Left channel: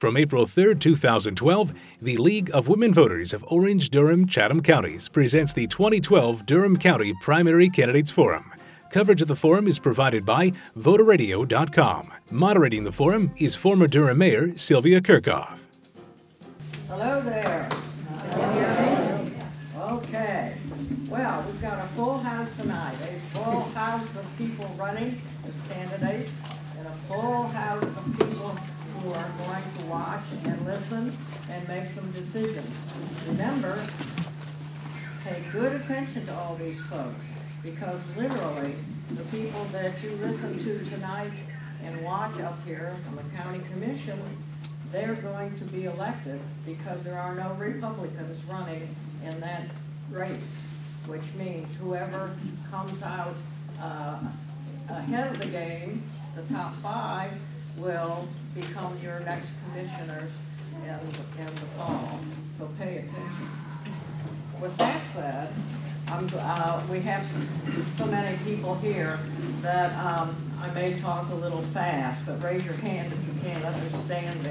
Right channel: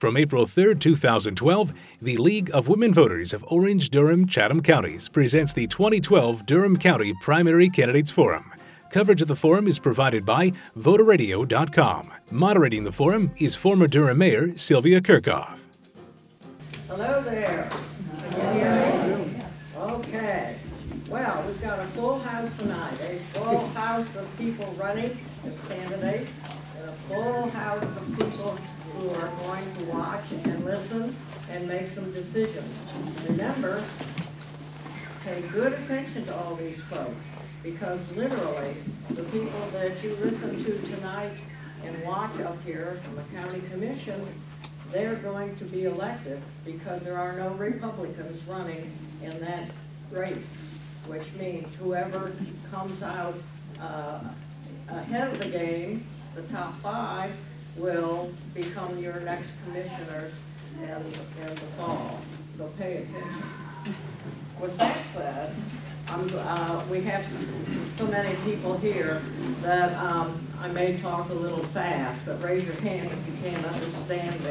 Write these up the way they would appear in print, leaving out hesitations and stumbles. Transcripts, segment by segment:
From April 3, 2012, the League of Women Voters of Orange-Durham-Chatham counties presents the 2012 Durham County Primary Candidates Forum. Coverage of the forum is provided by voterradio.com. Moderating the forum is former Durham Mayor Sylvia Kerckhoff. Hello there. Can you hear me? Okay. Well, we've got a full house tonight, a full house of people running as candidates, and a full house of people who are going to watch and listen and make some decisions. Remember, pay good attention to all these folks, because literally the people that you listen to tonight and watch up here from the county commission, they're going to be elected because there are no Republicans running in that race, which means whoever comes out ahead of the game, the top 5, will become your next commissioners in the fall. So pay attention. With that said, we have so many people here that I may talk a little fast, but raise your hand if you can't understand me.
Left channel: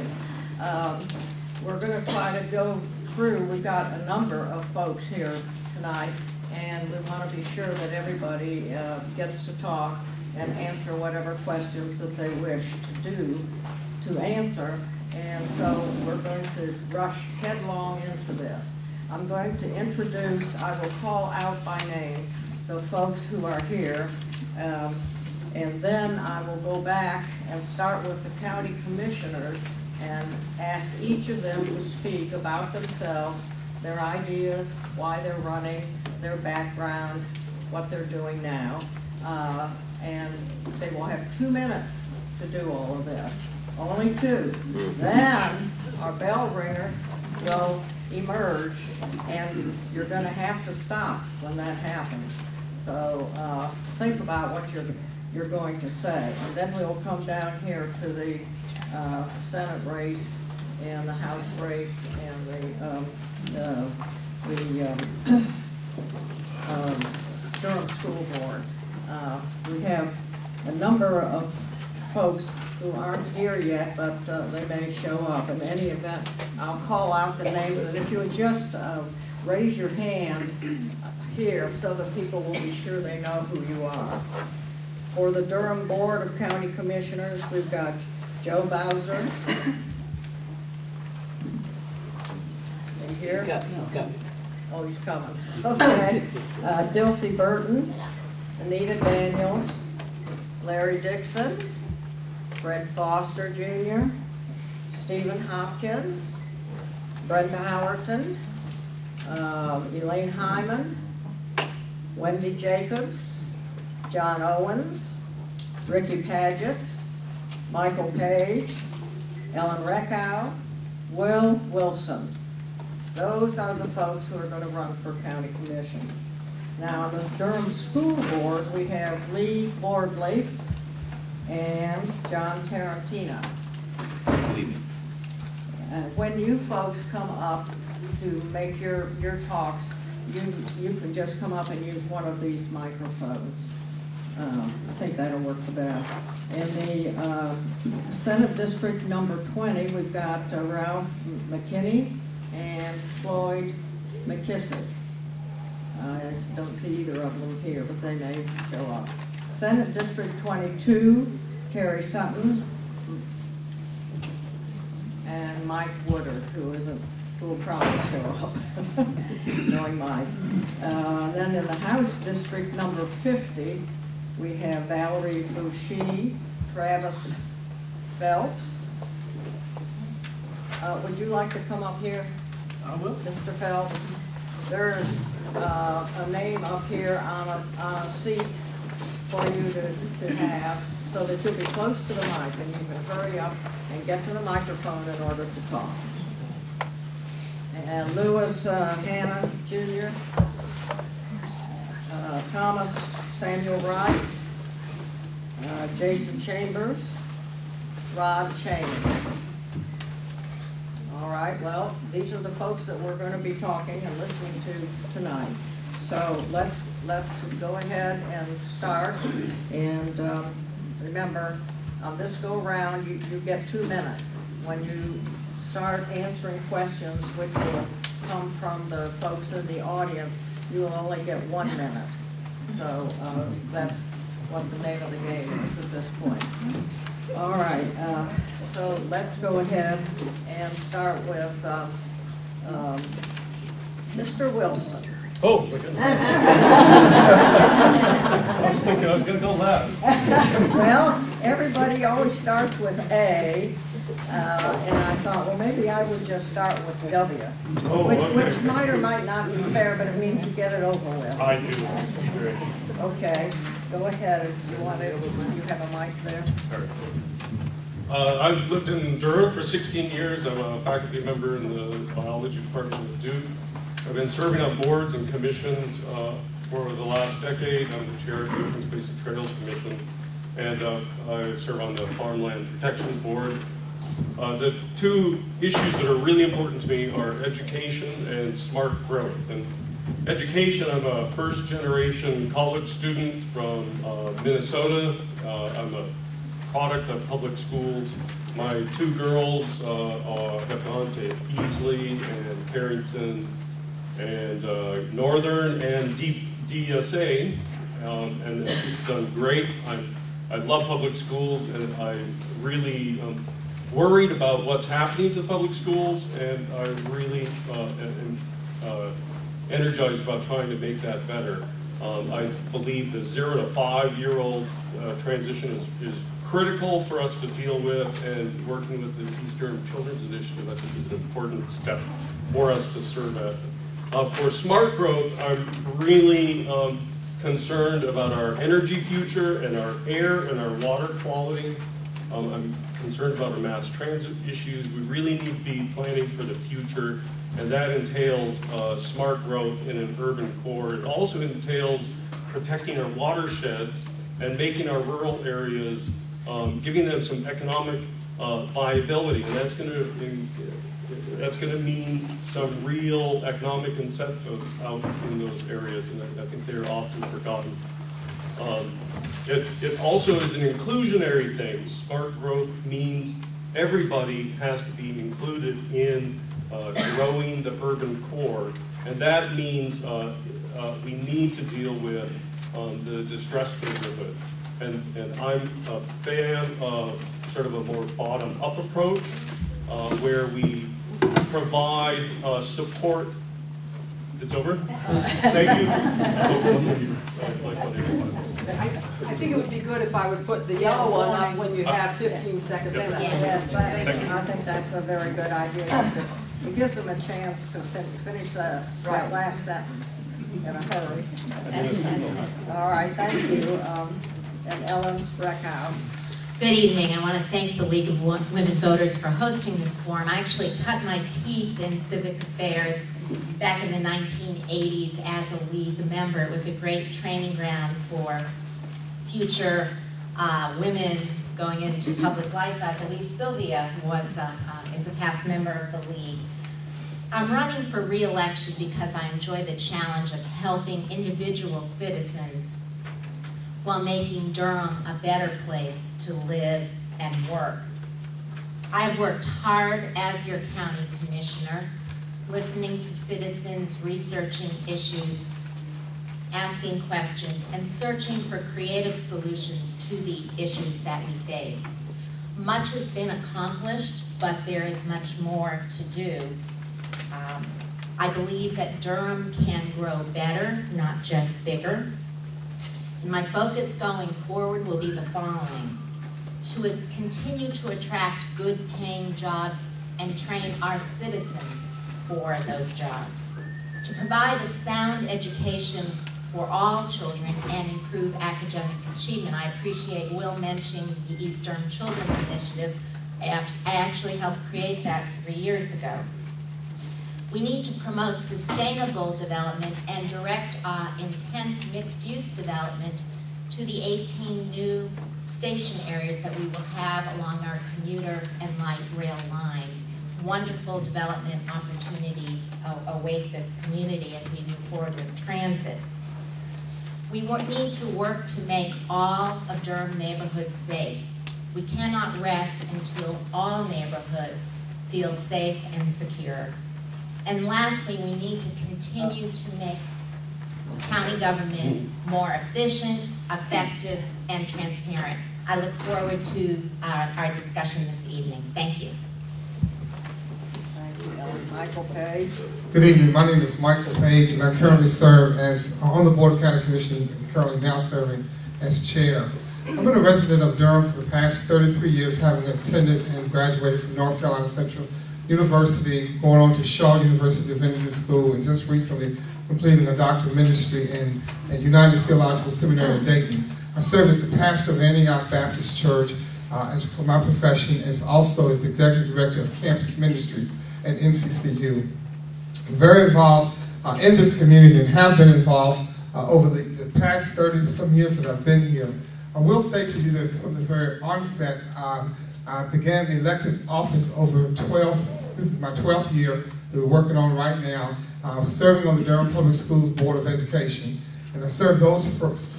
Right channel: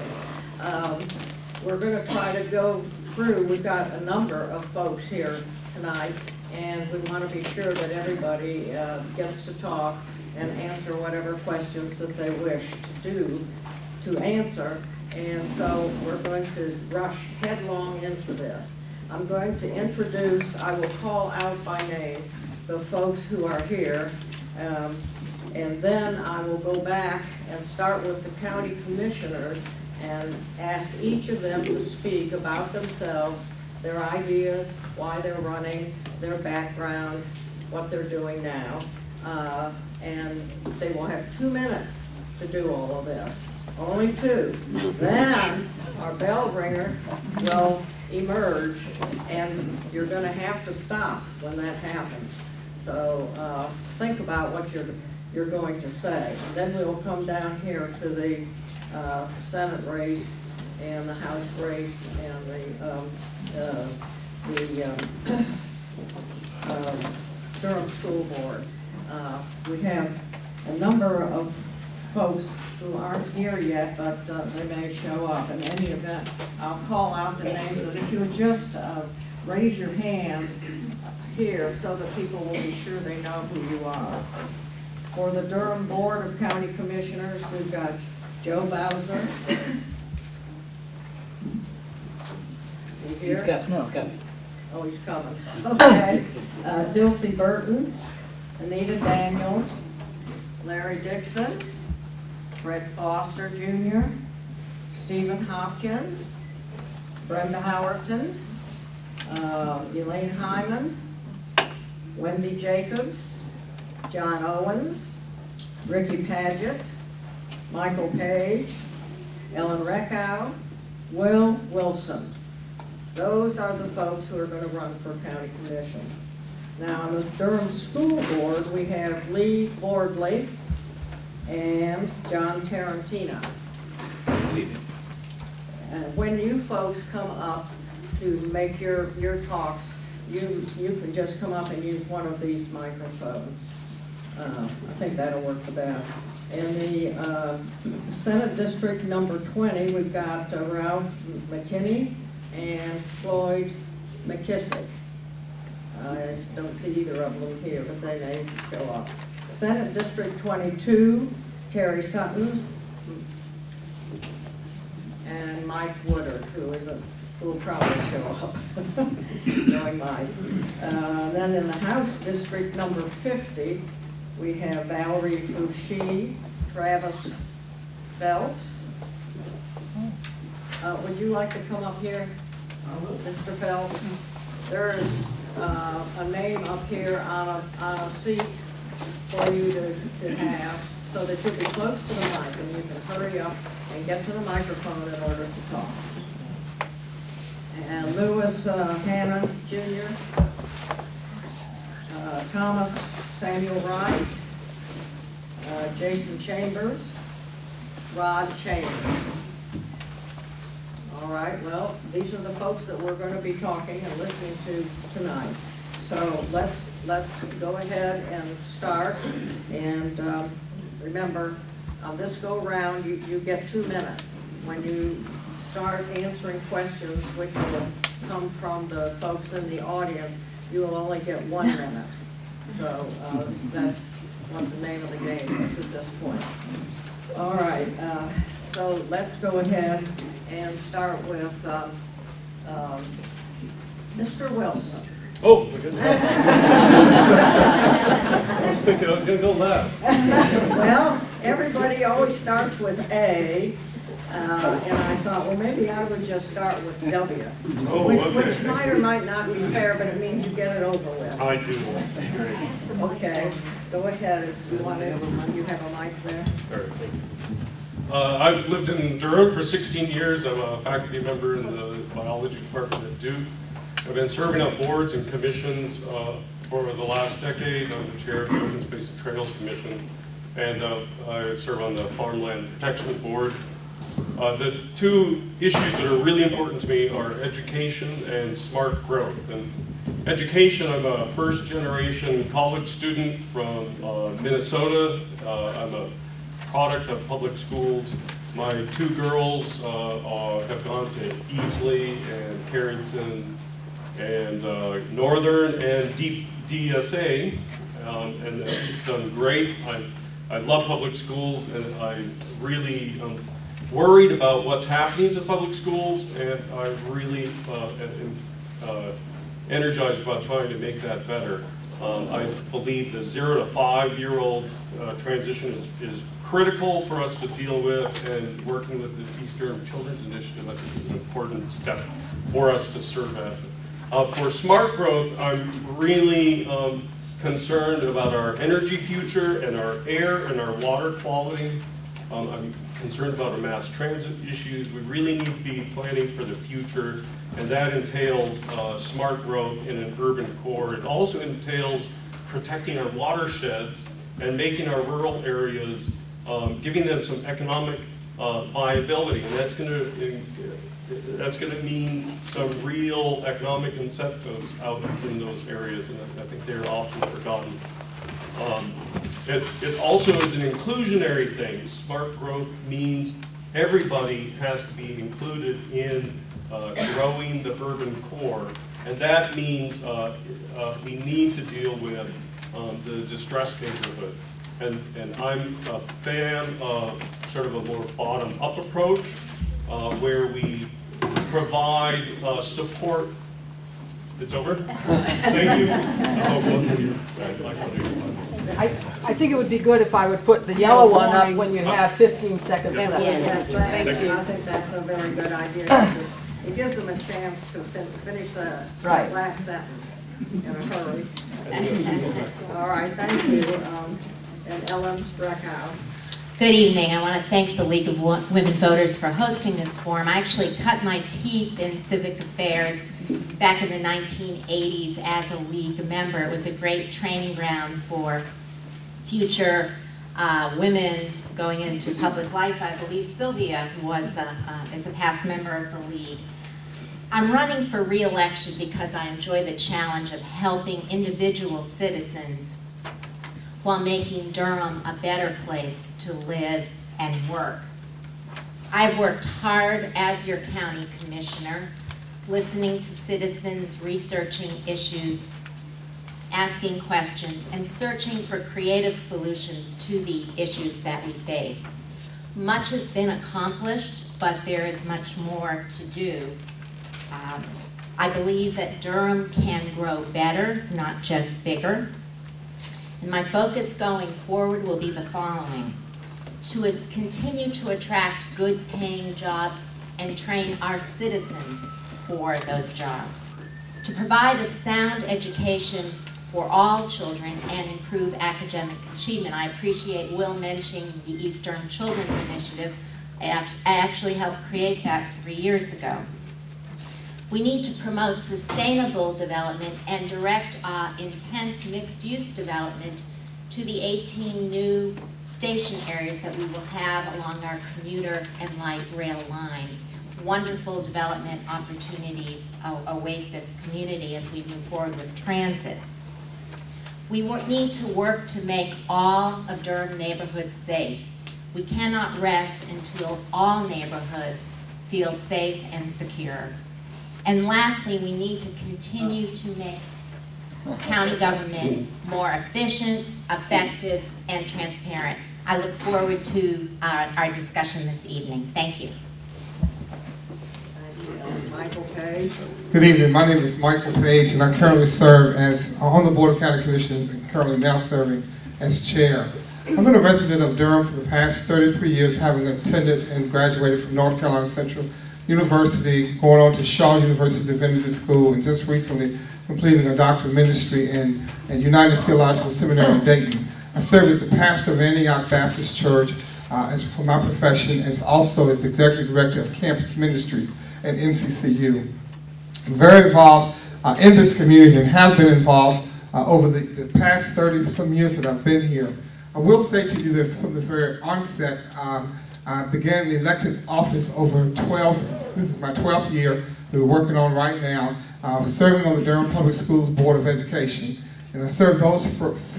We're going to try to go through. We've got a number of folks here tonight, and we want to be sure that everybody gets to talk and answer whatever questions that they wish to answer. And so we're going to rush headlong into this. I'm going to introduce, I will call out by name the folks who are here, and then I will go back and start with the county commissioners and ask each of them to speak about themselves, their ideas, why they're running, their background, what they're doing now. And they will have 2 minutes to do all of this. Only 2. Then our bell ringer will emerge, and you're going to have to stop when that happens. So think about what you're going to say. Then we'll come down here to the Senate race and the House race and the Durham School Board. We have a number of folks who aren't here yet, but they may show up. In any event, I'll call out the names, and if you would just raise your hand here so that people will be sure they know who you are. For the Durham Board of County Commissioners, we've got Joe Bowser. Is he here? No, he's coming. Oh, he's coming. Okay. Dilcy Burton, Anita Daniels, Larry Dixon, Fred Foster Jr., Stephen Hopkins, Brenda Howerton, Elaine Hyman, Wendy Jacobs, John Owens, Rickey Padgett, Michael Page, Ellen Reckhow, Will Wilson. Those are the folks who are going to run for county commission. Now, on the Durham School Board, we have Leigh Bordley and John Tarantino. Good evening. When you folks come up to make your talks, you can just come up and use one of these microphones. I think that'll work the best. In the Senate District number 20, we've got Ralph McKinney and Floyd McKissick. I don't see either of them here, but they may show up. Senate District 22, Carrie Sutton, and Mike Woodard, who will probably show up, knowing Mike. Then in the House District number 50, we have Valerie Fouché, Travis Phelps. Would you like to come up here, Mr. Phelps? There's a name up here on a seat for you to have, so that you'll be close to the mic and you can hurry up and get to the microphone in order to talk. And Lewis Hannon Jr., Thomas Samuel Wright, Jason Chambers, Rod Cheney. All right, well, these are the folks that we're going to be talking and listening to tonight. So let's go ahead and start. And remember, on this go round, you get 2 minutes. when you start answering questions, which will come from the folks in the audience, you will only get 1 minute. So that's what the name of the game is at this point. All right, so let's go ahead and start with Mr. Wilson. Oh, my goodness. I was thinking I was going to go last. Well, everybody always starts with A, and I thought, well, maybe I would just start with W, which might or might not be fair, but it means you get it over with. I do. Great. Okay, go ahead. You want it? You have a mic there. All right. I've lived in Durham for 16 years. I'm a faculty member in the biology department at Duke. I've been serving on boards and commissions for the last decade. I'm the chair of the Open Space and Trails Commission, and I serve on the Farmland Protection Board. The two issues that are really important to me are education and smart growth. And education, I'm a first-generation college student from Minnesota. I'm a product of public schools. My 2 girls have gone to Easley and Carrington and Northern and DSA, and they've done great. I love public schools, and I really worried about what's happening to public schools, and I really am energized about trying to make that better. I believe the 0 to 5-year-old transition is critical for us to deal with, and working with the East Durham Children's Initiative, I think, is an important step for us to serve at. For smart growth, I'm really concerned about our energy future and our air and our water quality. I'm concerned about our mass transit issues. We really need to be planning for the future, and that entails smart growth in an urban core. It also entails protecting our watersheds and making our rural areas, giving them some economic viability, and that's going to mean some real economic incentives out in those areas, and I think they're often forgotten. It also is an inclusionary thing. Smart growth means everybody has to be included in growing the urban core, and that means we need to deal with the distressed neighborhood. And I'm a fan of sort of a more bottom-up approach, where we provide support. It's over? Thank you. I think it would be good if I would put the yellow one up when you have 15 seconds left. Yes, I think that's a very good idea. It gives them a chance to finish that last sentence in a hurry. All right, thank you. And Ellen Reckhow. Good evening. I want to thank the League of Women Voters for hosting this forum. I actually cut my teeth in civic affairs back in the 1980s as a League member. It was a great training ground for future women going into public life. I believe Sylvia is a past member of the League. I'm running for re-election because I enjoy the challenge of helping individual citizens while making Durham a better place to live and work. I've worked hard as your county commissioner, listening to citizens, researching issues, asking questions, and searching for creative solutions to the issues that we face. Much has been accomplished, but there is much more to do. I believe that Durham can grow better, not just bigger. And my focus going forward will be the following: to continue to attract good-paying jobs and train our citizens for those jobs, to provide a sound education for all children and improve academic achievement. I appreciate Will mentioning the East Durham Children's Initiative. I actually helped create that 3 years ago. We need to promote sustainable development and direct intense mixed-use development to the 18 new station areas that we will have along our commuter and light rail lines. Wonderful development opportunities await this community as we move forward with transit. We need to work to make all of Durham neighborhoods safe. We cannot rest until all neighborhoods feel safe and secure. And lastly, we need to continue to make county government more efficient, effective, and transparent. I look forward to our discussion this evening. Thank you. Thank you, Michael Page. Good evening. My name is Michael Page, and I currently serve as on the Board of County Commissioners and currently now serving as chair. I've been a resident of Durham for the past 33 years, having attended and graduated from North Carolina Central University, going on to Shaw University Divinity School, and just recently completing a doctorate of ministry in United Theological Seminary in Dayton. I serve as the pastor of Antioch Baptist Church as for my profession, as also as the executive director of campus ministries at NCCU. I'm very involved in this community and have been involved over the past 30-some years that I've been here. I will say to you that from the very onset, I began the elected office over 12, this is my 12th year that we're working on right now. I was serving on the Durham Public Schools Board of Education, and I served those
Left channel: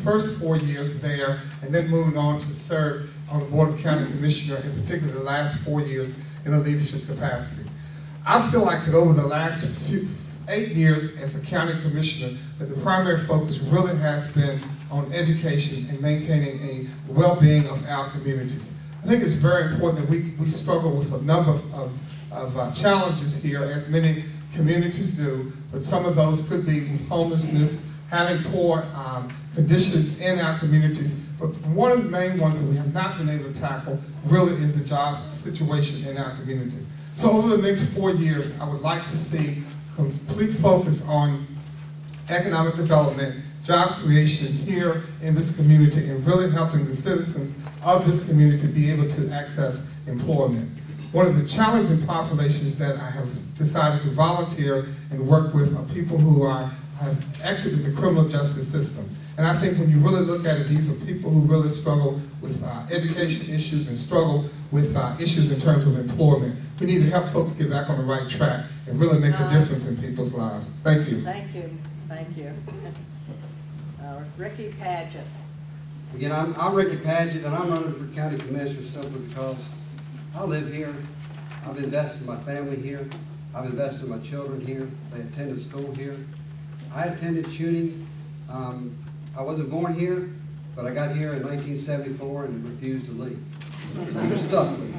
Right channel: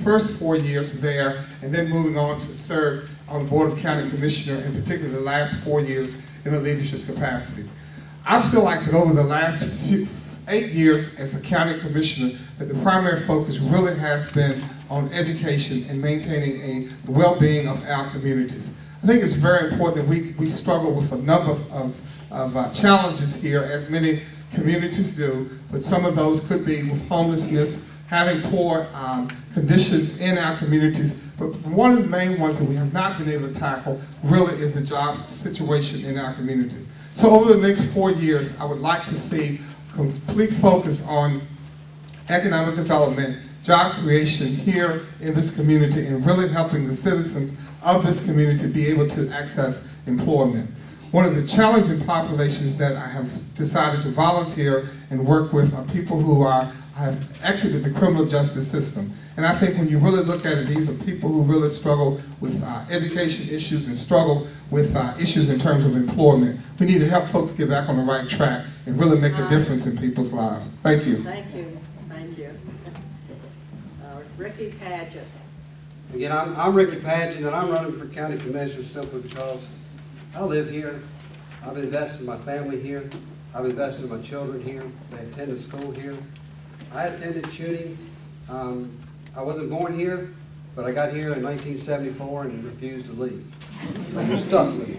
first 4 years there, and then moving on to serve on the Board of County Commissioner, in particular the last 4 years in a leadership capacity. I feel like that over the last 8 years as a county commissioner, that the primary focus really has been on education and maintaining the well-being of our communities. I think it's very important that we struggle with a number of challenges here, as many communities do, but some of those could be with homelessness, having poor conditions in our communities. But one of the main ones that we have not been able to tackle really is the job situation in our community. So over the next 4 years, I would like to see complete focus on economic development, job creation here in this community, and really helping the citizens of this community be able to access employment. One of the challenging populations that I have decided to volunteer and work with are people who have exited the criminal justice system. And I think when you really look at it, these are people who really struggle with education issues and struggle with issues in terms of employment. We need to help folks get back on the right track and really make a difference in people's lives. Thank you. Thank you. Thank you. Rickey Padgett. Again, I'm Rickey Padgett, and I'm running for county commissioner simply because I live here. I've invested in my family here. I've invested in my children here. They attended school here. I attended CUNY. I wasn't born here, but I got here in 1974 and refused to leave. So you're stuck with me.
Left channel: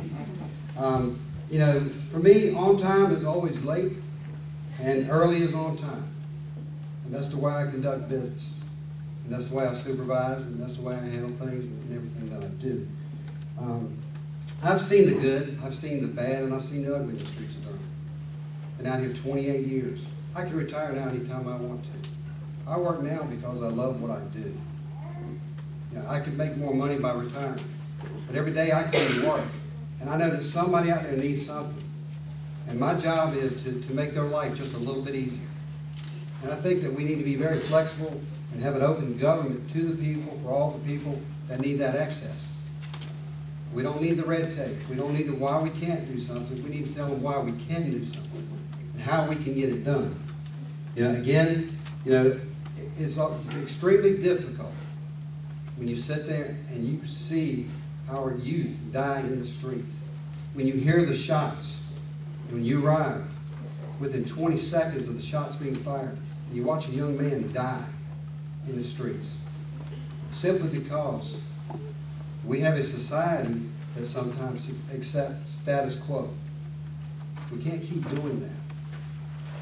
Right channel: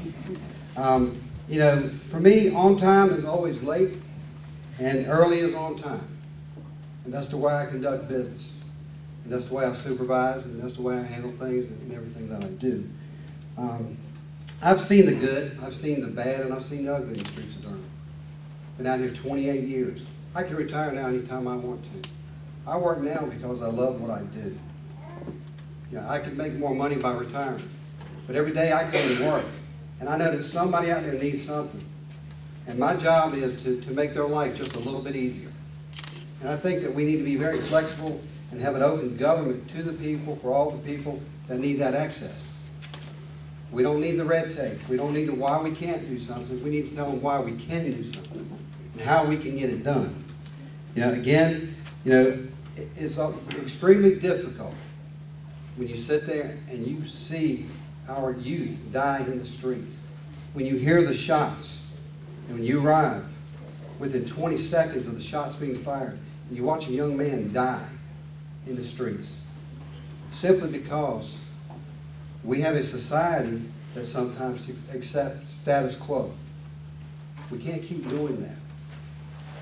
You know, for me, on time is always late, and early is on time. And that's the way I conduct business. And that's the way I supervise, and that's the way I handle things and everything that I do. I've seen the good, I've seen the bad, and I've seen the ugly in the streets of Durham. Been out here 28 years. I can retire now anytime I want to. I work now because I love what I do. You know, I could make more money by retiring, but every day I come to work, and I know that somebody out there needs something. And my job is to make their life just a little bit easier. And I think that we need to be very flexible and have an open government to the people, for all the people that need that access. We don't need the red tape. We don't need the why we can't do something. We need to tell them why we can do something and how we can get it done. You know, again, you know, it's extremely difficult when you sit there and you see our youth die in the street. When you hear the shots, and when you arrive within 20 seconds of the shots being fired, and you watch a young man die in the streets, simply because we have a society that sometimes accepts status quo. We can't keep doing that.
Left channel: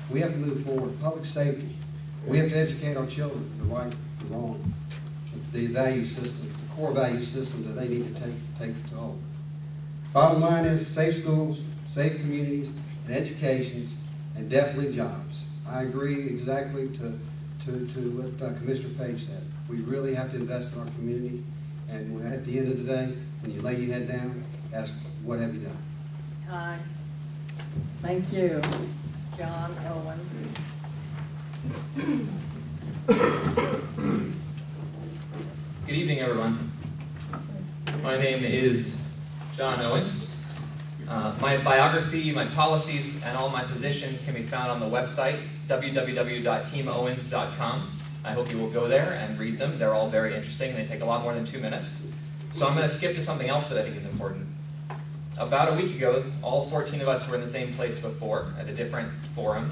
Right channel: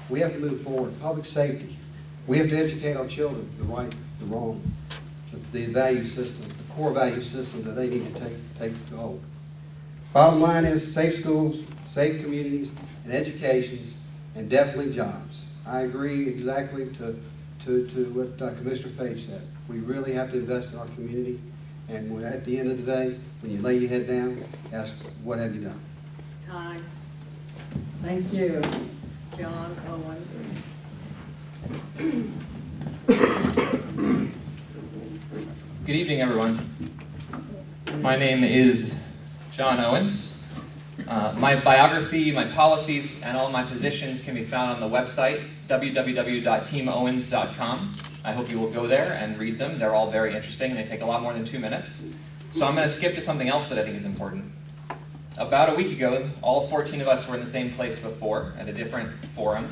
We have to move forward. Public safety. We have to educate our children, the right, the wrong, the value system, the core value system that they need to take to hold. Bottom line is safe schools, safe communities, and educations, and definitely jobs. I agree exactly to what Commissioner Page said. We really have to invest in our community, and at the end of the day, when you lay your head down, ask, what have you done? Thank you. John Owens. Good evening, everyone. My name is John Owens. My biography, my policies, and all my positions can be found on the website, www.teamowens.com. I hope you will go there and read them. They're all very interesting. They take a lot more than 2 minutes. So I'm going to skip to something else that I think is important. About a week ago, all 14 of us were in the same place before, at a different forum.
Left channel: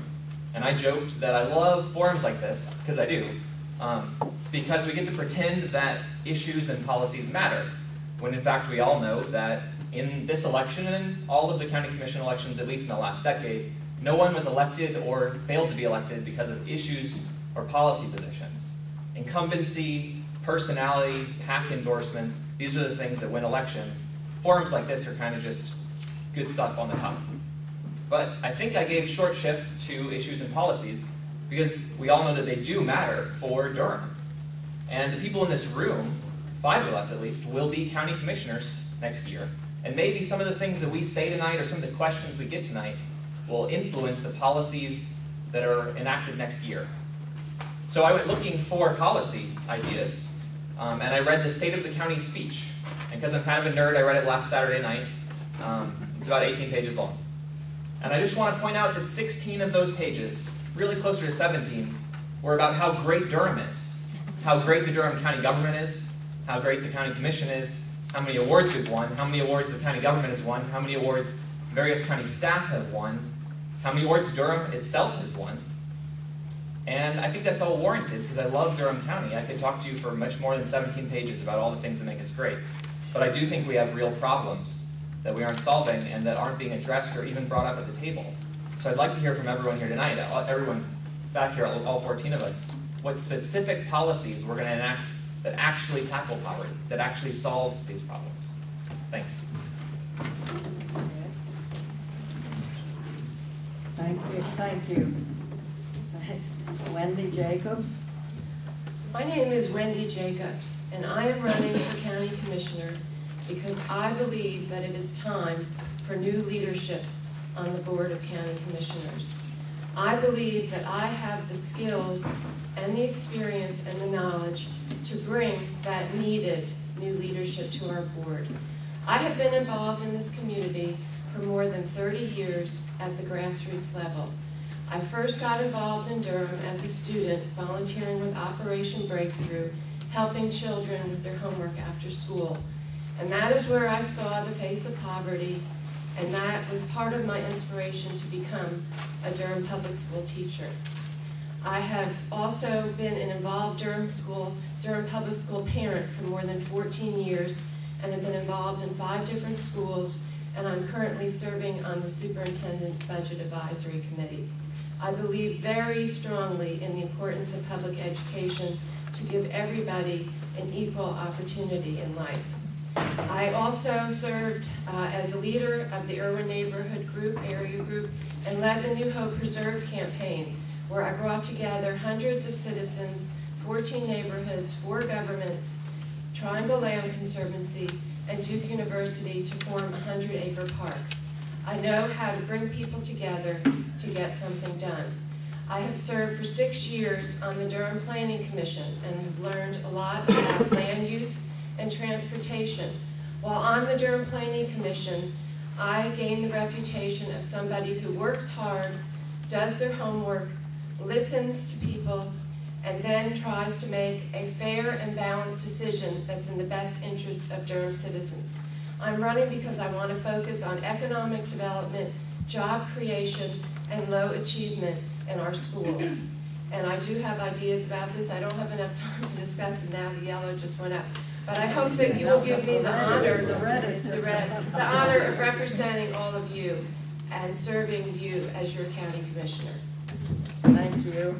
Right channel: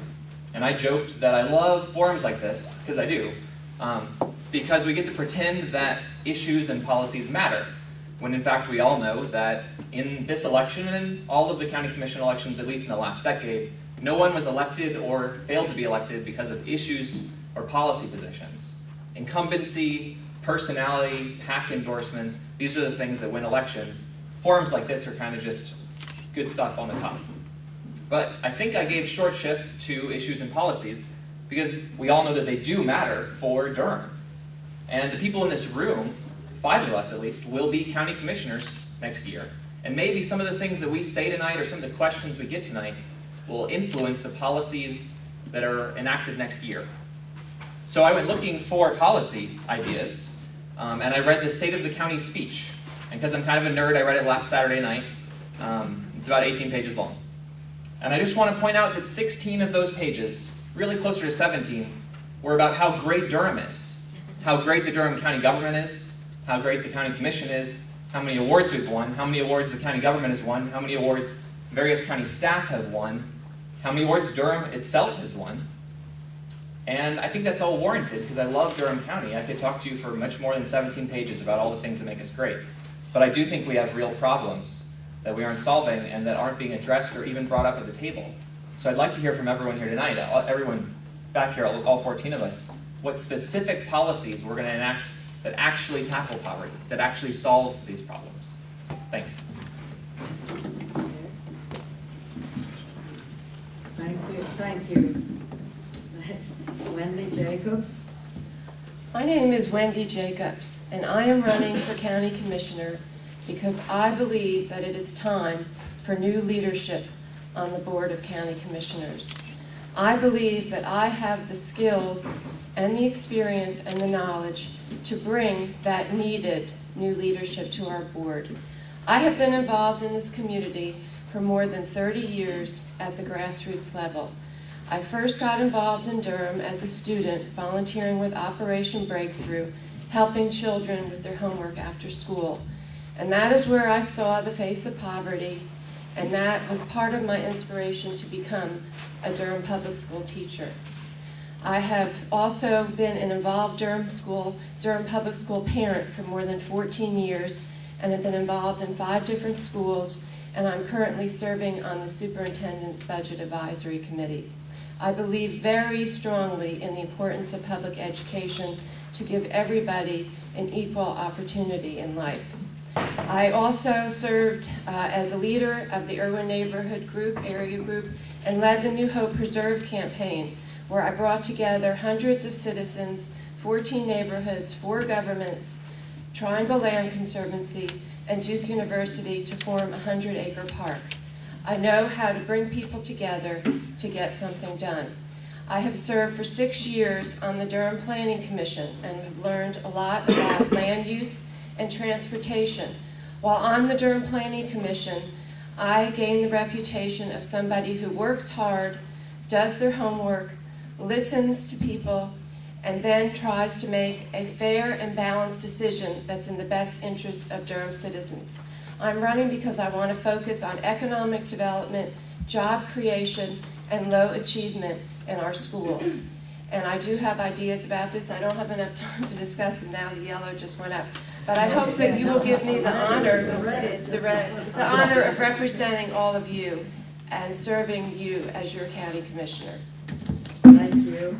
And I joked that I love forums like this, because I do, because we get to pretend that issues and policies matter, when in fact we all know that in this election and in all of the county commission elections, at least in the last decade, no one was elected or failed to be elected because of issues or policy positions. Incumbency, personality, PAC endorsements, these are the things that win elections. Forums like this are kind of just good stuff on the top. But I think I gave short shift to issues and policies because we all know that they do matter for Durham. And the people in this room, 5 of us at least, will be county commissioners next year. And maybe some of the things that we say tonight or some of the questions we get tonight will influence the policies that are enacted next year. So I went looking for policy ideas, and I read the State of the County speech. And because I'm kind of a nerd, I read it last Saturday night. It's about 18 pages long. And I just want to point out that 16 of those pages, really closer to 17, were about how great Durham is, how great the Durham County government is, how great the county commission is, how many awards we've won, how many awards the county government has won, how many awards various county staff have won, how many awards Durham itself has won. And I think that's all warranted because I love Durham County. I could talk to you for much more than 17 pages about all the things that make us great. But I do think we have real problems that we aren't solving and that aren't being addressed or even brought up at the table. So I'd like to hear from everyone here tonight, everyone back here, all 14 of us, what specific policies we're going to enact that actually tackle poverty, that actually solve these problems. Thanks. Thank you. Next, Wendy Jacobs. My name is Wendy Jacobs, and I am running for County Commissioner because I believe that it is time for new leadership on the Board of County Commissioners. I believe that I have the skills and the experience and the knowledge to bring that needed new leadership to our board. I have been involved in this community for more than 30 years at the grassroots level. I first got involved in Durham as a student, volunteering with Operation Breakthrough, helping children with their homework after school. And that is where I saw the face of poverty, and that was part of my inspiration to become a Durham public school teacher. I have also been an involved Durham public school parent for more than 14 years, and have been involved in 5 different schools, and I'm currently serving on the Superintendent's Budget Advisory Committee. I believe very strongly in the importance of public education to give everybody an equal opportunity in life. I also served as a leader of the Irwin Neighborhood Group, area group, and led the New Hope Preserve campaign, where I brought together hundreds of citizens, 14 neighborhoods, 4 governments, Triangle Land Conservancy, and Duke University to form a 100-acre park. I know how to bring people together to get something done. I have served for 6 years on the Durham Planning Commission and have learned a lot about land use and transportation. While on the Durham Planning Commission, I gained the reputation of somebody who works hard, does their homework, listens to people, and then tries to make a fair and balanced decision that's in the best interest of Durham citizens. I'm running because I want to focus on economic development, job creation, and low achievement in our schools. And I do have ideas about this. I don't have enough time to discuss them now. The yellow just went up. But I hope that you will give me the honor of representing all of you and serving you as your county commissioner. Thank you.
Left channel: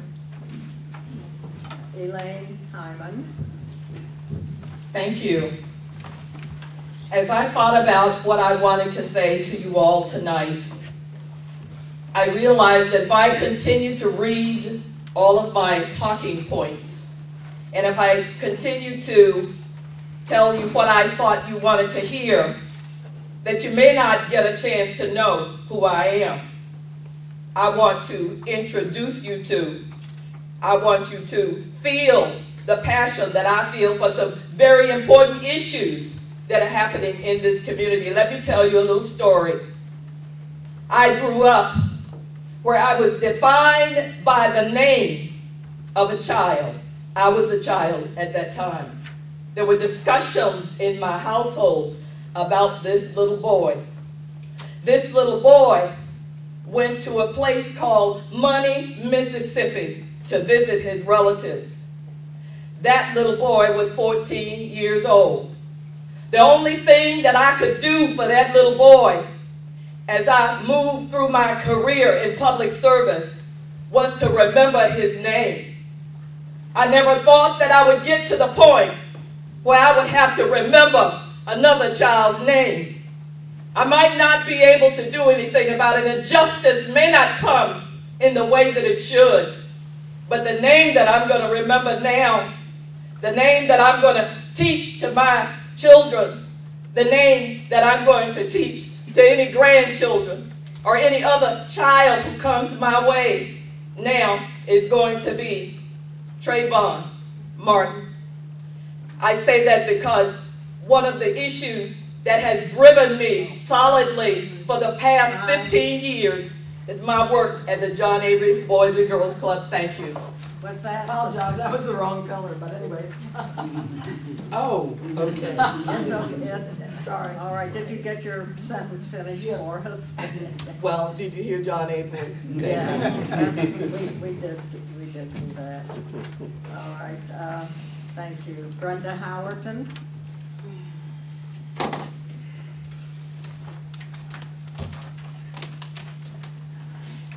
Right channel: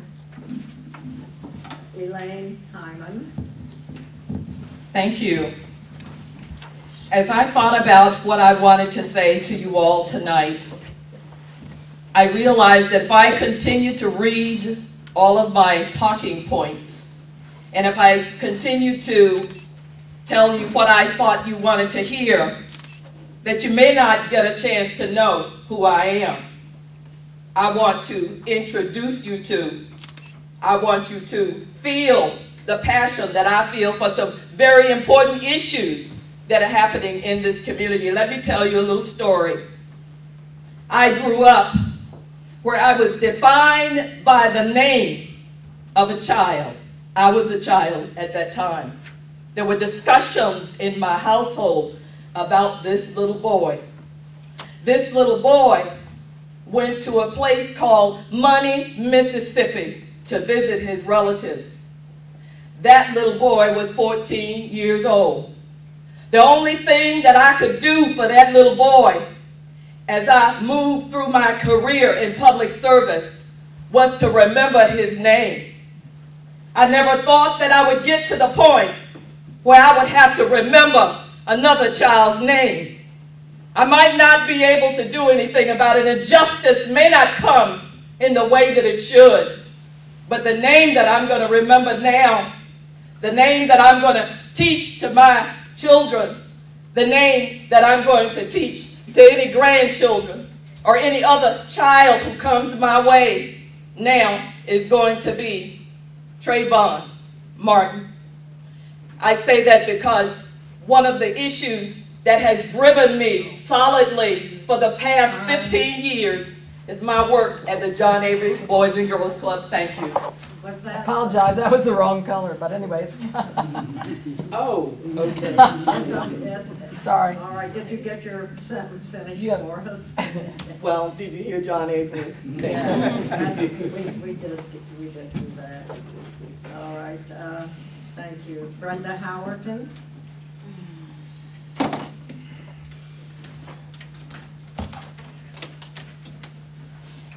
Elaine, Hyman. Thank you. As I thought about what I wanted to say to you all tonight, I realized that if I continue to read all of my talking points, and if I continue to tell you what I thought you wanted to hear, that you may not get a chance to know who I am. I want to introduce you to. I want you to feel the passion that I feel for some very important issues that are happening in this community. Let me tell you a little story. I grew up where I was defined by the name of a child. I was a child at that time. There were discussions in my household about this little boy. This little boy went to a place called Money, Mississippi to visit his relatives. That little boy was 14 years old. The only thing that I could do for that little boy as I moved through my career in public service was to remember his name. I never thought that I would get to the point where I would have to remember another child's name. I might not be able to do anything about it, and justice may not come in the way that it should. But the name that I'm going to remember now, the name that I'm going to teach to my children, the name that I'm going to teach to any grandchildren or any other child who comes my way now is going to be Trayvon Martin. I say that because one of the issues that has driven me solidly for the past 15 years is my work at the John Avery Boys and Girls Club. Thank you. Was that? I apologize, that was the wrong color, but anyway, it's Oh, okay. Sorry. All right, did you get your sentence finished for us? Well, did you hear John Avery? Yes, we did do that. All right, thank you. Brenda Howerton.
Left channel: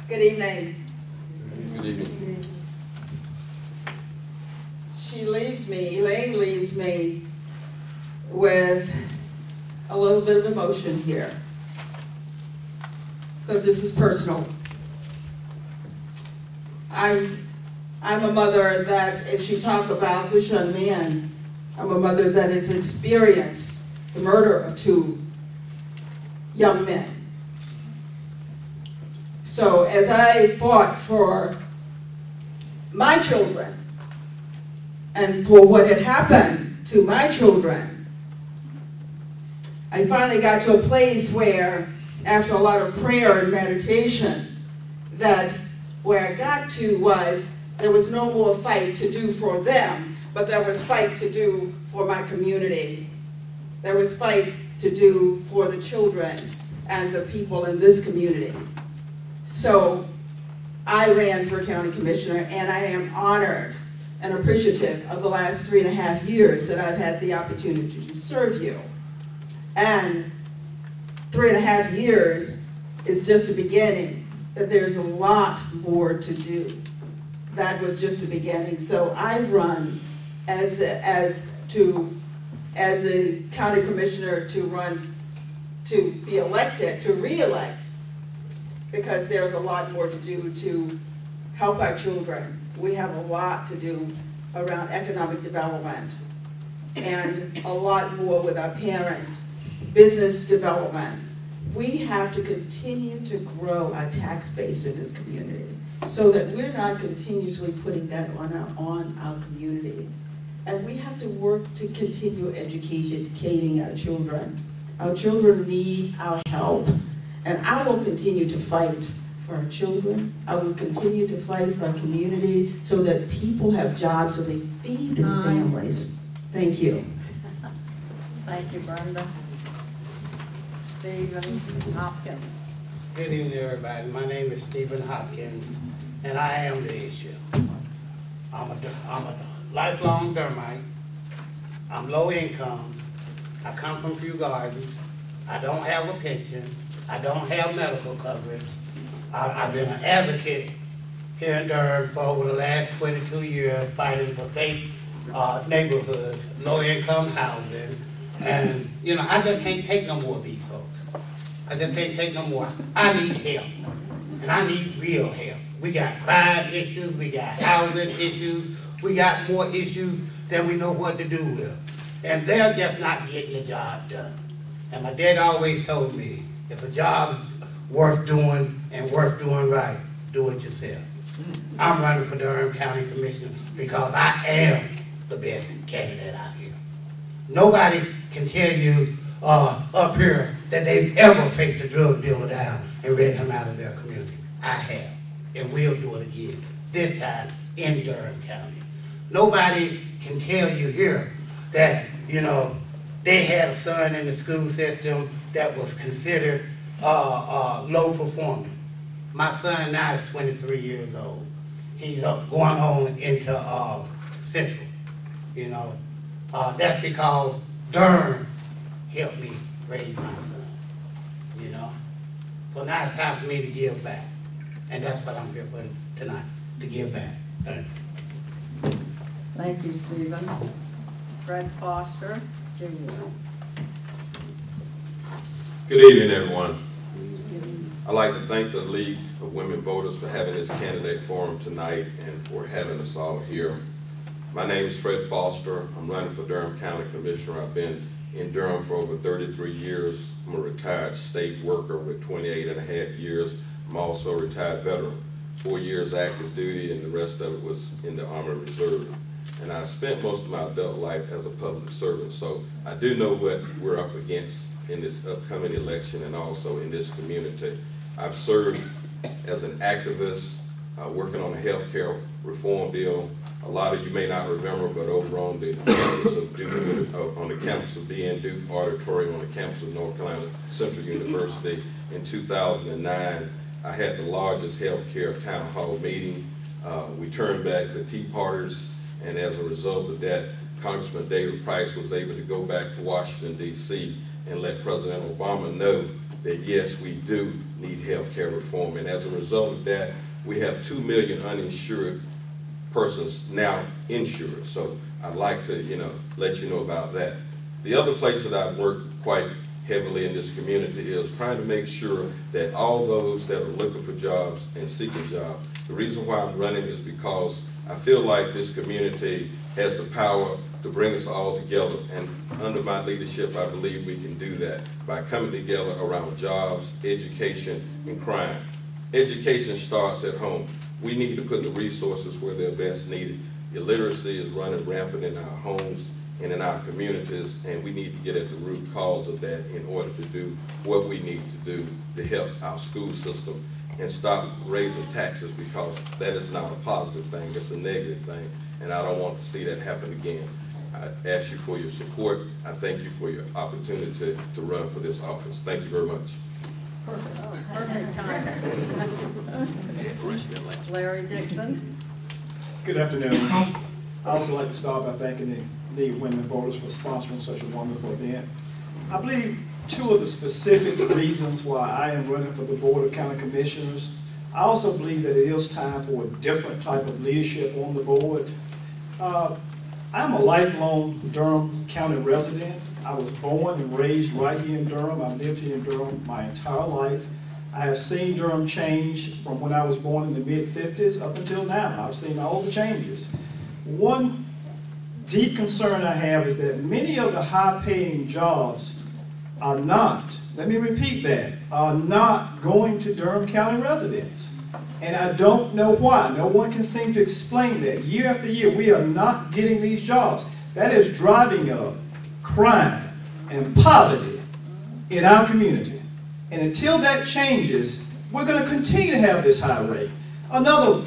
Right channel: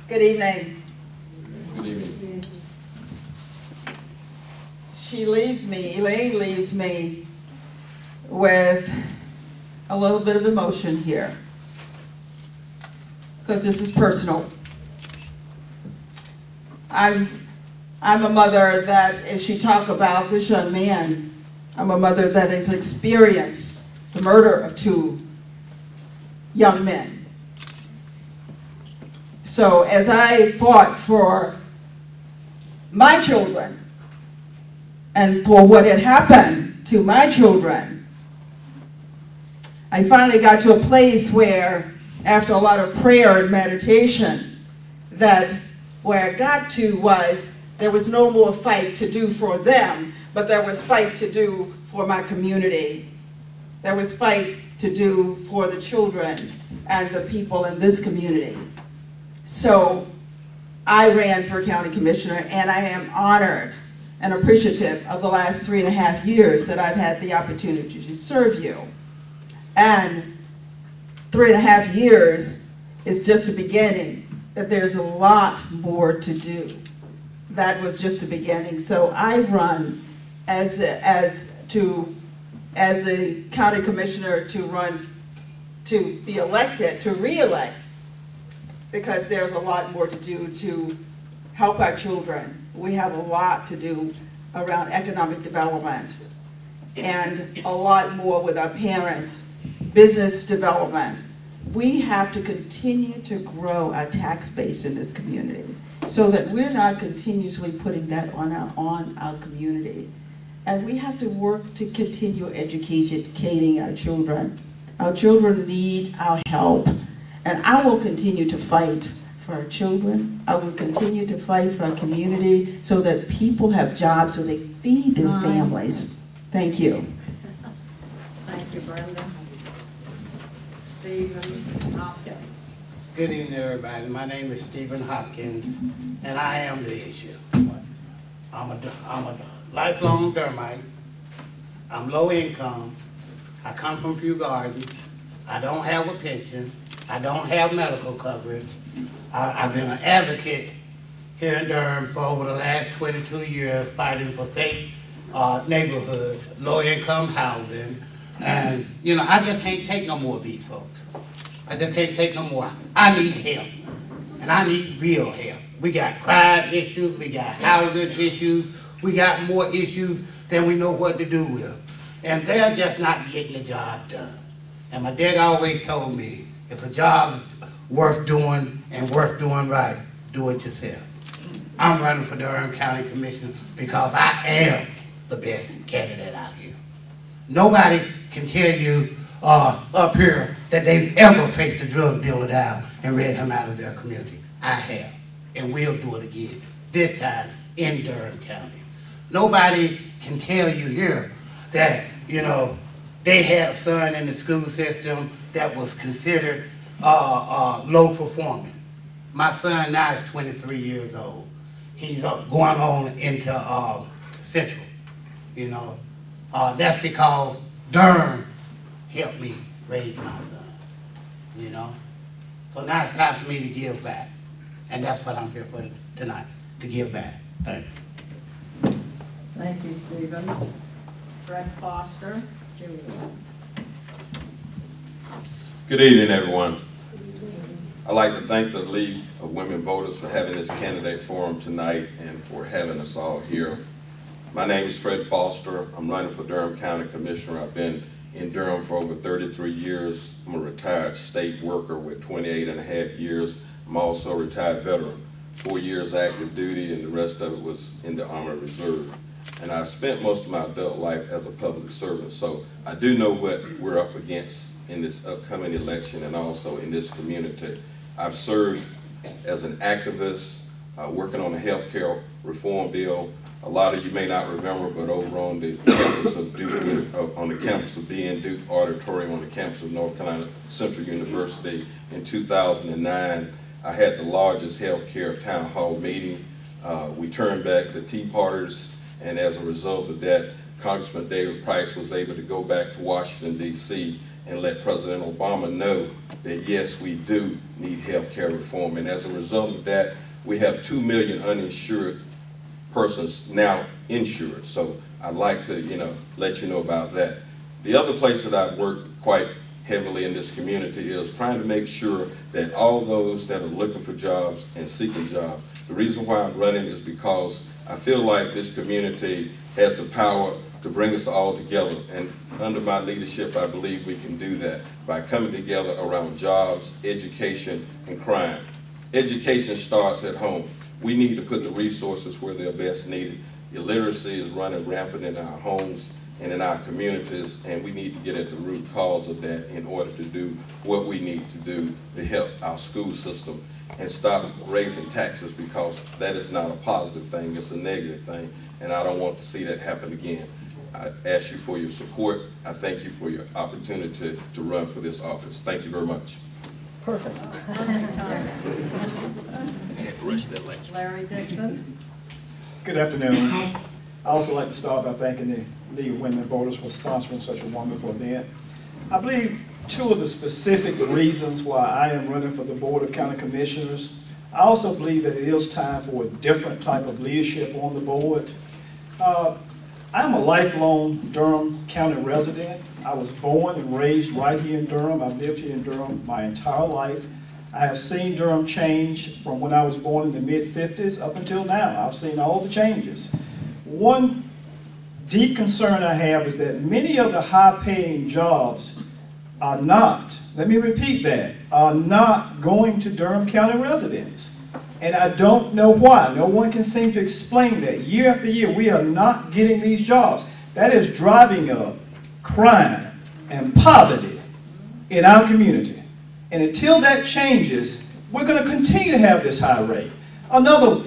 Good evening. Good evening. She leaves me, Elaine leaves me with a little bit of emotion here, because this is personal. I'm a mother that, if she talk about this young man, I'm a mother that has experienced the murder of 2 young men. So as I fought for my children and for what had happened to my children, I finally got to a place where, after a lot of prayer and meditation, that where I got to was there was no more fight to do for them, but there was fight to do for my community. There was fight to do for the children and the people in this community. So I ran for county commissioner, and I am honored and appreciative of the last 3.5 years that I've had the opportunity to serve you. And 3.5 years is just the beginning, that there's a lot more to do. That was just the beginning. So I run as a county commissioner to be elected, to re-elect, because there's a lot more to do to help our children. We have a lot to do around economic development and a lot more with our parents, business development. We have to continue to grow our tax base in this community so that we're not continuously putting that on our community. And we have to work to continue educating our children. Our children need our help. And I will continue to fight for our children. I will continue to fight for our community so that people have jobs so they feed their families. Thank you. Thank you, Brenda. Stephen Hopkins. Good evening, everybody. My name is Stephen Hopkins, and I am the issue. I'm a lifelong Durhamite. I'm low income. I come from Few Gardens. I don't have a pension. I don't have medical coverage. I've been an advocate here in Durham for over the last 22 years, fighting for safe neighborhoods, low-income housing, and, you know, I just can't take no more of these folks. I just can't take no more. I need help, and I need real help. We got crime issues, we got housing issues, we got more issues than we know what to do with, and they're just not getting the job done. And my dad always told me, if a job's worth doing and worth doing right, do it yourself. I'm running for Durham County Commissioner because I am the best candidate out here. Nobody can tell you up here that they've ever faced a drug dealer down and ran him out of their community. I have, and we'll do it again, this time in Durham County. Nobody can tell you here that you know, they had a son in the school system that was considered low performing. My son now is 23 years old. He's going on into Central, you know. That's because Durham helped me raise my son, you know. So now it's time for me to give back. And that's what I'm here for tonight, to give back. Thanks. Thank you, Stephen. Fred Foster, Jr. Good evening, everyone. I'd like to thank the League of Women Voters for having this candidate forum tonight and for having us all here. My name is Fred Foster. I'm running for Durham County Commissioner. I've been in Durham for over 33 years. I'm a retired state worker with 28.5 years. I'm also a retired veteran, 4 years active duty, and the rest of it was in the Army Reserve. And I spent most of my adult life as a public servant, so I do know what we're up against in this upcoming election and also in this community. I've served as an activist, working on a health care reform bill. A lot of you may not remember, but over on the campus of Duke, on the campus of BN Duke Auditorium on the campus of North Carolina Central University in 2009, I had the largest health care town hall meeting. We turned back the Tea Parters, and as a result of that, Congressman David Price was able to go back to Washington, D.C. and let President Obama know that yes, we do need health care reform. And as a result of that, we have 2 million uninsured persons now insured. So I'd like to, let you know about that. The other place that I've worked quite heavily in this community is trying to make sure that all those that are looking for jobs and seeking jobs, the reason why I'm running is because I feel like this community has the power to bring us all together, and under my leadership, I believe we can do that by coming together around jobs, education, and crime. Education starts at home. We need to put the resources where they're best needed. Illiteracy is running rampant in our homes and in our communities, and we need to get at the root cause of that in order to do what we need to do to help our school system and stop raising taxes, because that is not a positive thing, it's a negative thing, and I don't want to see that happen again. I ask you for your support. I thank you for your opportunity to run for this office. Thank you very much. Perfect. Perfect time. Larry Dixon. Good afternoon. I also like to start by thanking the League of Women Voters for sponsoring such a wonderful event. I believe two of the specific reasons why I am running for the Board of County Commissioners. I also believe that it is time for a different type of leadership on the board. I'm a lifelong Durham County resident. I was born and raised right here in Durham. I've lived here in Durham my entire life. I have seen Durham change from when I was born in the mid-50s up until now. I've seen all the changes. One deep concern I have is that many of the high-paying jobs are not, let me repeat that, are not going to Durham County residents. And I don't know why. No one can seem to explain that. Year after year, we are not getting these jobs. That is driving up crime and poverty in our community. And until that changes, we're going to continue to have this high rate. Another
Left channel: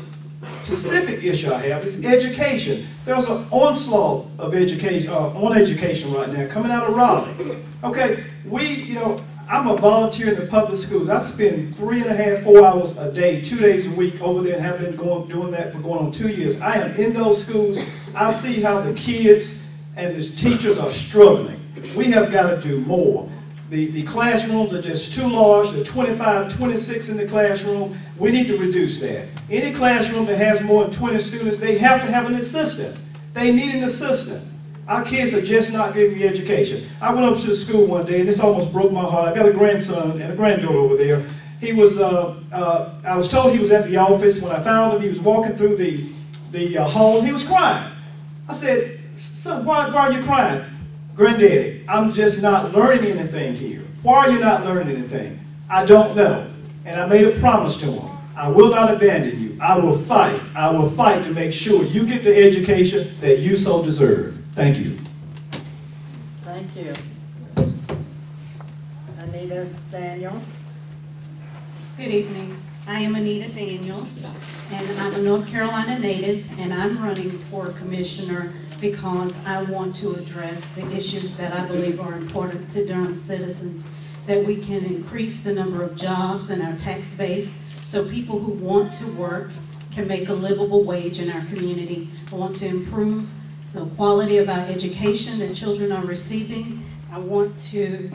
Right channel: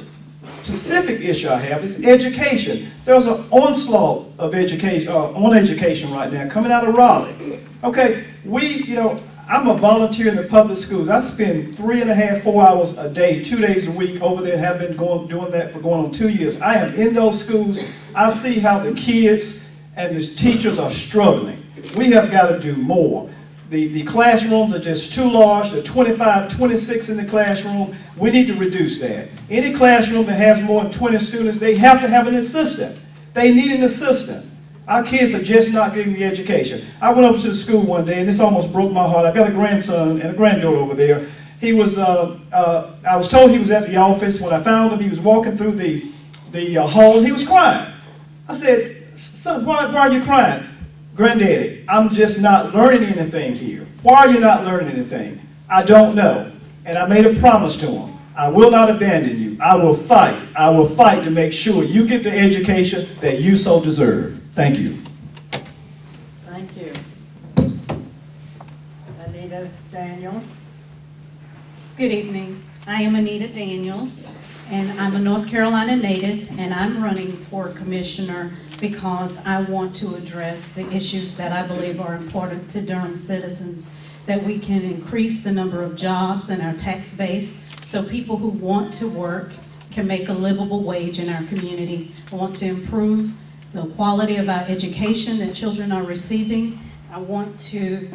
specific issue I have is education. There's an onslaught of education, on education right now coming out of Raleigh. Okay, I'm a volunteer in the public schools. I spend 3.5, 4 hours a day, 2 days a week over there, and have been doing that for going on 2 years. I am in those schools. I see how the kids and the teachers are struggling. We have got to do more. The classrooms are just too large. There are 25, 26 in the classroom. We need to reduce that. Any classroom that has more than 20 students, they have to have an assistant. They need an assistant. Our kids are just not getting the education. I went over to the school one day, and this almost broke my heart. I got a grandson and a granddaughter over there. He was, I was told he was at the office. When I found him, he was walking through the hall, and he was crying. I said, son, why are you crying? Granddaddy, I'm just not learning anything here. Why are you not learning anything? I don't know. And I made a promise to him. I will not abandon you. I will fight. I will fight to make sure you get the education that you so deserve. Thank you. Thank you. Anita Daniels. Good evening. I am Anita Daniels. and I'm a North Carolina native, and I'm running for commissioner because I want to address the issues that I believe are important to Durham citizens, that we can increase the number of jobs in our tax base so people who want to work can make a livable wage in our community. I want to improve the quality of our education that children are receiving. I want to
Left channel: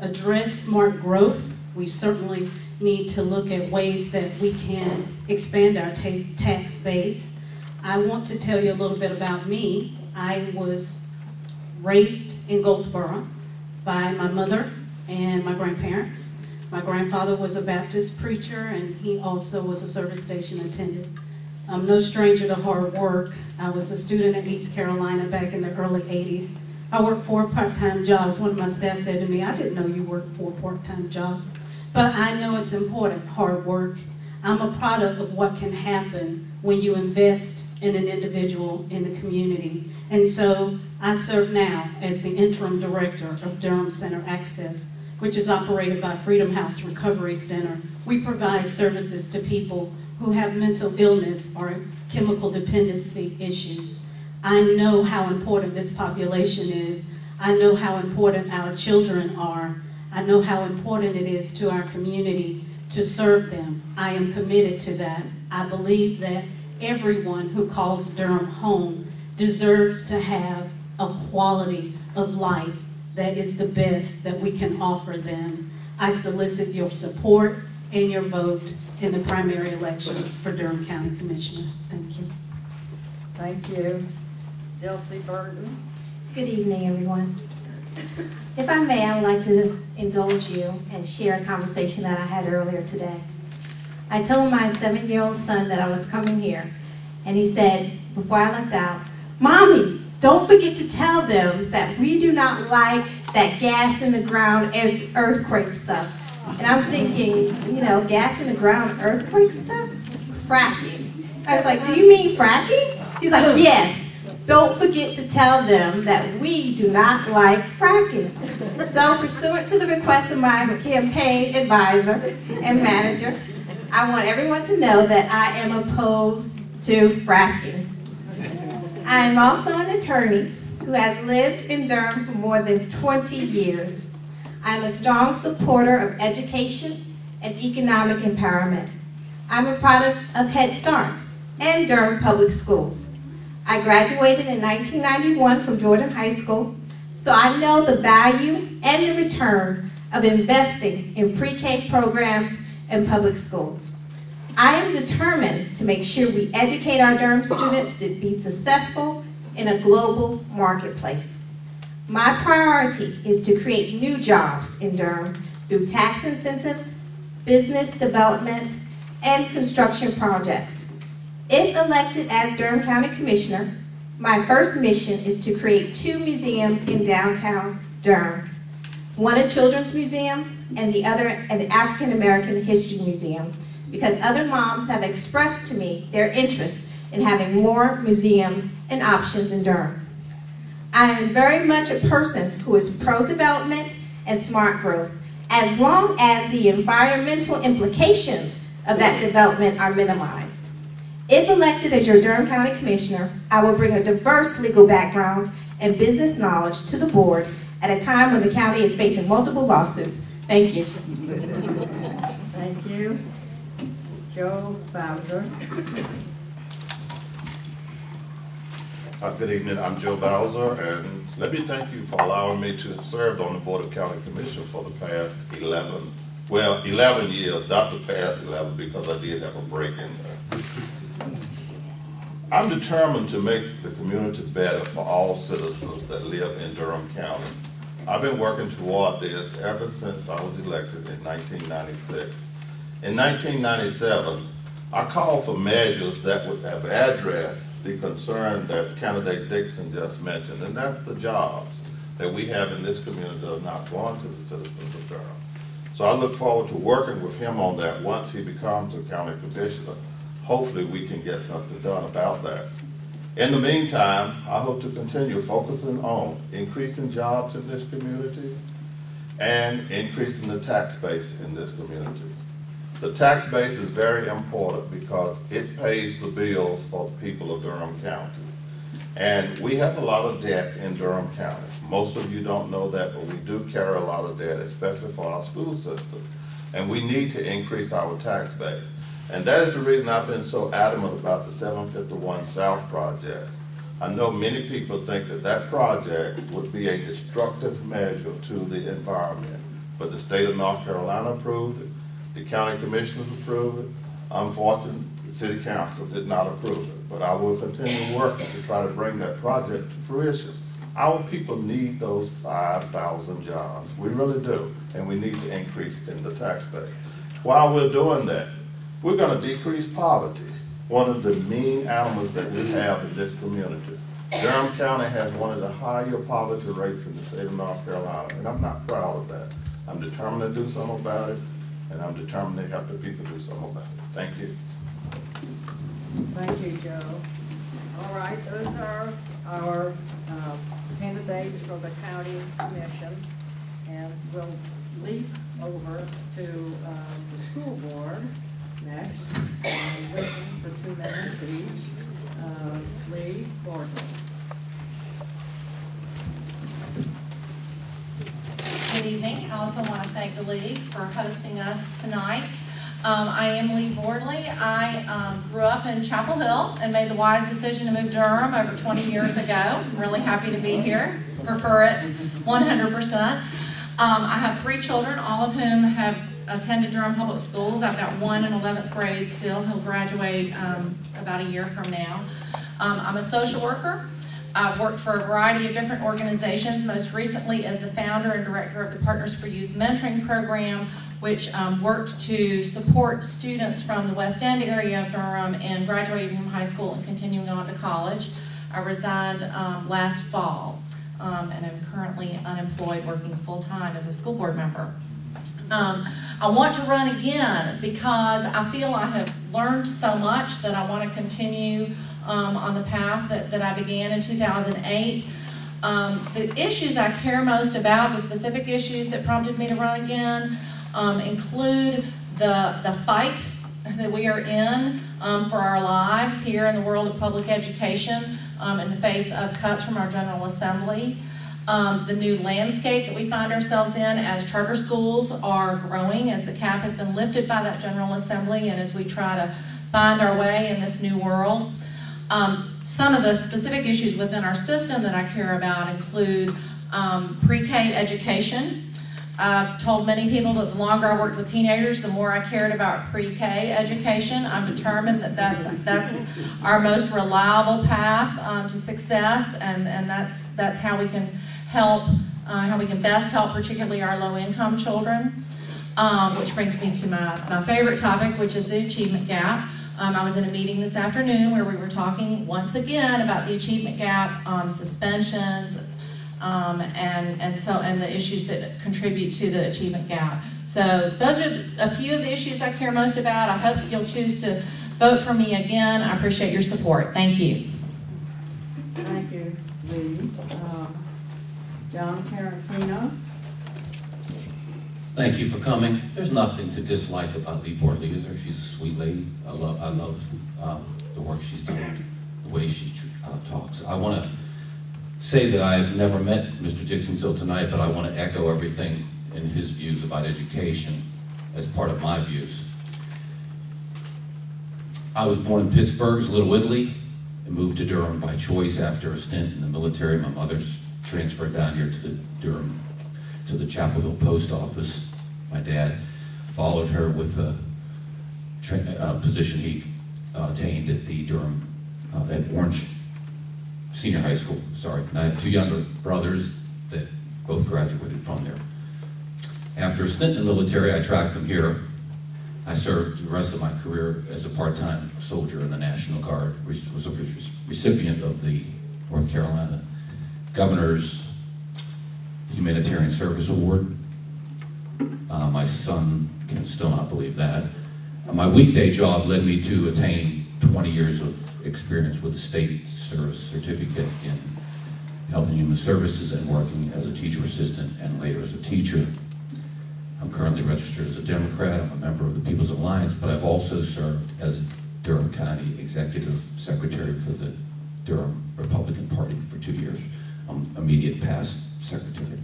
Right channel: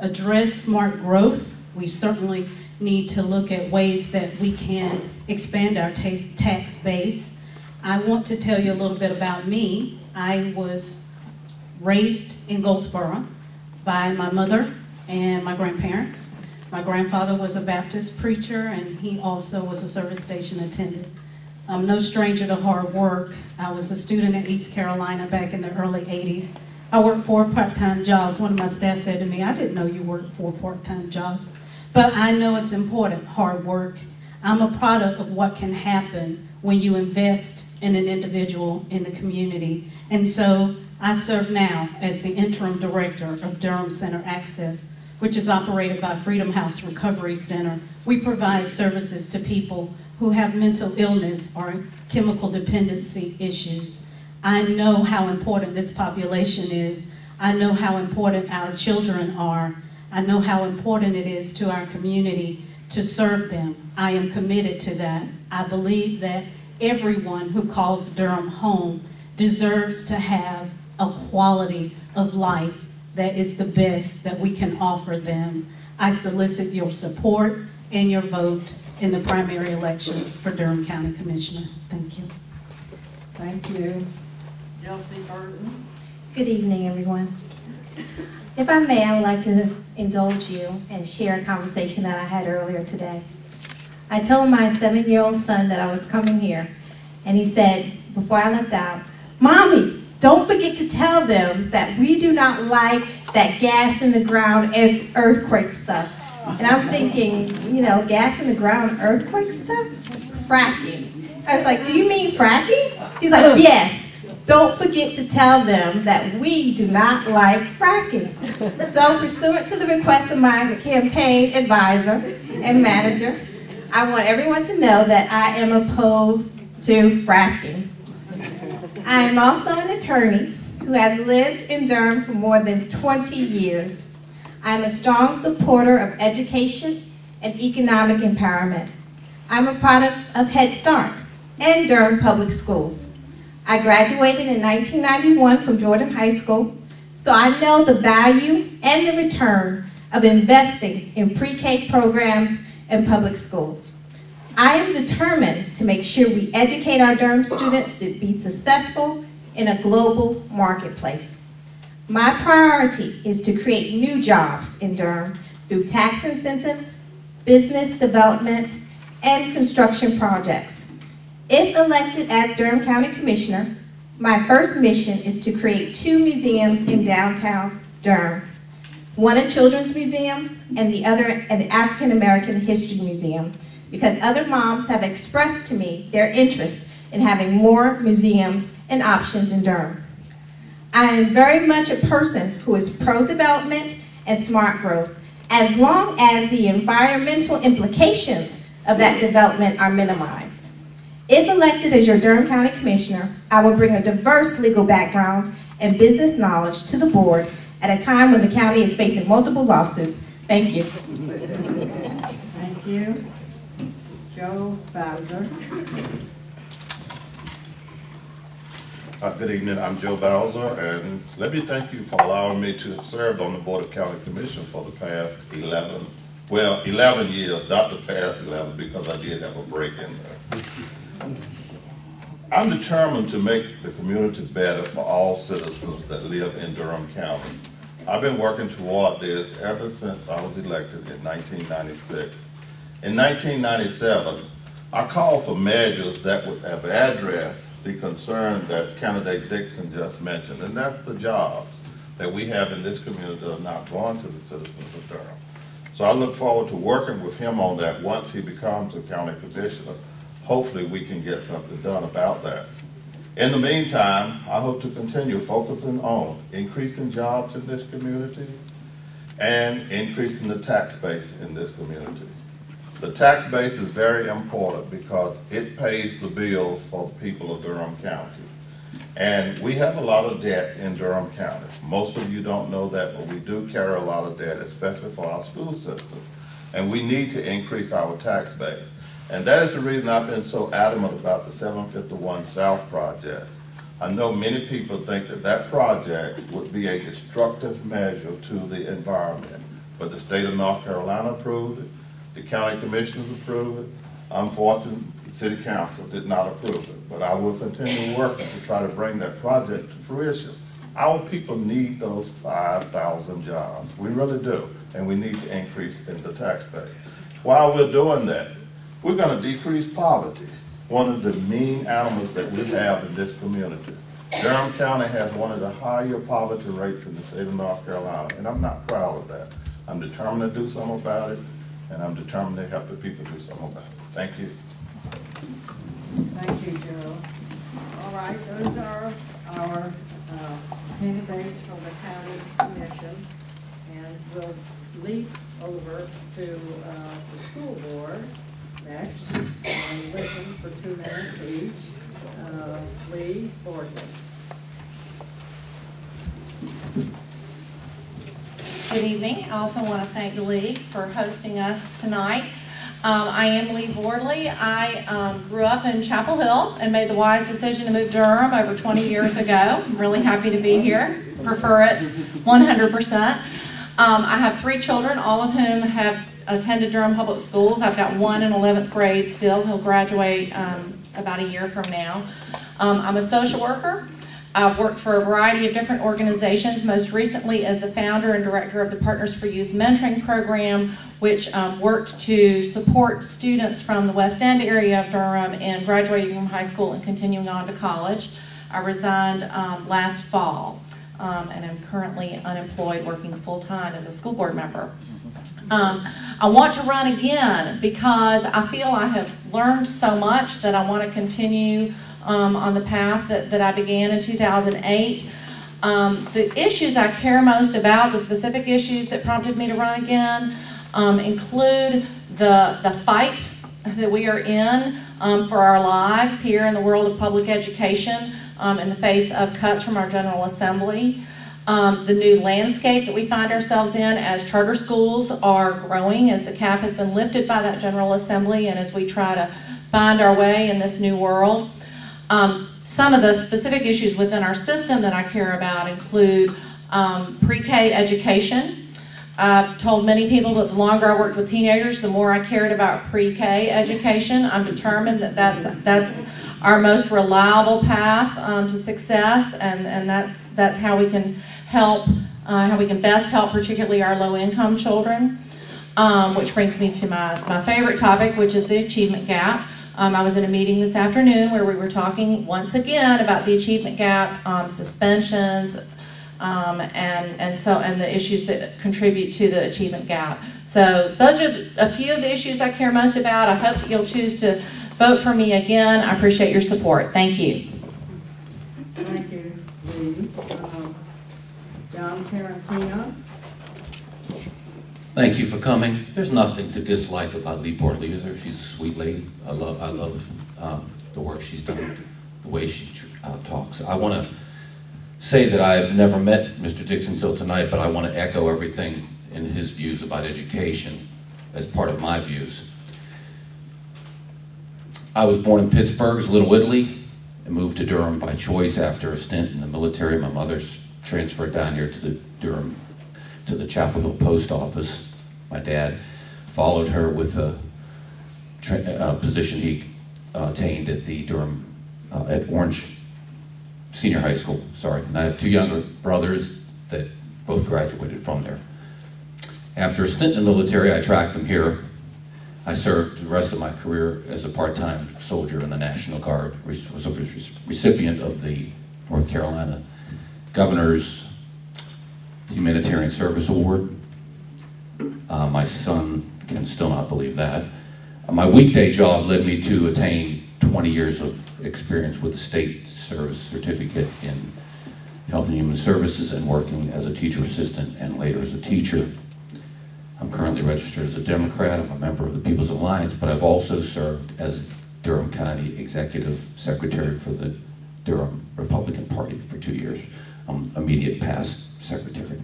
address smart growth. We certainly need to look at ways that we can expand our tax base. I want to tell you a little bit about me. I was raised in Goldsboro by my mother and my grandparents. My grandfather was a Baptist preacher, and he also was a service station attendant. I'm no stranger to hard work. I was a student at East Carolina back in the early 80s. I worked 4 part-time jobs. One of my staff said to me, "I didn't know you worked 4 part-time jobs." But I know it's important, hard work. I'm a product of what can happen when you invest in an individual in the community. And so I serve now as the interim director of Durham Center Access, which is operated by Freedom House Recovery Center. We provide services to people who have mental illness or chemical dependency issues. I know how important this population is. I know how important our children are. I know how important it is to our community to serve them. I am committed to that. I believe that everyone who calls Durham home deserves to have a quality of life that is the best that we can offer them. I solicit your support and your vote in the primary election for Durham County Commissioner. Thank you. Thank you. Dilcy, Burton. Good evening, everyone. If I may, I would like to indulge you and share a conversation that I had earlier today. I told my 7-year-old son that I was coming here, and he said, before I left out, "Mommy, don't forget to tell them that we do not like that gas in the ground earthquake stuff." And I'm thinking, you know, gas in the ground earthquake stuff? Fracking. I was like, "Do you mean fracking?" He's like, "Yes. Don't forget to tell them that we do not like fracking." So, pursuant to the request of my campaign advisor and manager, I want everyone to know that I am opposed to fracking. I am also an attorney who has lived in Durham for more than 20 years. I am a strong supporter of education and economic empowerment. I'm a product of Head Start and Durham Public Schools. I graduated in 1991 from Jordan High School, so I know the value and the return of investing in pre-K programs and public schools. I am determined to make sure we educate our Durham students to be successful in a global marketplace. My priority is to create new jobs in Durham through tax incentives, business development, and construction projects. If elected as Durham County Commissioner, my first mission is to create 2 museums in downtown Durham. One a children's museum and the other an African American History Museum, because other moms have expressed to me their interest in having more museums and options in Durham. I am very much a person who is pro-development and smart growth, as long as the environmental implications of that development are minimized. If elected as your Durham County Commissioner, I will bring a diverse legal background and business knowledge to the board at a time when the county is facing multiple lawsuits. Thank you. Thank you. Joe Bowser. Good evening, I'm Joe Bowser, and let me thank you for allowing me to serve on the Board of County Commissioners for the past 11 years, not the past 11 because I did have a break in there. I'm determined to make the community better for all citizens that live in Durham County. I've been working toward this ever since I was elected in 1996. In 1997, I called for measures that would have addressed the concern that candidate Dixon just mentioned, and that's the jobs that we have in this community that are not going to the citizens of Durham. So I look forward to working with him on that once he becomes a county commissioner. Hopefully we can get something done about that. In the meantime, I hope to continue focusing on increasing jobs in this community and increasing the tax base in this community. The tax base is very important because it pays the bills for the people of Durham County. And we have a lot of debt in Durham County. Most of you don't know that, but we do carry a lot of debt, especially for our school system. And we need to increase our tax base. And that is the reason I've been so adamant about the 751 South project. I know many people think that that project would be a destructive measure to the environment, but the state of North Carolina approved it, the county commissioners approved it. Unfortunately, the city council did not approve it, but I will continue working to try to bring that project to fruition. Our people need those 5,000 jobs. We really do, and we need to increase in the tax base. While we're doing that, we're going to decrease poverty, one of the mean animals that we have in this community. Durham County has one of the higher poverty rates in the state of North Carolina, and I'm not proud of that. I'm determined to do something about it, and I'm determined to help the people do something about it. Thank you. Thank you, Joe. All right, those are our candidates for the county commission, and we'll leap over to the school board next and listen for 2 minutes each. Leigh, Bordley. Good evening. I also want to thank the League for hosting us tonight. I am Leigh Bordley. I grew up in Chapel Hill and made the wise decision to move to Durham over 20 years ago. I'm really happy to be here. Prefer it 100%. I have 3 children, all of whom have attended Durham Public Schools. I've got one in 11th grade still. He'll graduate about a year from now. I'm a social worker. I've worked for a variety of different organizations, most recently as the founder and director of the Partners for Youth Mentoring Program, which worked to support students from the West End area of Durham in graduating from high school and continuing on to college. I resigned last fall and am currently unemployed, working full-time as a school board member. I want to run again because I feel I have learned so much that I want to continue on the path that I began in 2008. The issues I care most about, the specific issues that prompted me to run again, include the fight that we are in for our lives here in the world of public education in the face of cuts from our General Assembly. The new landscape that we find ourselves in as charter schools are growing, as the cap has been lifted by that General Assembly, and as we try to find our way in this new world. Some of the specific issues within our system that I care about include pre-K education. I've told many people that the longer I worked with teenagers, the more I cared about pre-K education. I'm determined that that's our most reliable path to success, and that's how we can help, how we can best help particularly our low-income children. Which brings me to my favorite topic, which is the achievement gap. I was at a meeting this afternoon where we were talking once again about the achievement gap, suspensions, and the issues that contribute to the achievement gap. So those are a few of the issues I care most about. I hope that you'll choose to vote for me again. I appreciate your support. Thank you. Thank you, Leigh. John Tarantino. Thank you for coming. There's nothing to dislike about Leigh Bordley, is there? She's a sweet lady. I love the work she's done, the way she talks. I want to say that I've never met Mr. Dixon till tonight, but I want to echo everything in his views about education as part of my views. I was born in Pittsburgh's Little Italy and moved to Durham by choice after a stint in the military. My mother's transferred down here to the Durham, to the Chapel Hill post office. My dad followed her with a position he attained at the Durham, at Orange Senior High School, sorry. And I have 2 younger brothers that both graduated from there. After a stint in the military, I tracked them here. I served the rest of my career as a part-time soldier in the National Guard, was a recipient of the North Carolina Governor's Humanitarian Service Award. My son can still not believe that. My weekday job led me to attain 20 years of experience with the State Service Certificate in Health and Human Services and working as a teacher assistant and later as a teacher. I'm currently registered as a Democrat. I'm a member of the People's Alliance, but I've also served as Durham County Executive Secretary for the Durham Republican Party for 2 years. I'm immediate past secretary.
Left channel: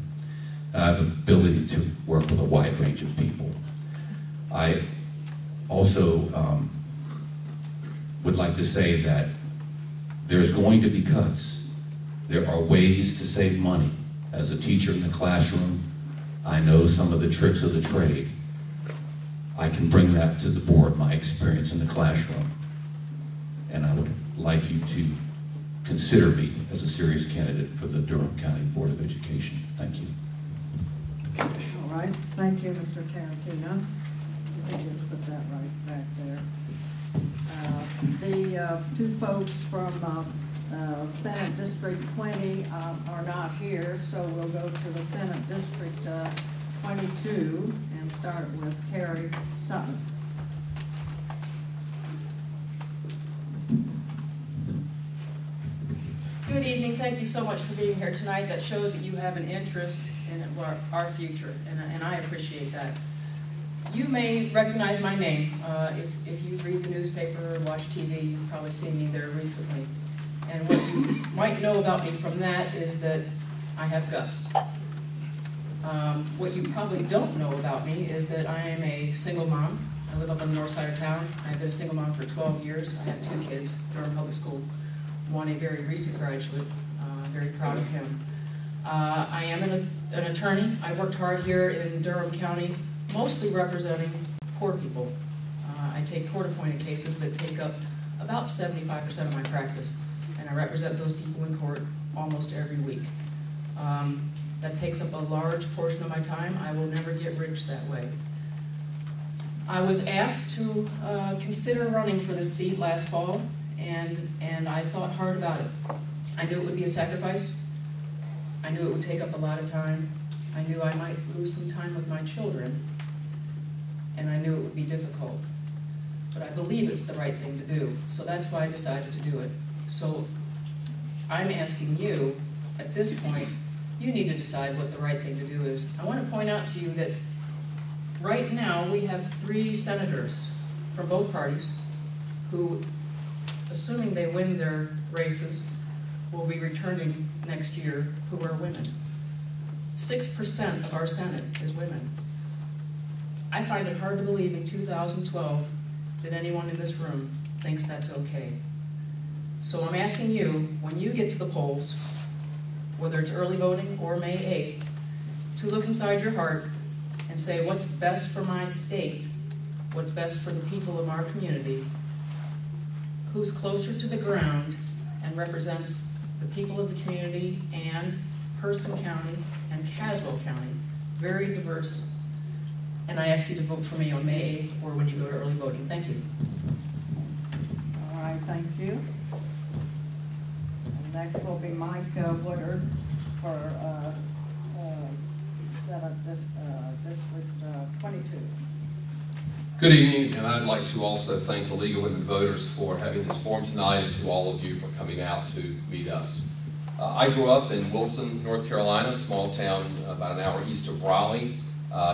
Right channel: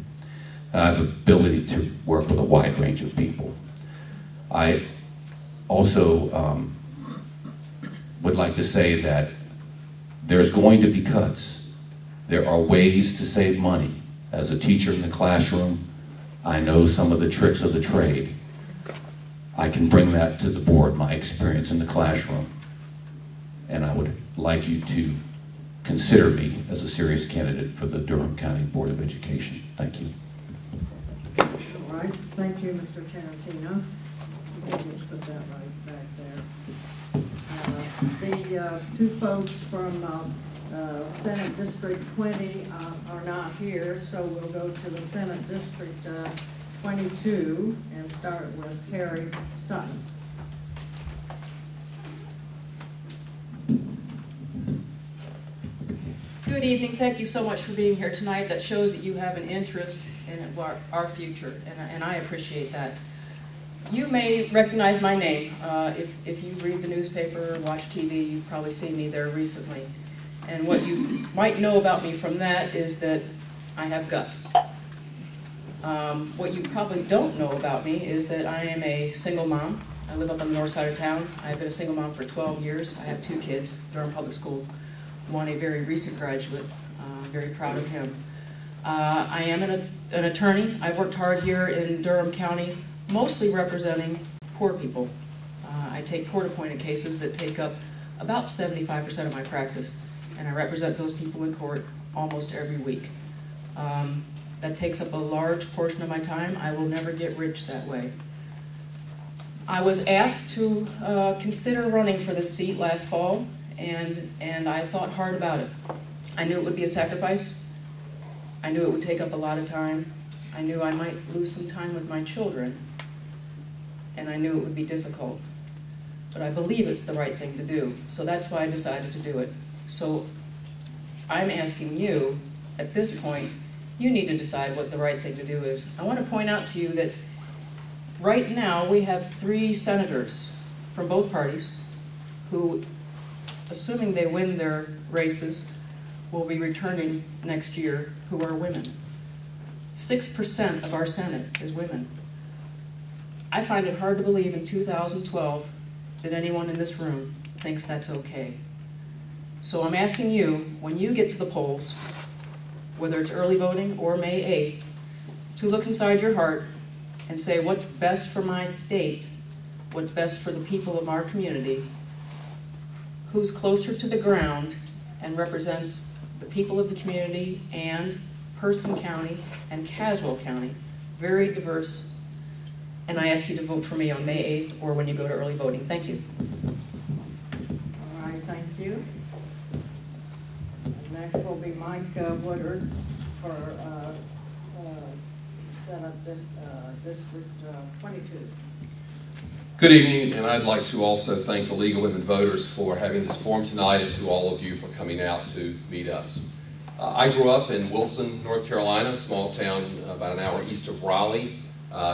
I have ability to work with a wide range of people. I also would like to say that there's going to be cuts. There are ways to save money. As a teacher in the classroom, I know some of the tricks of the trade. I can bring that to the board, my experience in the classroom, and I would like you to consider me as a serious candidate for the Durham County Board of Education. Thank you. All right, thank you, Mr. Tarantino. You can just put that right back there. The two folks from Senate District 20 are not here, so we'll go to the Senate District 22 and start with Carrie Sutton. Good evening. Thank you so much for being here tonight. That shows that you have an interest in our future, and I appreciate that. You may recognize my name. If you read the newspaper or watch TV, you've probably seen me there recently. And what you might know about me from that is that I have guts. What you probably don't know about me is that I am a single mom. I live up on the north side of town. I've been a single mom for 12 years. I have 2 kids, Durham Public School. One a very recent graduate, very proud of him. I am an attorney. I've worked hard here in Durham County, mostly representing poor people. I take court-appointed cases that take up about 75% of my practice, and I represent those people in court almost every week. That takes up a large portion of my time. I will never get rich that way. I was asked to consider running for this seat last fall, and I thought hard about it. I knew it would be a sacrifice. I knew it would take up a lot of time. I knew I might lose some time with my children, and I knew it would be difficult. But I believe it's the right thing to do, so that's why I decided to do it. So I'm asking you, at this point, you need to decide what the right thing to do is. I want to point out to you that right now we have 3 senators from both parties who, assuming they win their races, will be returning next year, who are women. 6% of our Senate is women. I find it hard to believe in 2012 that anyone in this room thinks that's okay. So I'm asking you, when you get to the polls, whether it's early voting or May 8th, to look inside your heart and say what's best for my state, what's best for the people of our community, who's closer to the ground and represents the people of the community and Person County and Caswell County, very diverse. And I ask you to vote for me on May 8th or when you go to early voting. Thank you. All right, thank you. And next will be Mike Woodard for Senate District 22. Good evening, and I'd like to also thank the League of Women Voters for having this forum tonight, and to all of you for coming out to meet us. I grew up in Wilson, North Carolina, a small town about an hour east of Raleigh.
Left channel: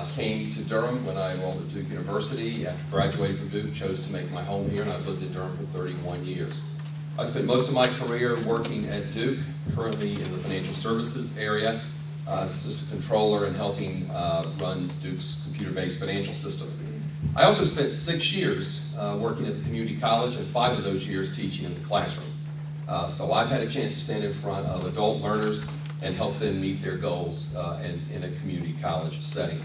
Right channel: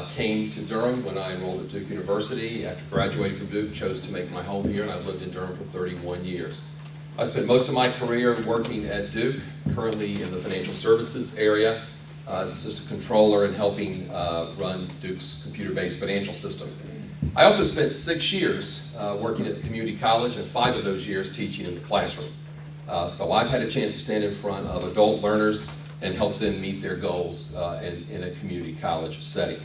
Came to Durham when I enrolled at Duke University. After graduating from Duke, chose to make my home here, and I've lived in Durham for 31 years. I spent most of my career working at Duke, currently in the financial services area, as assistant controller and helping run Duke's computer-based financial system. I also spent 6 years working at the community college, and 5 of those years teaching in the classroom. So I've had a chance to stand in front of adult learners and help them meet their goals in a community college setting.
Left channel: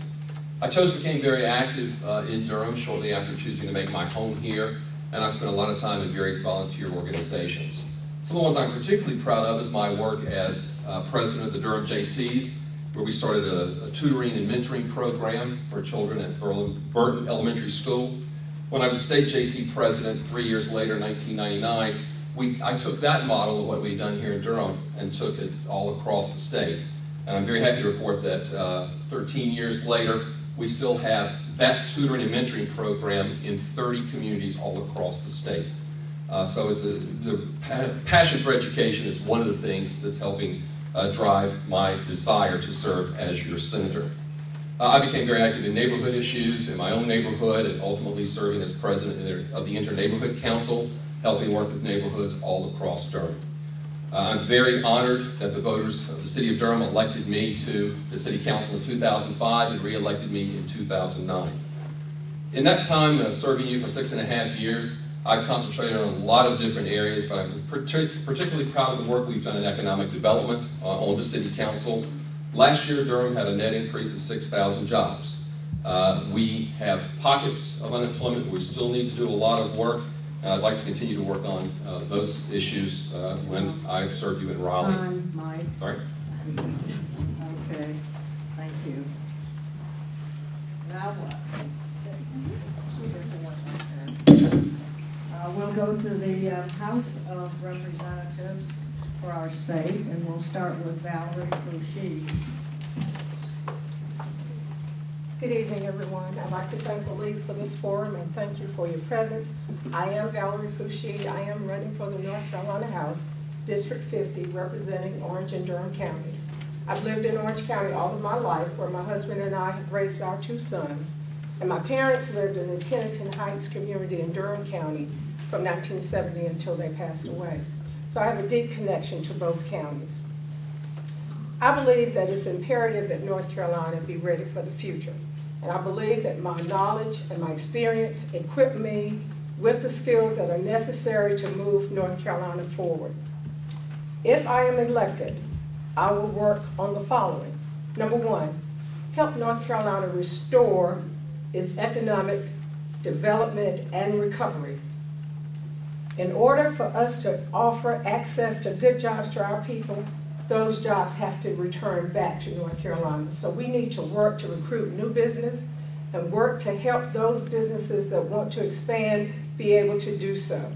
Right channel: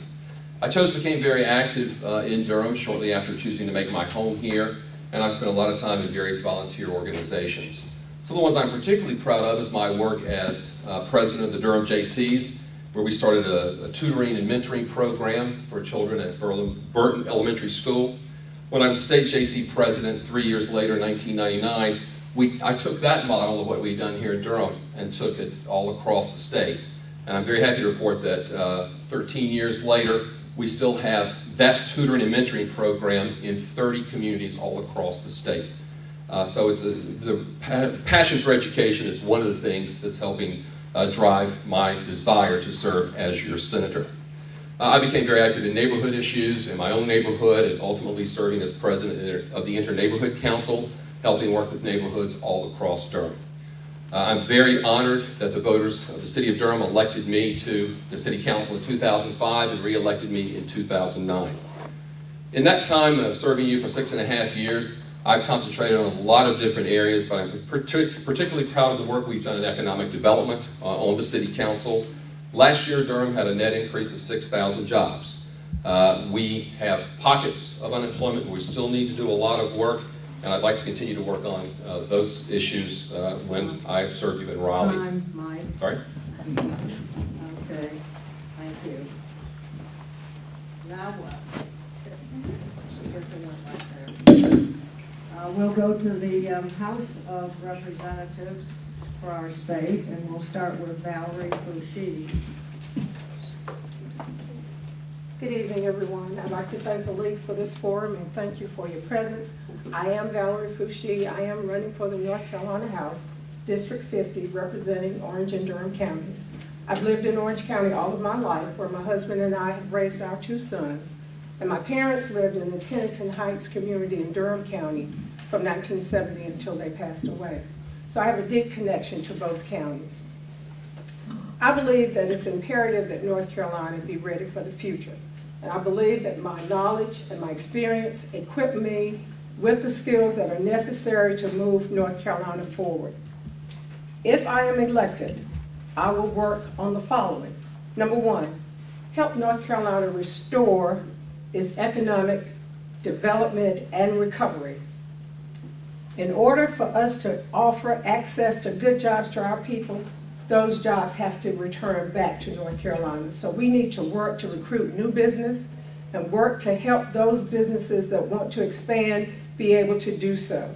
I became very active in Durham shortly after choosing to make my home here, and I spent a lot of time in various volunteer organizations. Some of the ones I'm particularly proud of is my work as president of the Durham JCs, where we started a tutoring and mentoring program for children at Burton Elementary School. When I was state JC president 3 years later, in 1999, I took that model of what we'd done here in Durham and took it all across the state. And I'm very happy to report that 13 years later, we still have that tutoring and mentoring program in 30 communities all across the state. So the passion for education is one of the things that's helping drive my desire to serve as your senator. I became very active in neighborhood issues in my own neighborhood and ultimately serving as president of the Inter-Neighborhood Council, helping work with neighborhoods all across Durham. I'm very honored that the voters of the city of Durham elected me to the city council in 2005 and re-elected me in 2009. In that time of serving you for 6.5 years, I've concentrated on a lot of different areas, but I'm particularly proud of the work we've done in economic development on the city council. Last year, Durham had a net increase of 6,000 jobs. We have pockets of unemployment. We still need to do a lot of work, and I'd like to continue to work on those issues when I serve you in Raleigh. Time, Mike. Sorry? Okay, thank you. Now what? We'll go to the House of Representatives for our state, and we'll start with Valerie Foushee. Good evening, everyone. I'd like to thank the League for this forum and thank you for your presence. I am Valerie Foushee. I am running for the North Carolina House, District 50, representing Orange and Durham counties. I've lived in Orange County all of my life, where my husband and I have raised our 2 sons. And my parents lived in the Pennington Heights community in Durham County from 1970 until they passed away. So I have a deep connection to both counties. I believe that it's imperative that North Carolina be ready for the future. And I believe that my knowledge and my experience equip me with the skills that are necessary to move North Carolina forward. If I am elected, I will work on the following. Number 1, help North Carolina restore its economic development and recovery. In order for us to offer access to good jobs to our people, those jobs have to return back to North Carolina. So we need to work to recruit new business and work to help those businesses that want to expand be able to do so.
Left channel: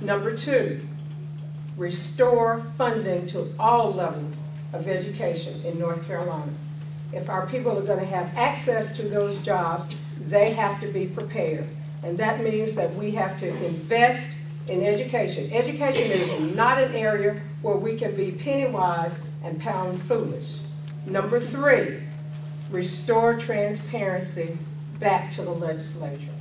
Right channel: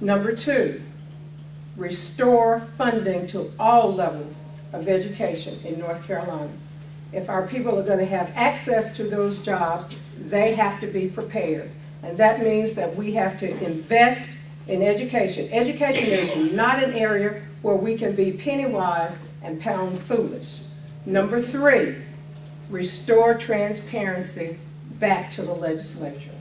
Number 2, restore funding to all levels of education in North Carolina. If our people are going to have access to those jobs, they have to be prepared. And that means that we have to invest in education. Education is not an area where we can be penny wise and pound foolish. Number 3, restore transparency back to the legislature.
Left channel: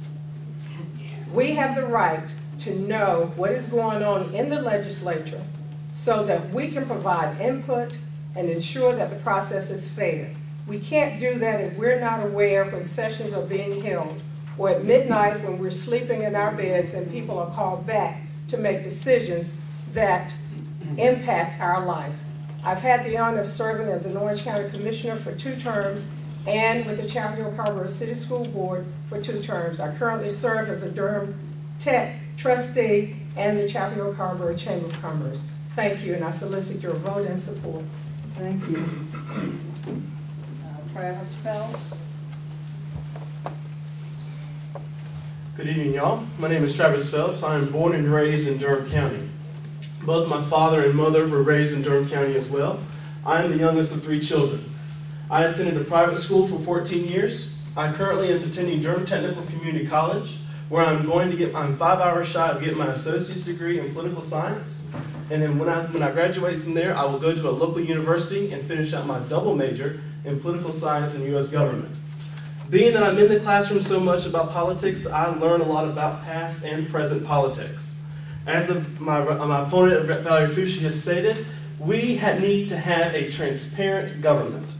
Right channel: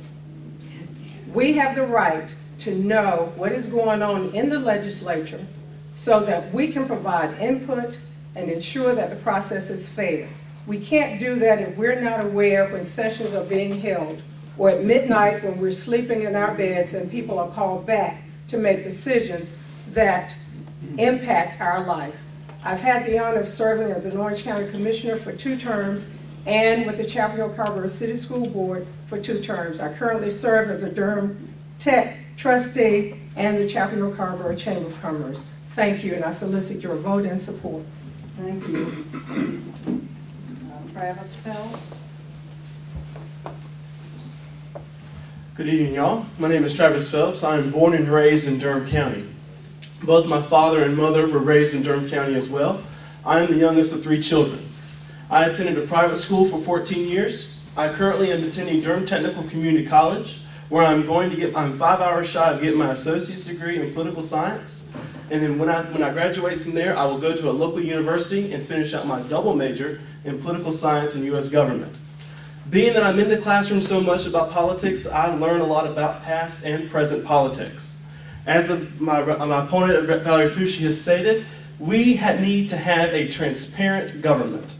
We have the right to know what is going on in the legislature so that we can provide input and ensure that the process is fair. We can't do that if we're not aware when sessions are being held, or at midnight when we're sleeping in our beds and people are called back to make decisions that impact our life. I've had the honor of serving as an Orange County Commissioner for 2 terms and with the Chapel Hill Carrboro City School Board for 2 terms. I currently serve as a Durham Tech trustee and the Chapel Hill Carrboro Chamber of Commerce. Thank you, and I solicit your vote and support. Thank you. Travis Phelps. Good evening, y'all. My name is Travis Phelps. I am born and raised in Durham County. Both my father and mother were raised in Durham County as well. I am the youngest of 3 children. I attended a private school for 14 years. I currently am attending Durham Technical Community College, where I'm 5 hours shy of getting my associate's degree in political science. And then when I graduate from there, I will go to a local university and finish out my double major in political science and U.S. government. Being that I'm in the classroom so much about politics, I learn a lot about past and present politics. As my opponent, Valerie Foushee, has stated, we need to have a transparent government.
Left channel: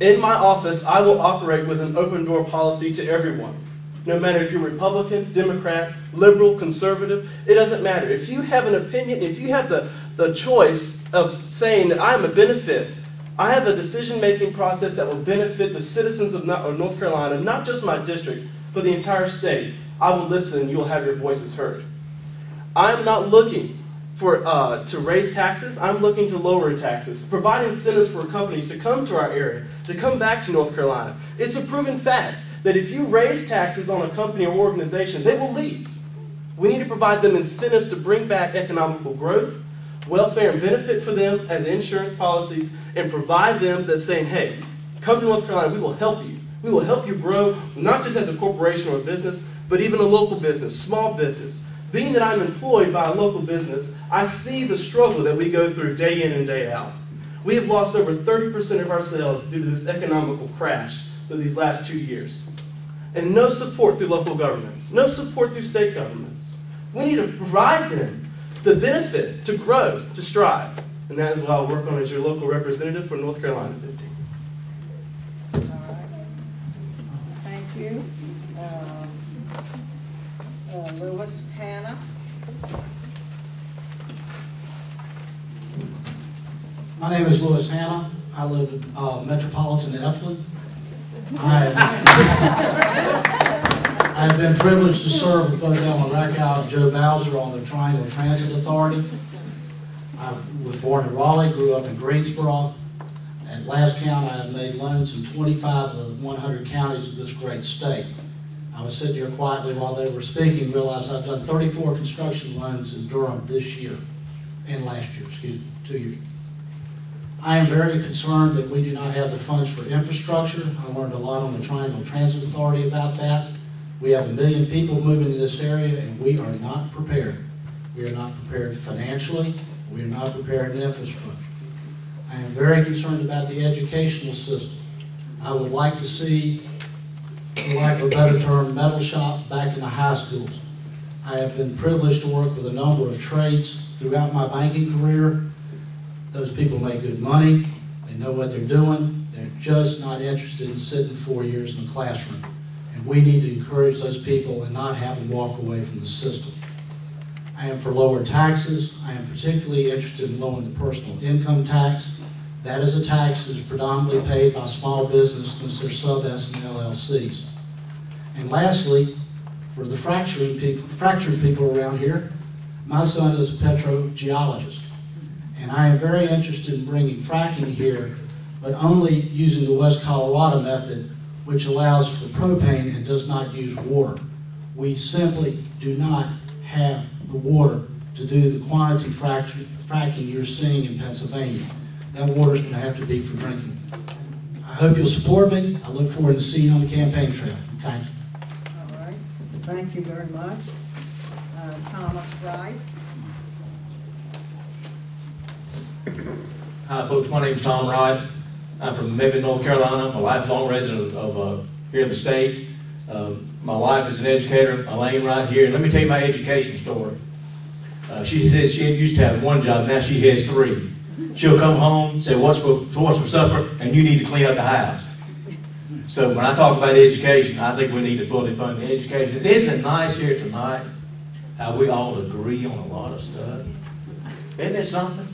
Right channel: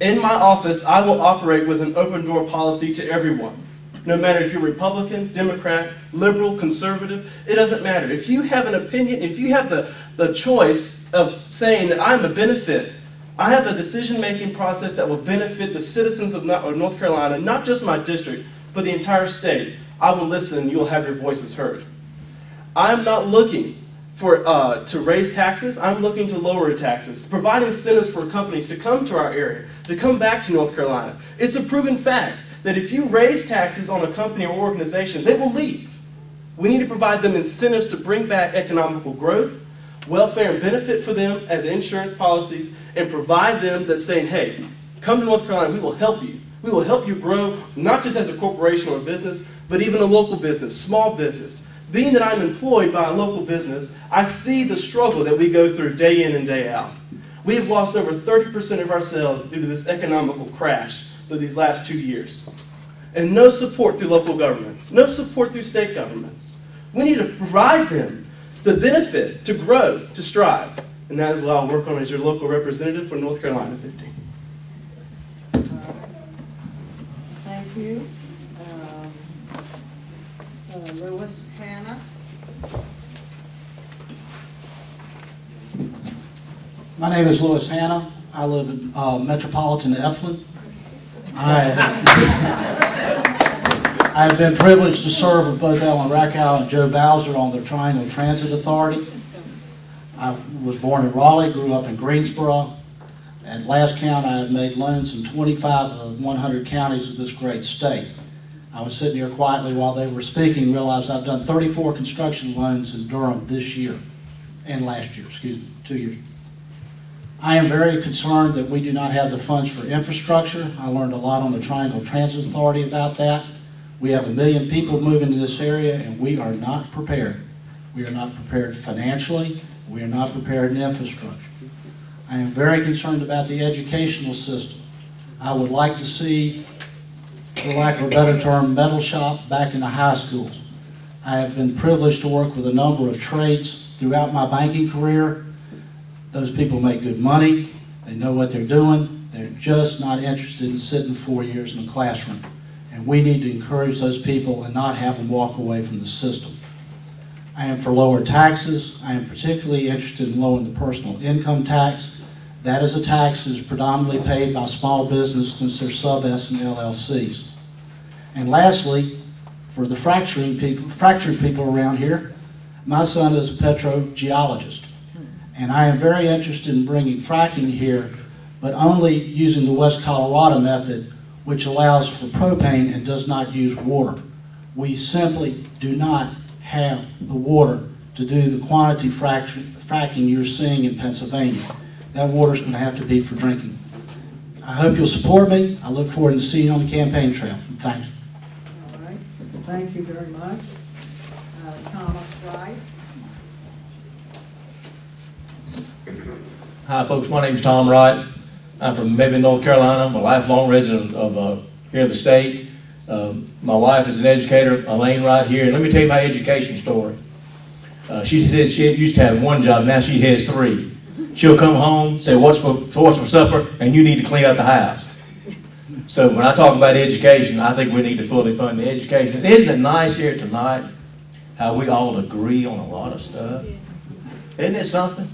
In my office, I will operate with an open door policy to everyone. No matter if you're Republican, Democrat, liberal, conservative, it doesn't matter. If you have an opinion, if you have the choice of saying that I'm a benefit, I have a decision-making process that will benefit the citizens of North Carolina, not just my district, but the entire state, I will listen and you'll have your voices heard. I am not looking to raise taxes. I'm looking to lower taxes, provide incentives for companies to come to our area, to come back to North Carolina. It's a proven fact that if you raise taxes on a company or organization, they will leave. We need to provide them incentives to bring back economical growth, welfare and benefit for them as insurance policies, and provide them that saying, hey, come to North Carolina, we will help you. We will help you grow, not just as a corporation or a business, but even a local business, small business. Being that I'm employed by a local business, I see the struggle that we go through day in and day out. We have lost over 30% of our sales due to this economical crash through these last 2 years. And no support through local governments, no support through state governments. We need to provide them the benefit to grow, to strive. And that is what I'll work on as your local representative for North Carolina 50. All right. Thank you. Lewis Hannah. My name is Lewis Hannah. I live in metropolitan Eflin. I've been privileged to serve with both Ellen Reckhow and Joe Bowser on the Triangle Transit Authority. I was born in Raleigh, grew up in Greensboro. At last count, I have made loans in 25 of 100 counties of this great state. I was sitting here quietly while they were speaking, realized I've done 34 construction loans in Durham this year, and last year, 2 years. I am very concerned that we do not have the funds for infrastructure. I learned a lot on the Triangle Transit Authority about that. We have 1 million people moving to this area, and we are not prepared. We are not prepared financially. We are not prepared in infrastructure. I am very concerned about the educational system. I would like to see, for lack of a better term, metal shop back in the high schools. I have been privileged to work with a number of trades throughout my banking career. Those people make good money. They know what they're doing. They're just not interested in sitting 4 years in a classroom. And we need to encourage those people and not have them walk away from the system. I am for lower taxes. I am particularly interested in lowering the personal income tax. That is a tax that is predominantly paid by small business since they're sub-S and LLCs. And lastly, for the fractured people around here, my son is a petrogeologist. And I am very interested in bringing fracking here, but only using the West Colorado method, which allows for propane and does not use water. We simply do not have the water to do the quantity fracking you're seeing in Pennsylvania. That water is going to have to be for drinking. I hope you'll support me. I look forward to seeing you on the campaign trail. Thanks. All right. Thank you very much. Thomas Wright. Hi folks, my name is Tom Wright. I'm from Mebane, North Carolina. I'm a lifelong resident of here in the state. My wife is an educator, Elaine, right here. And let me tell you my education story. She said she used to have one job, now she has 3. She'll come home, say, what's for supper? And you need to clean up the house. So when I talk about education, I think we need to fully fund the education. Isn't it nice here tonight how we all agree on a lot of stuff? Isn't it something?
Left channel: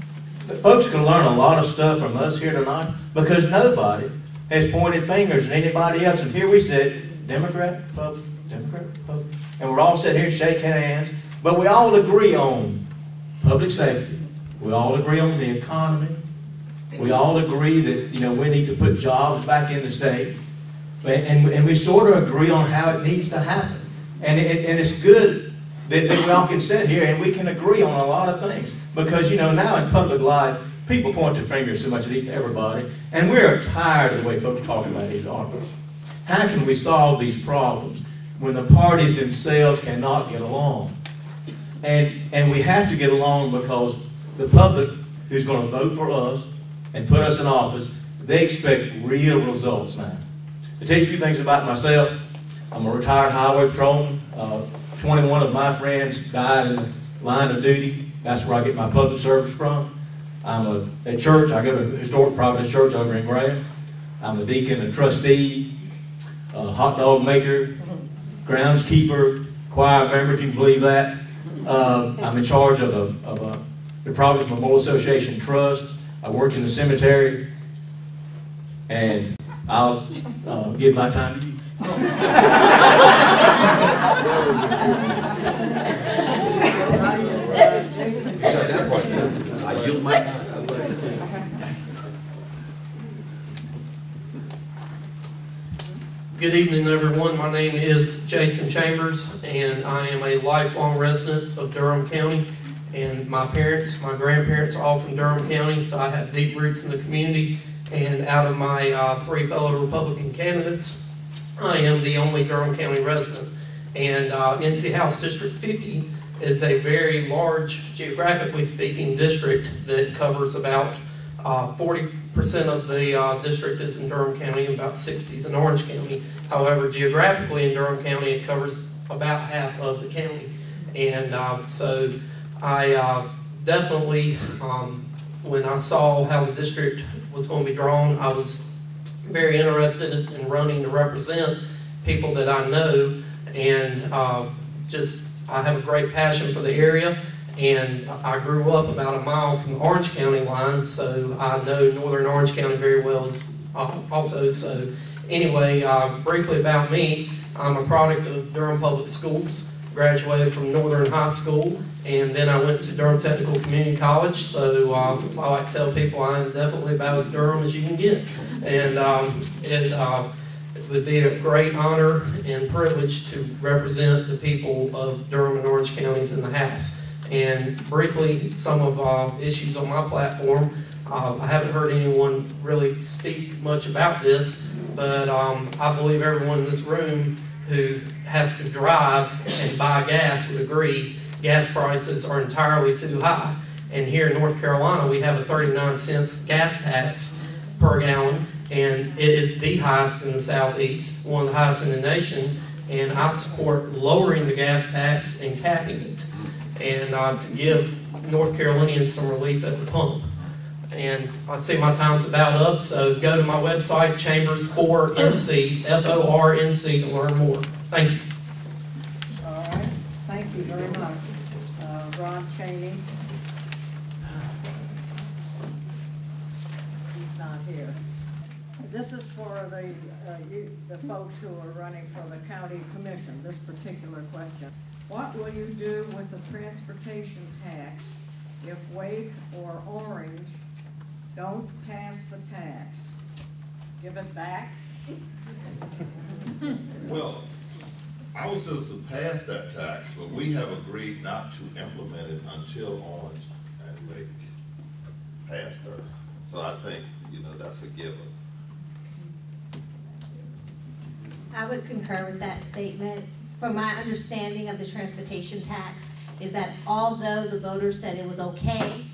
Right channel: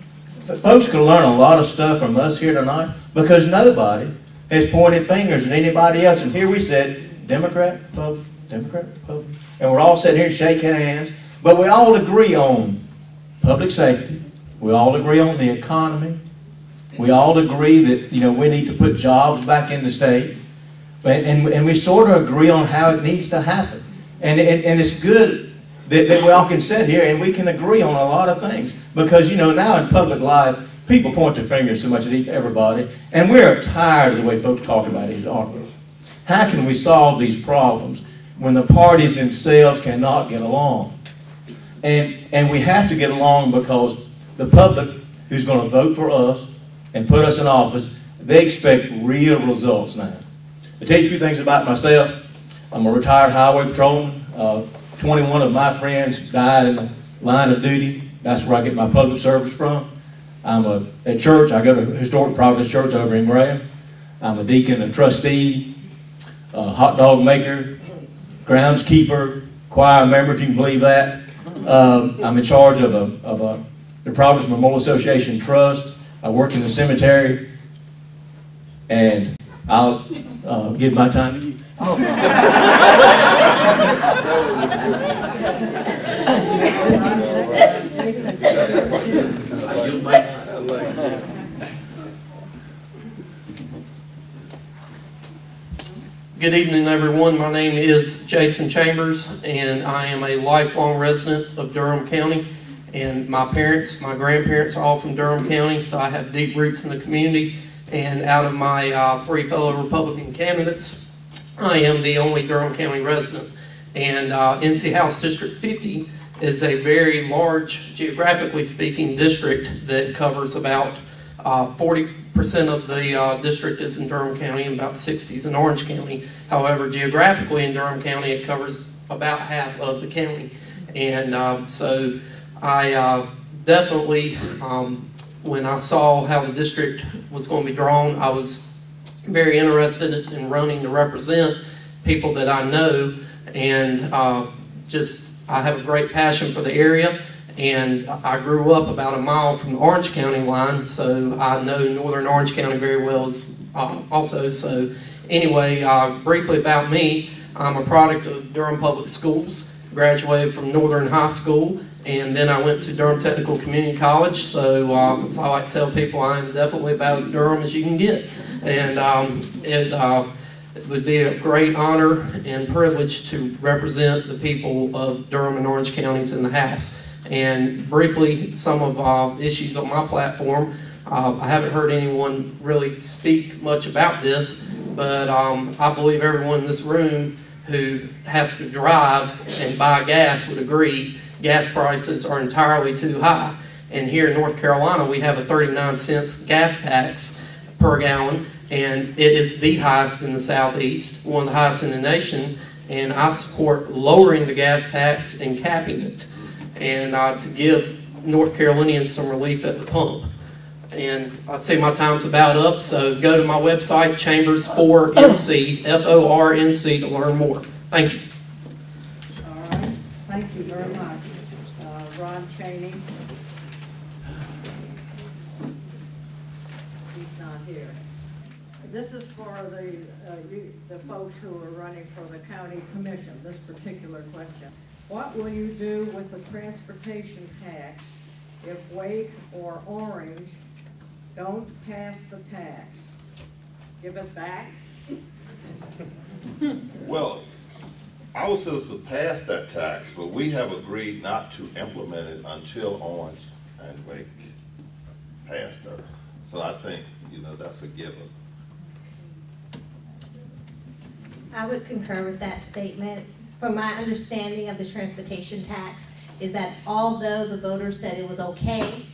Folks can learn a lot of stuff from us here tonight because nobody has pointed fingers at anybody else. And here we sit, Democrat, Republican, Democrat, Republican, and we're all sitting here shaking hands, but we all agree on public safety. We all agree on the economy. We all agree that, you know, we need to put jobs back in the state. And we sort of agree on how it needs to happen. And it's good that we all can sit here and we can agree on a lot of things. Because, you know, now in public life, people point their fingers so much at everybody. And we're tired of the way folks talk about these arguments. How can we solve these problems when the parties themselves cannot get along? And we have to get along because the public who's going to vote for us and put us in office, they expect real results now. To tell you a few things about myself, I'm a retired highway patrolman. 21 of my friends died in the line of duty. That's where I get my public service from. I'm at church. I go to Historic Providence Church over in Graham. I'm a deacon and trustee, a hot dog maker, groundskeeper, choir member, if you can believe that. I'm in charge of the Providence Memorial Association Trust. I work in the cemetery, and I'll give my time to you. I yield my time. Good evening, everyone. My name is Jason Chambers, and I am a lifelong resident of Durham County. And my parents, my grandparents are all from Durham County, so I have deep roots in the community. And out of my 3 fellow Republican candidates, I am the only Durham County resident. And NC House District 50 is a very large, geographically speaking, district that covers about 40 of the district is in Durham County and about 60 is in Orange County. However, geographically in Durham County, it covers about half of the county. And so I definitely, when I saw how the district was going to be drawn, I was very interested in running to represent people that I know, and I have a great passion for the area, and I grew up about a mile from the Orange County line, so I know northern Orange County very well also. So anyway, briefly about me, I'm a product of Durham Public Schools, graduated from Northern High School, and then I went to Durham Technical Community College, so I like to tell people I am definitely about as Durham as you can get. And it would be a great honor and privilege to represent the people of Durham and Orange counties in the House. And briefly, some of issues on my platform. I haven't heard anyone really speak much about this, but I believe everyone in this room who has to drive and buy gas would agree gas prices are entirely too high. And here in North Carolina, we have a 39-cent gas tax per gallon, and it is the highest in the Southeast, one of the highest in the nation, and I support lowering the gas tax and capping it, and to give North Carolinians some relief at the pump. And I'd say my time's about up, so go to my website, Chambers4NC, F-O-R-N-C, to learn more. Thank you. All right, thank you very much. Ron Cheney. He's not here. This is for the folks who are running for the county commission, this particular question. What will you do with the transportation tax if Wake or Orange don't pass the tax? Give it back? Well, our citizens passed that tax, but we have agreed not to implement it until Orange and Wake pass theirs. So I think, that's a given. I would concur with that statement. From my understanding of the transportation tax is that although the voters said it was okay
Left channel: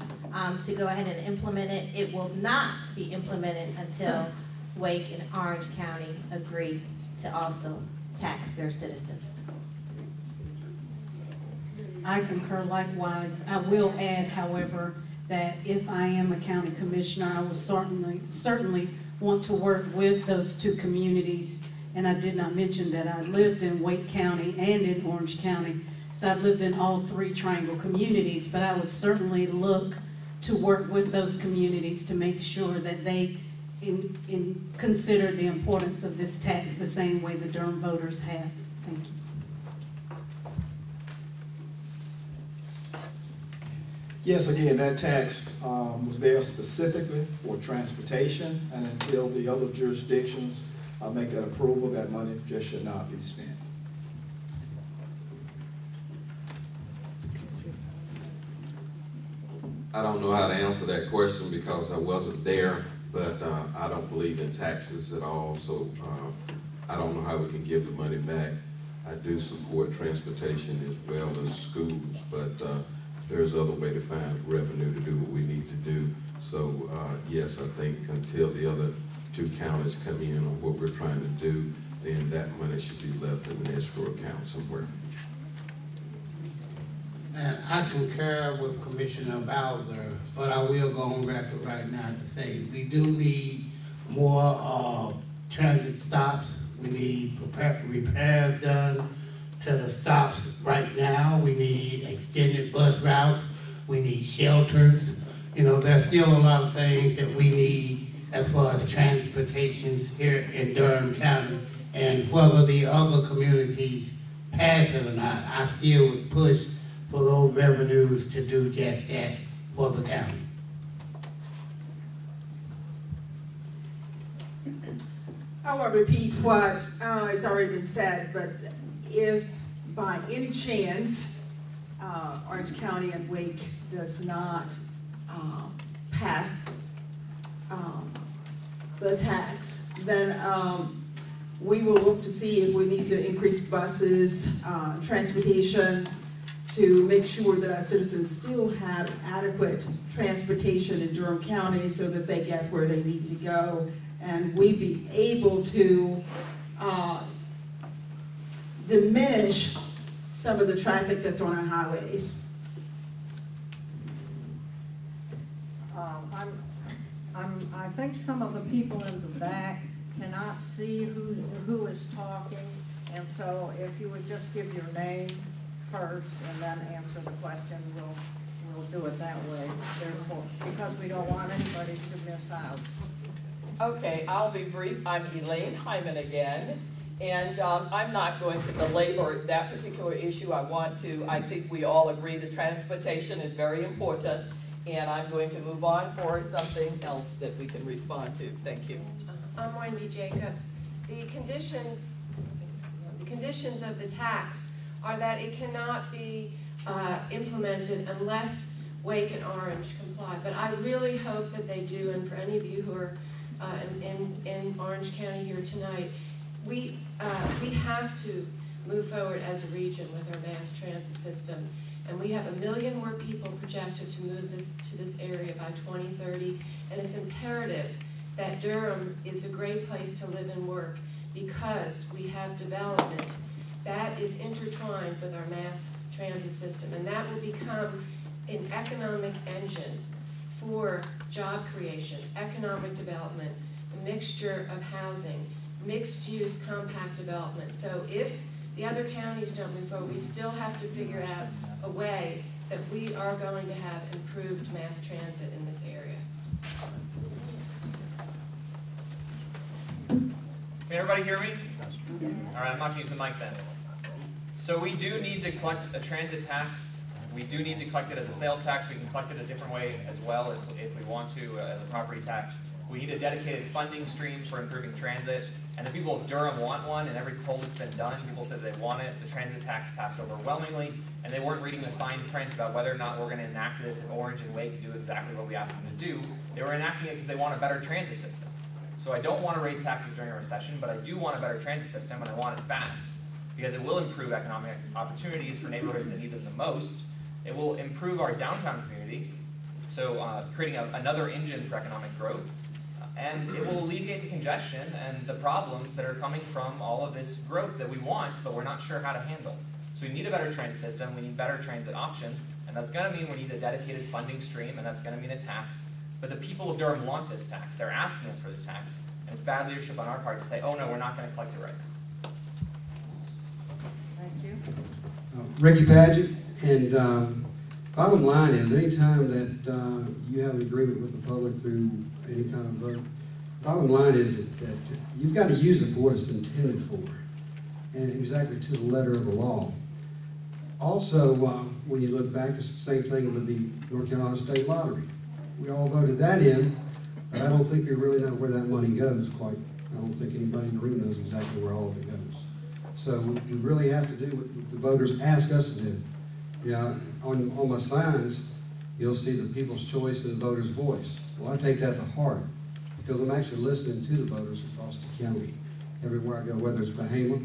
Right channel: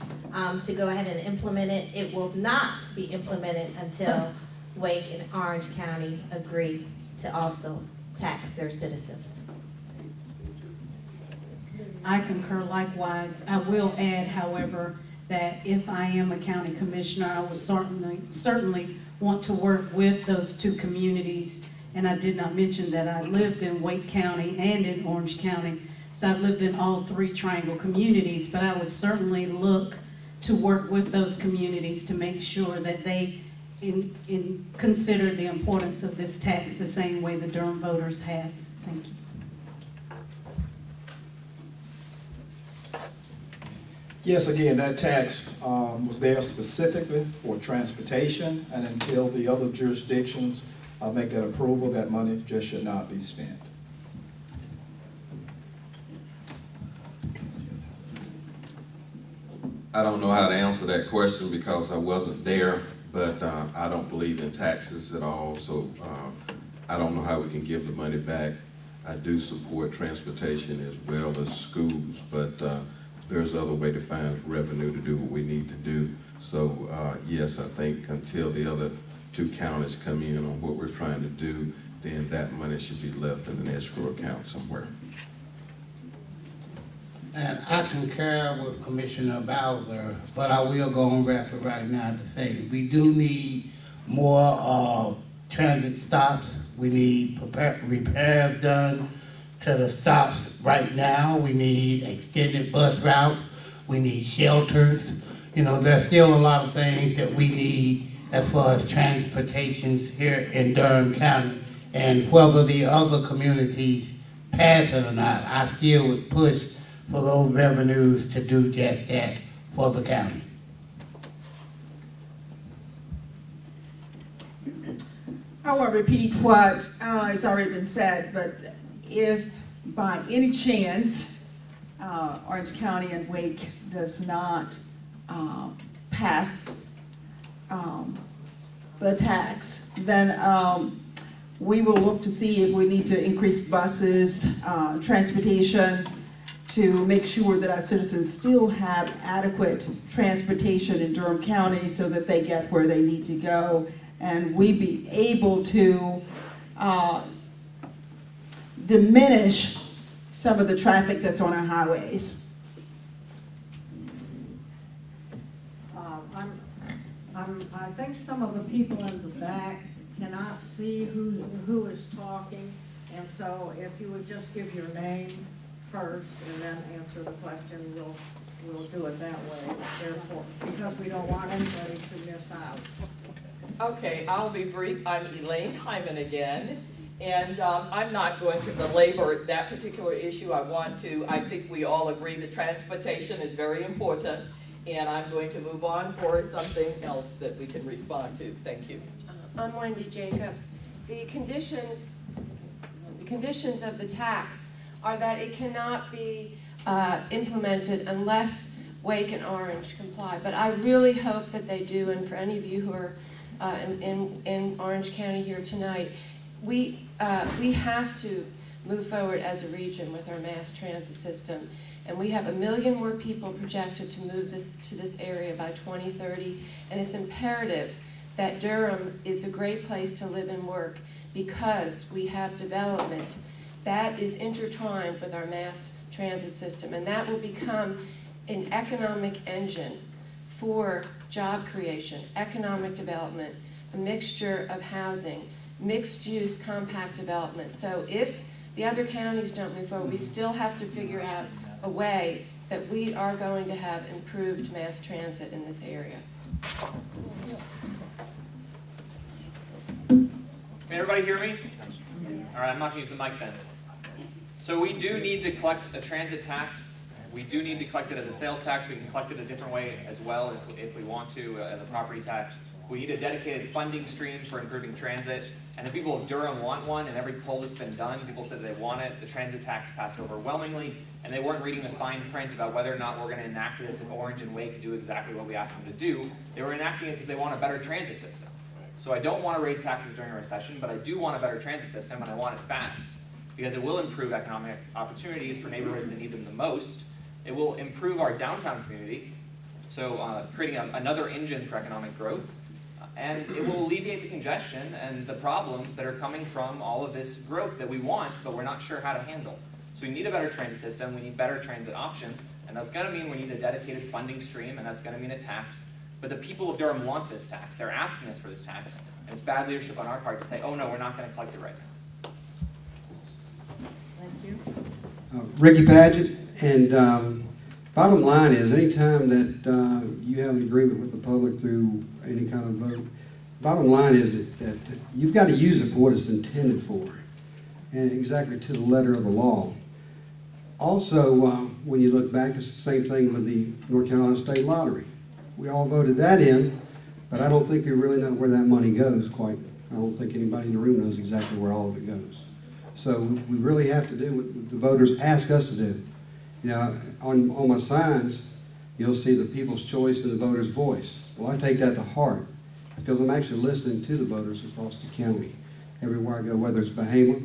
to go ahead and implement it, it will not be implemented until Wake and Orange County agree to also tax their citizens. I concur likewise. I will add, however, that if I am a county commissioner, I will certainly want to work with those two communities. And I did not mention that I lived in Wake County and in Orange County. So I've lived in all three triangle communities, but I would certainly look to work with those communities to make sure that they consider the importance of this tax the same way the Durham voters have. Thank you. Yes, again, that tax was there specifically for transportation, and until the other jurisdictions make that approval, that money just should not be spent. I don't know how to answer that question because I wasn't there, but I don't believe in taxes at all, so I don't know how we can give the money back. I do support transportation as well as schools, but there's other way to find revenue to do what we need to do. So yes, I think until the other two counties come in on what we're trying to do, then that money should be left in an escrow account somewhere. And I concur with Commissioner Bowser, but I will go on record right now to say we do need more transit stops. We need repairs done to the stops right now. We need extended bus routes. We need shelters. There's still a lot of things that we need as far as transportation here in Durham County. And whether the other communities pass it or not, I still would push for those revenues to do just that for the county. I want to repeat what has already been said, but if by any chance Orange County and Wake does not pass the tax, then we will look to see if we need to increase buses, transportation, to make sure that our citizens still have adequate transportation in Durham County so that they get where they need to go, and we be able to diminish some of the traffic that's on our highways. I think some of the people in the back cannot see who is talking, and so if you would just give your name first and then answer the question, we'll do it that way. Therefore, because we don't want anybody to miss out. Okay, I'll be brief. I'm Elaine Hyman again, and I'm not going to belabor that particular issue. I think we all agree that transportation is very important, and I'm going to move on for something else that we can respond to. Thank you. I'm Wendy Jacobs. The conditions of the tax are that it cannot be implemented unless Wake and Orange comply. But I really hope that they do, and for any of you who are in Orange County here tonight, we have to move forward as a region with our mass transit system. And we have 1 million more people projected to move to this area by 2030. And it's imperative that Durham is a great place to live and work because we have development that is intertwined with our mass transit system. And that will become an economic engine for job creation, economic development, a mixture of housing, mixed-use compact development. So if the other counties don't move forward, we still have to figure out a way that we are going to have improved mass transit in this area. Can everybody hear me? All right, I'm not going to use the mic then. So we do need to collect a transit tax. We do need to collect it as a sales tax. We can collect it a different way as well if we want to, as a property tax. We need a dedicated funding stream for improving transit. And the people of Durham want one, and every poll that's been done, people said they want it. The transit tax passed overwhelmingly, and they weren't reading the fine print about whether or not we're going to enact this if Orange and Wake do exactly what we asked them to do. They were enacting it because they want a better transit system. So I don't want to raise taxes during a recession, but I do want a better transit system, and I want it fast, because it will improve economic opportunities for neighborhoods that need them the most. It will improve our downtown community, so creating another engine for economic growth. And it will alleviate the congestion and the problems that are coming from all of this growth that we want, but we're not sure how to handle. So we need a better transit system, we need better transit options, and that's going to mean we need a dedicated funding stream, and that's going to mean a tax. But the people of Durham want this tax. They're asking us for this tax, and it's bad leadership on our part to say, oh no, we're not going to collect it right now. Thank you. Rickey Padgett, and bottom line is, anytime that you have an agreement with the public through any kind of vote, bottom line is that you've got to use it for what it's intended for, and exactly to the letter of the law. Also, when you look back, it's the same thing with the North Carolina State Lottery. We all voted that in, but I don't think we really know where that money goes quite. I don't think anybody in the room knows exactly where all of it goes. So we really have to do what the voters ask us to do. You know, on my signs, you'll see the people's choice and the voter's voice. Well, I take that to heart because I'm actually listening to the voters across the county everywhere I go, whether it's Bahama.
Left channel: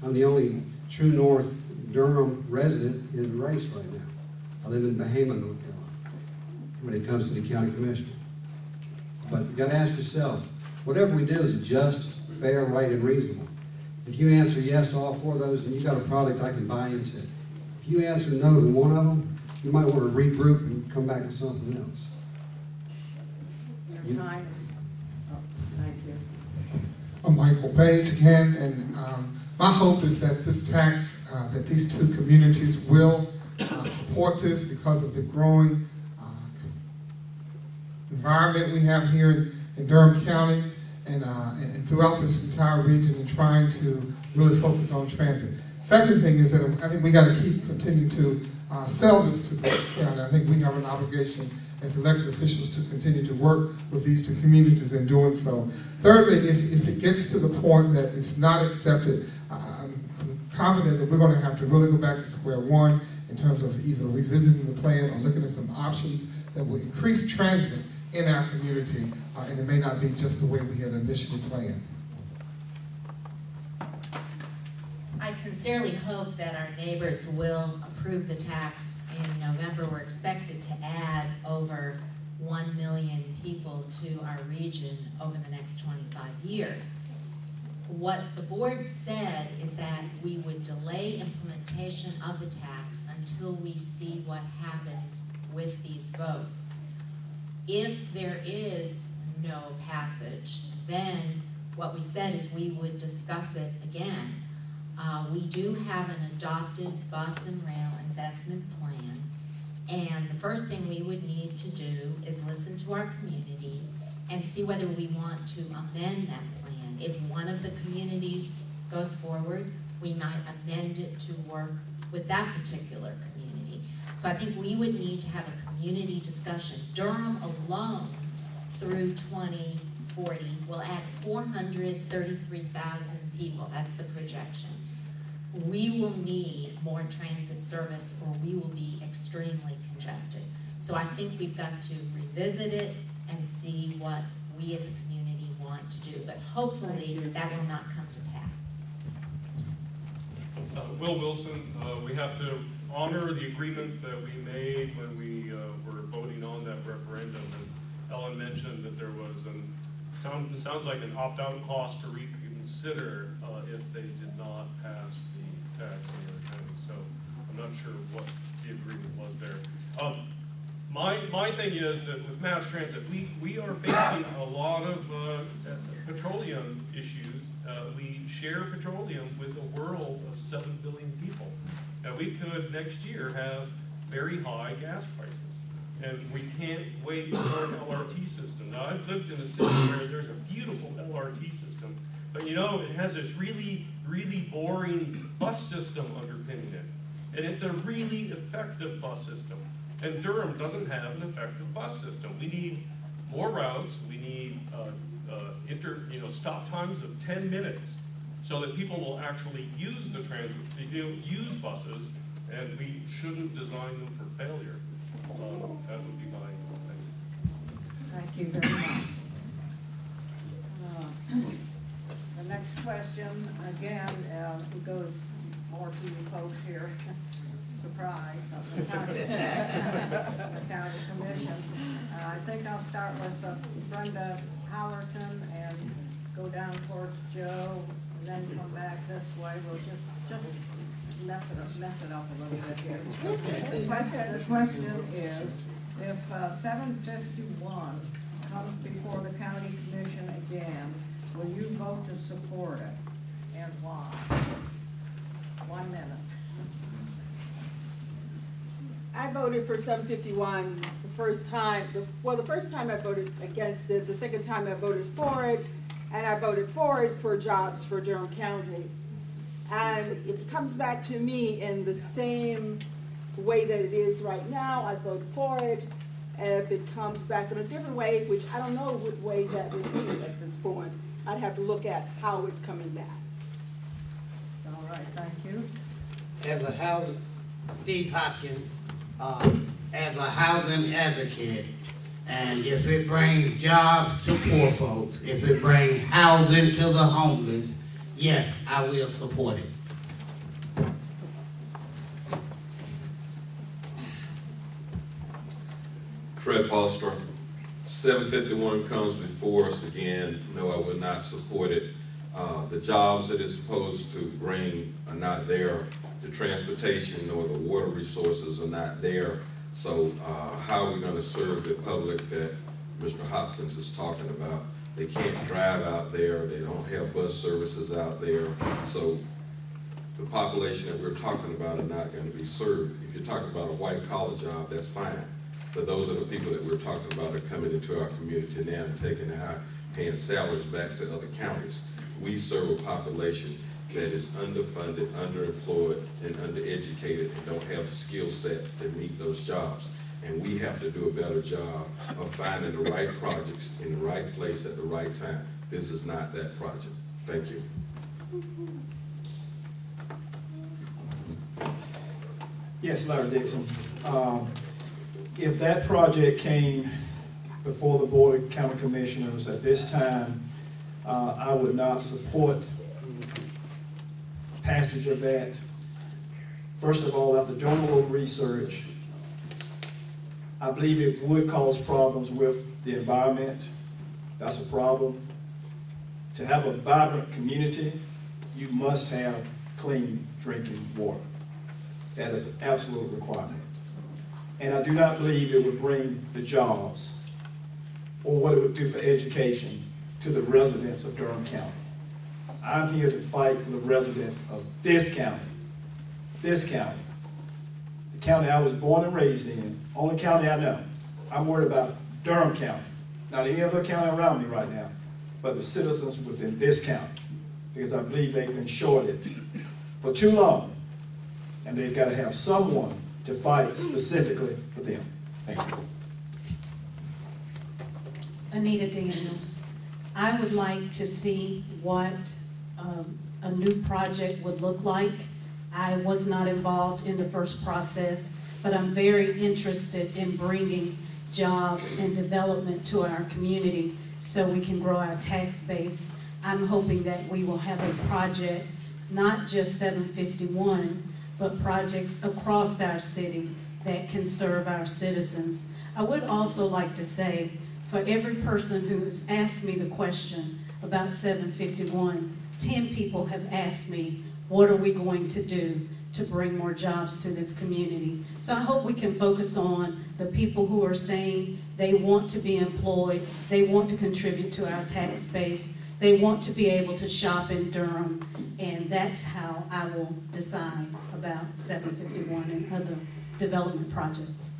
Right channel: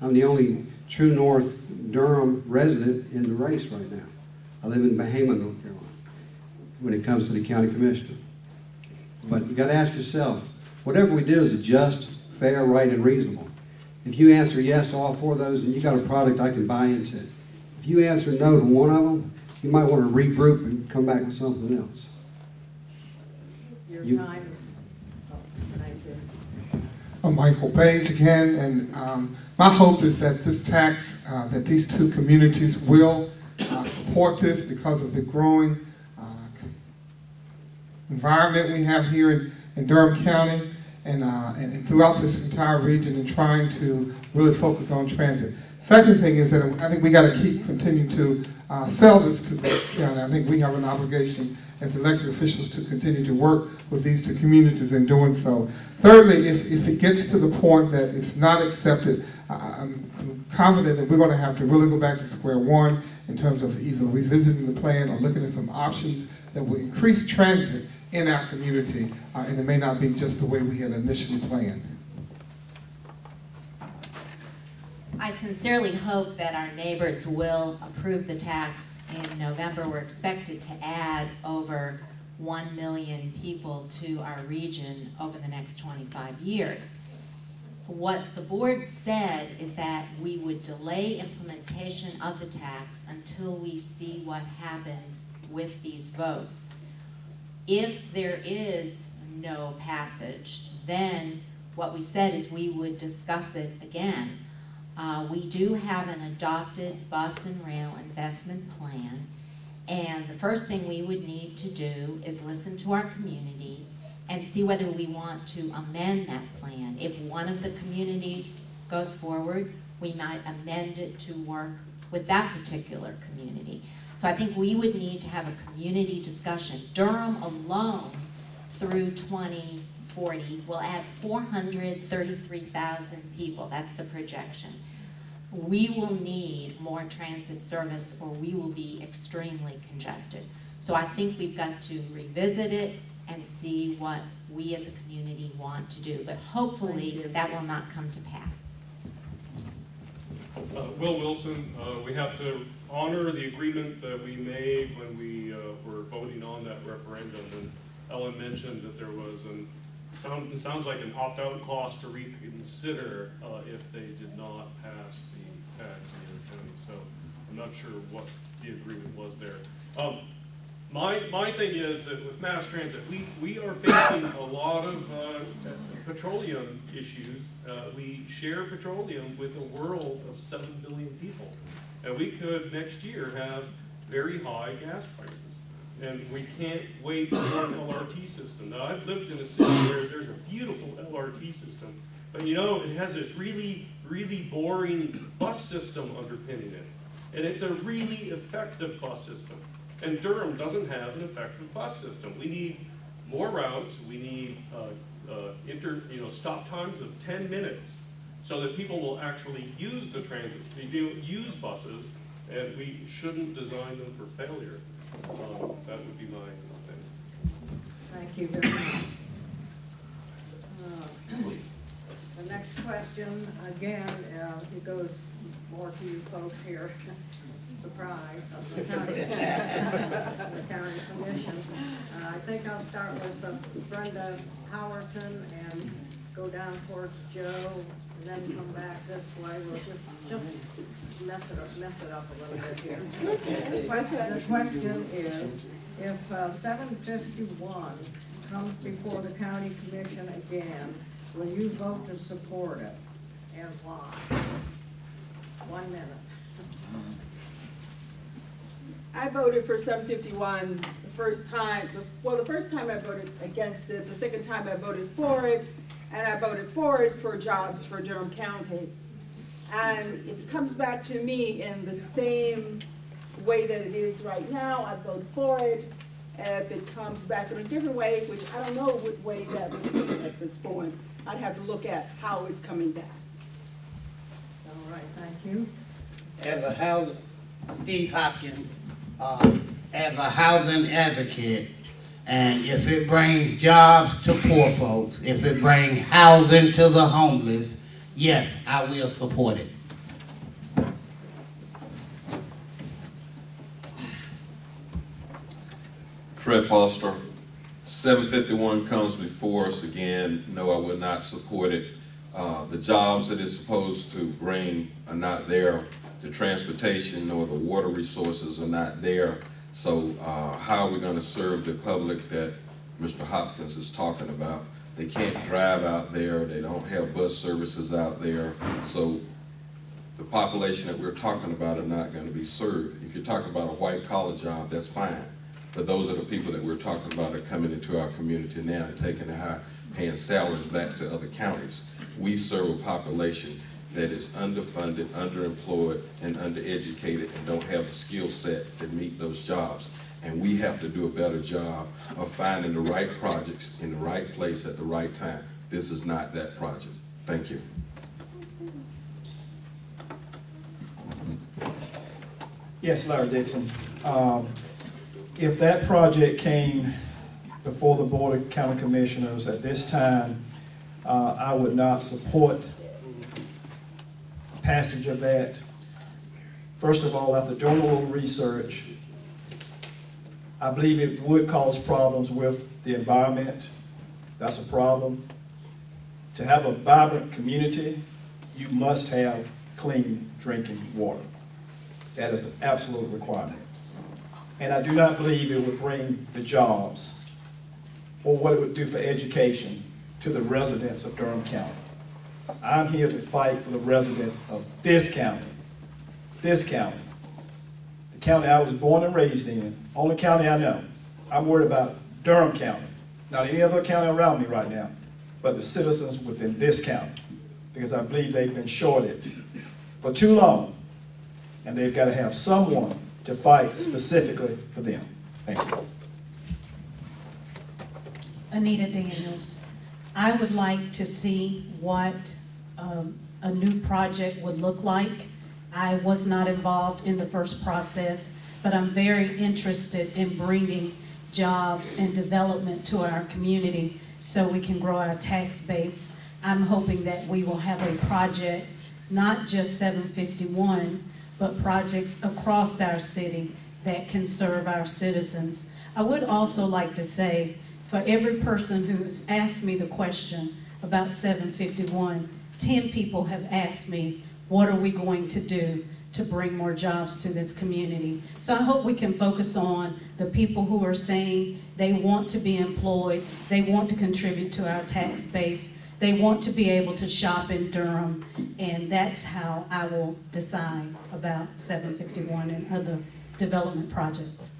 I'm the only true North Durham resident in the race right now. I live in Bahama, North Carolina, when it comes to the county commissioner. But you got to ask yourself, whatever we do, is it just, fair, right, and reasonable? If you answer yes to all four of those, and you got a product I can buy into. If you answer no to one of them, you might want to regroup and come back with something else. Your time is up. Thank you. I'm Michael Page again, and my hope is that this tax, that these two communities will support this because of the growing environment we have here in Durham County and throughout this entire region, and trying to really focus on transit. Second thing is that I think we got to continue to sell this to the county. I think we have an obligation as elected officials to continue to work with these two communities in doing so. Thirdly, if it gets to the point that it's not accepted, I'm confident that we're going to have to really go back to square one in terms of either revisiting the plan or looking at some options that will increase transit in our community, and it may not be just the way we had initially planned. I sincerely hope that our neighbors will approve the tax in November. We're expected to add over 1 million people to our region over the next 25 years. What the board said is that we would delay implementation of the tax until we see what happens with these votes. If there is no passage, then what we said is we would discuss it again. We do have an adopted bus and rail investment plan, and the first thing we would need to do is listen to our community and see whether we want to amend that plan. If one of the communities goes forward, we might amend it to work with that particular community. So I think we would need to have a community discussion. Durham alone, through 2040, will add 433,000 people. That's the projection. We will need more transit service or we will be extremely congested. So I think we've got to revisit it and see what we as a community want to do. But hopefully that will not come to pass. Will Wilson, we have to honor the agreement that we made when we were voting on that referendum. And Ellen mentioned that there was it sounds like an opt-out clause to reconsider if they did not pass the tax in the other county. So I'm not sure what the agreement was there. My thing is that with mass transit, we are facing a lot of petroleum issues. We share petroleum with a world of 7 billion people. And we could next year have very high gas prices. And we can't wait for an LRT system. Now, I've lived in a city where there's a beautiful LRT system, but you know, it has this really, really boring bus system underpinning it. And it's a really effective bus system. And Durham doesn't have an effective bus system. We need more routes. We need stop times of 10 minutes so that people will actually use the transit, use buses, and we shouldn't design them for failure. That would be my thing. Thank you very much. The next question, again, it goes more to you folks here. Surprise, the county commission. I think I'll start with Brenda Howerton and go down towards Joe, and then come back this way. We'll just mess it up a little bit here. The question is, if 751 comes before the county commission again, will you vote to support it, and why? 1 minute. I voted for 751 the first time. The first time I voted against it. The second time I voted for it, and I voted for it for jobs for Durham County. And if it comes back to me in the same way that it is right now, I'd vote for it. And if it comes back in a different way, which I don't know what way that would be at this point, I'd have to look at how it's coming back. All right, thank you. As a housing, Steve Hopkins, as a housing advocate, and if it brings jobs to poor folks, if it brings housing to the homeless, yes, I will support it. Fred Foster, 751 comes before us again. No, I will not support it. The jobs that it's supposed to bring are not there. The transportation nor the water resources are not there. So how are we going to serve the public that Mr. Hopkins is talking about? They can't drive out there. They don't have bus services out there. So the population that we're talking about are not going to be served. If you're talking about a white-collar job, that's fine. But those are the people that we're talking about are coming into our community now and taking the high-paying salaries back to other counties. We serve a population that is underfunded, underemployed, and undereducated and don't have the skill set to meet those jobs. And we have to do a better job of finding the right projects in the right place at the right time. This is not that project. Thank you. Yes, Larry Dixon. If that project came before the Board of County Commissioners at this time, I would not support passage of that. First of all, after doing a little research, I believe it would cause problems with the environment. That's a problem. To have a vibrant community, you must have clean drinking water. That is an absolute requirement. And I do not believe it would bring the jobs or what it would do for education to the residents of Durham County. I'm here to fight for the residents of this county. This county. The county I was born and raised in, only county I know. I'm worried about Durham County, not any other county around me right now, but the citizens within this county, because I believe they've been shorted for too long, and they've got to have someone to fight specifically for them. Thank you. Anita Daniels. I would like to see what a new project would look like. I was not involved in the first process, but I'm very interested in bringing jobs and development to our community so we can grow our tax base. I'm hoping that we will have a project, not just 751, but projects across our city that can serve our citizens. I would also like to say, for every person who has asked me the question about 751, 10 people have asked me, what are we going to do to bring more jobs to this community? So I hope we can focus on the people who are saying they want to be employed, they want to contribute to our tax base, they want to be able to shop in Durham, and that's how I will decide about 751 and other development projects.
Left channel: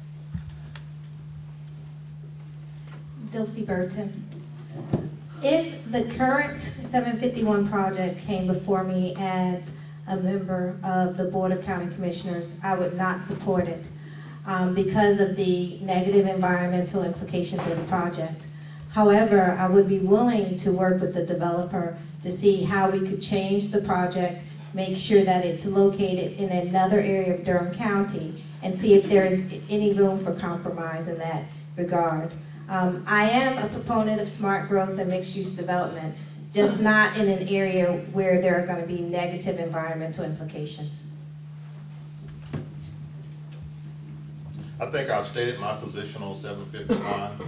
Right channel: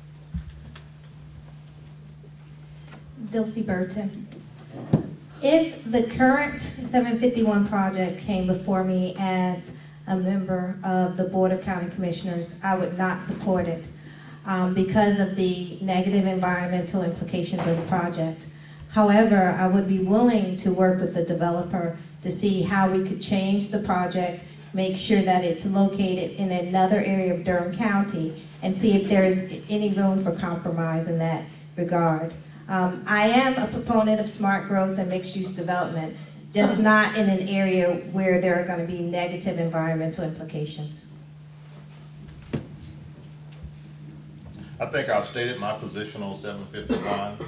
Dilcy Burton. If the current 751 project came before me as a member of the Board of County Commissioners, I would not support it because of the negative environmental implications of the project. However, I would be willing to work with the developer to see how we could change the project, make sure that it's located in another area of Durham County, and see if there is any room for compromise in that regard. I am a proponent of smart growth and mixed-use development, just not in an area where there are going to be negative environmental implications. I think I've stated my position on 751,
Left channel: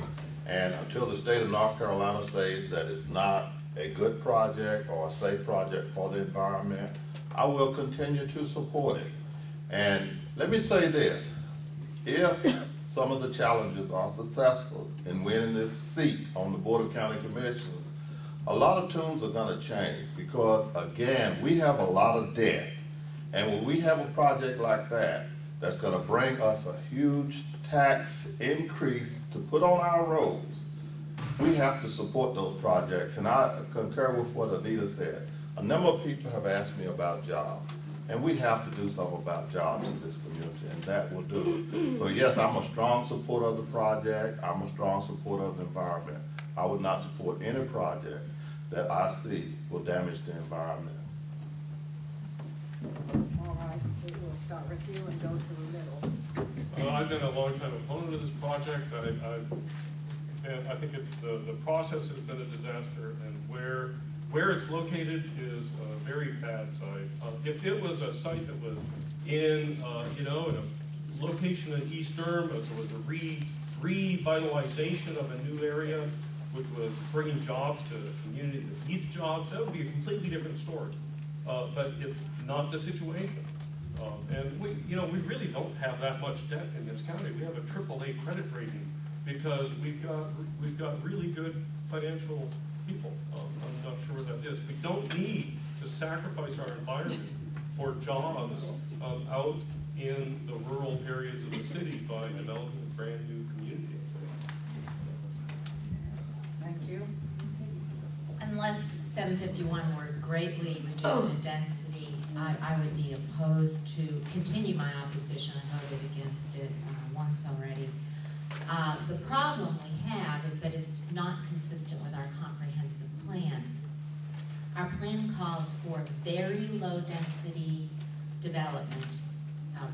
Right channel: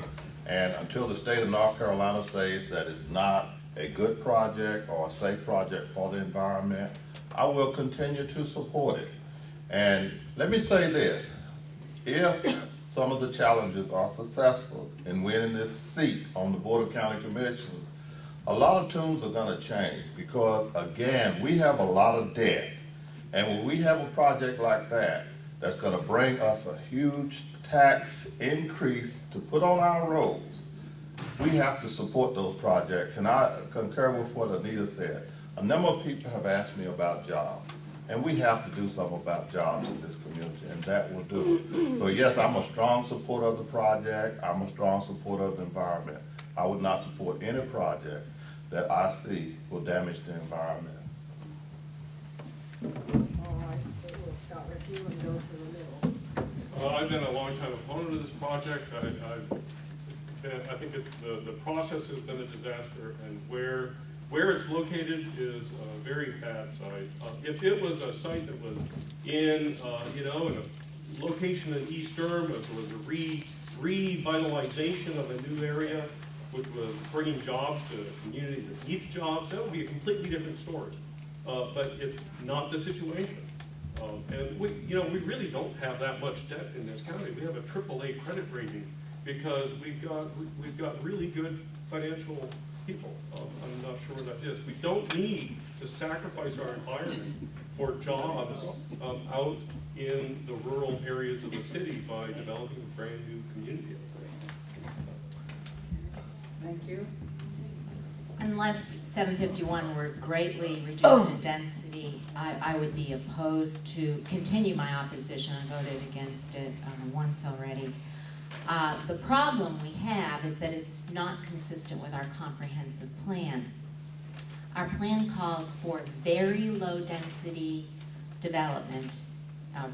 and until the state of North Carolina says that it's not a good project or a safe project for the environment, I will continue to support it. And let me say this, if some of the challenges are successful in winning this seat on the Board of County Commissioners, a lot of tunes are going to change because, again, we have a lot of debt. And when we have a project like that, that's going to bring us a huge tax increase to put on our roads, we have to support those projects. And I concur with what Anita said. A number of people have asked me about jobs. And we have to do something about jobs in this community, and that will do it. So yes, I'm a strong supporter of the project. I'm a strong supporter of the environment. I would not support any project that I see will damage the environment. All right, we'll start with you and go to the middle. I've been a long-time opponent of this project. I think the process has been a disaster, and where it's located is a very bad site. If it was a site that was in, in a location in East Durham, if it was a revitalization of a new area, which was bringing jobs to a community that needed jobs, that would be a completely different story. But it's not the situation. And we really don't have that much debt in this county. We have a AAA credit rating because we've got really good financial people. I'm not sure what that is. We don't need to sacrifice our environment for jobs out in the rural areas of the city by developing a brand new community out there. Thank you. Unless 751 were greatly reduced in density, I would be opposed to continue my opposition. I voted against it once already. The problem we have is that it's not consistent with our comprehensive plan. Our plan calls for very low density development,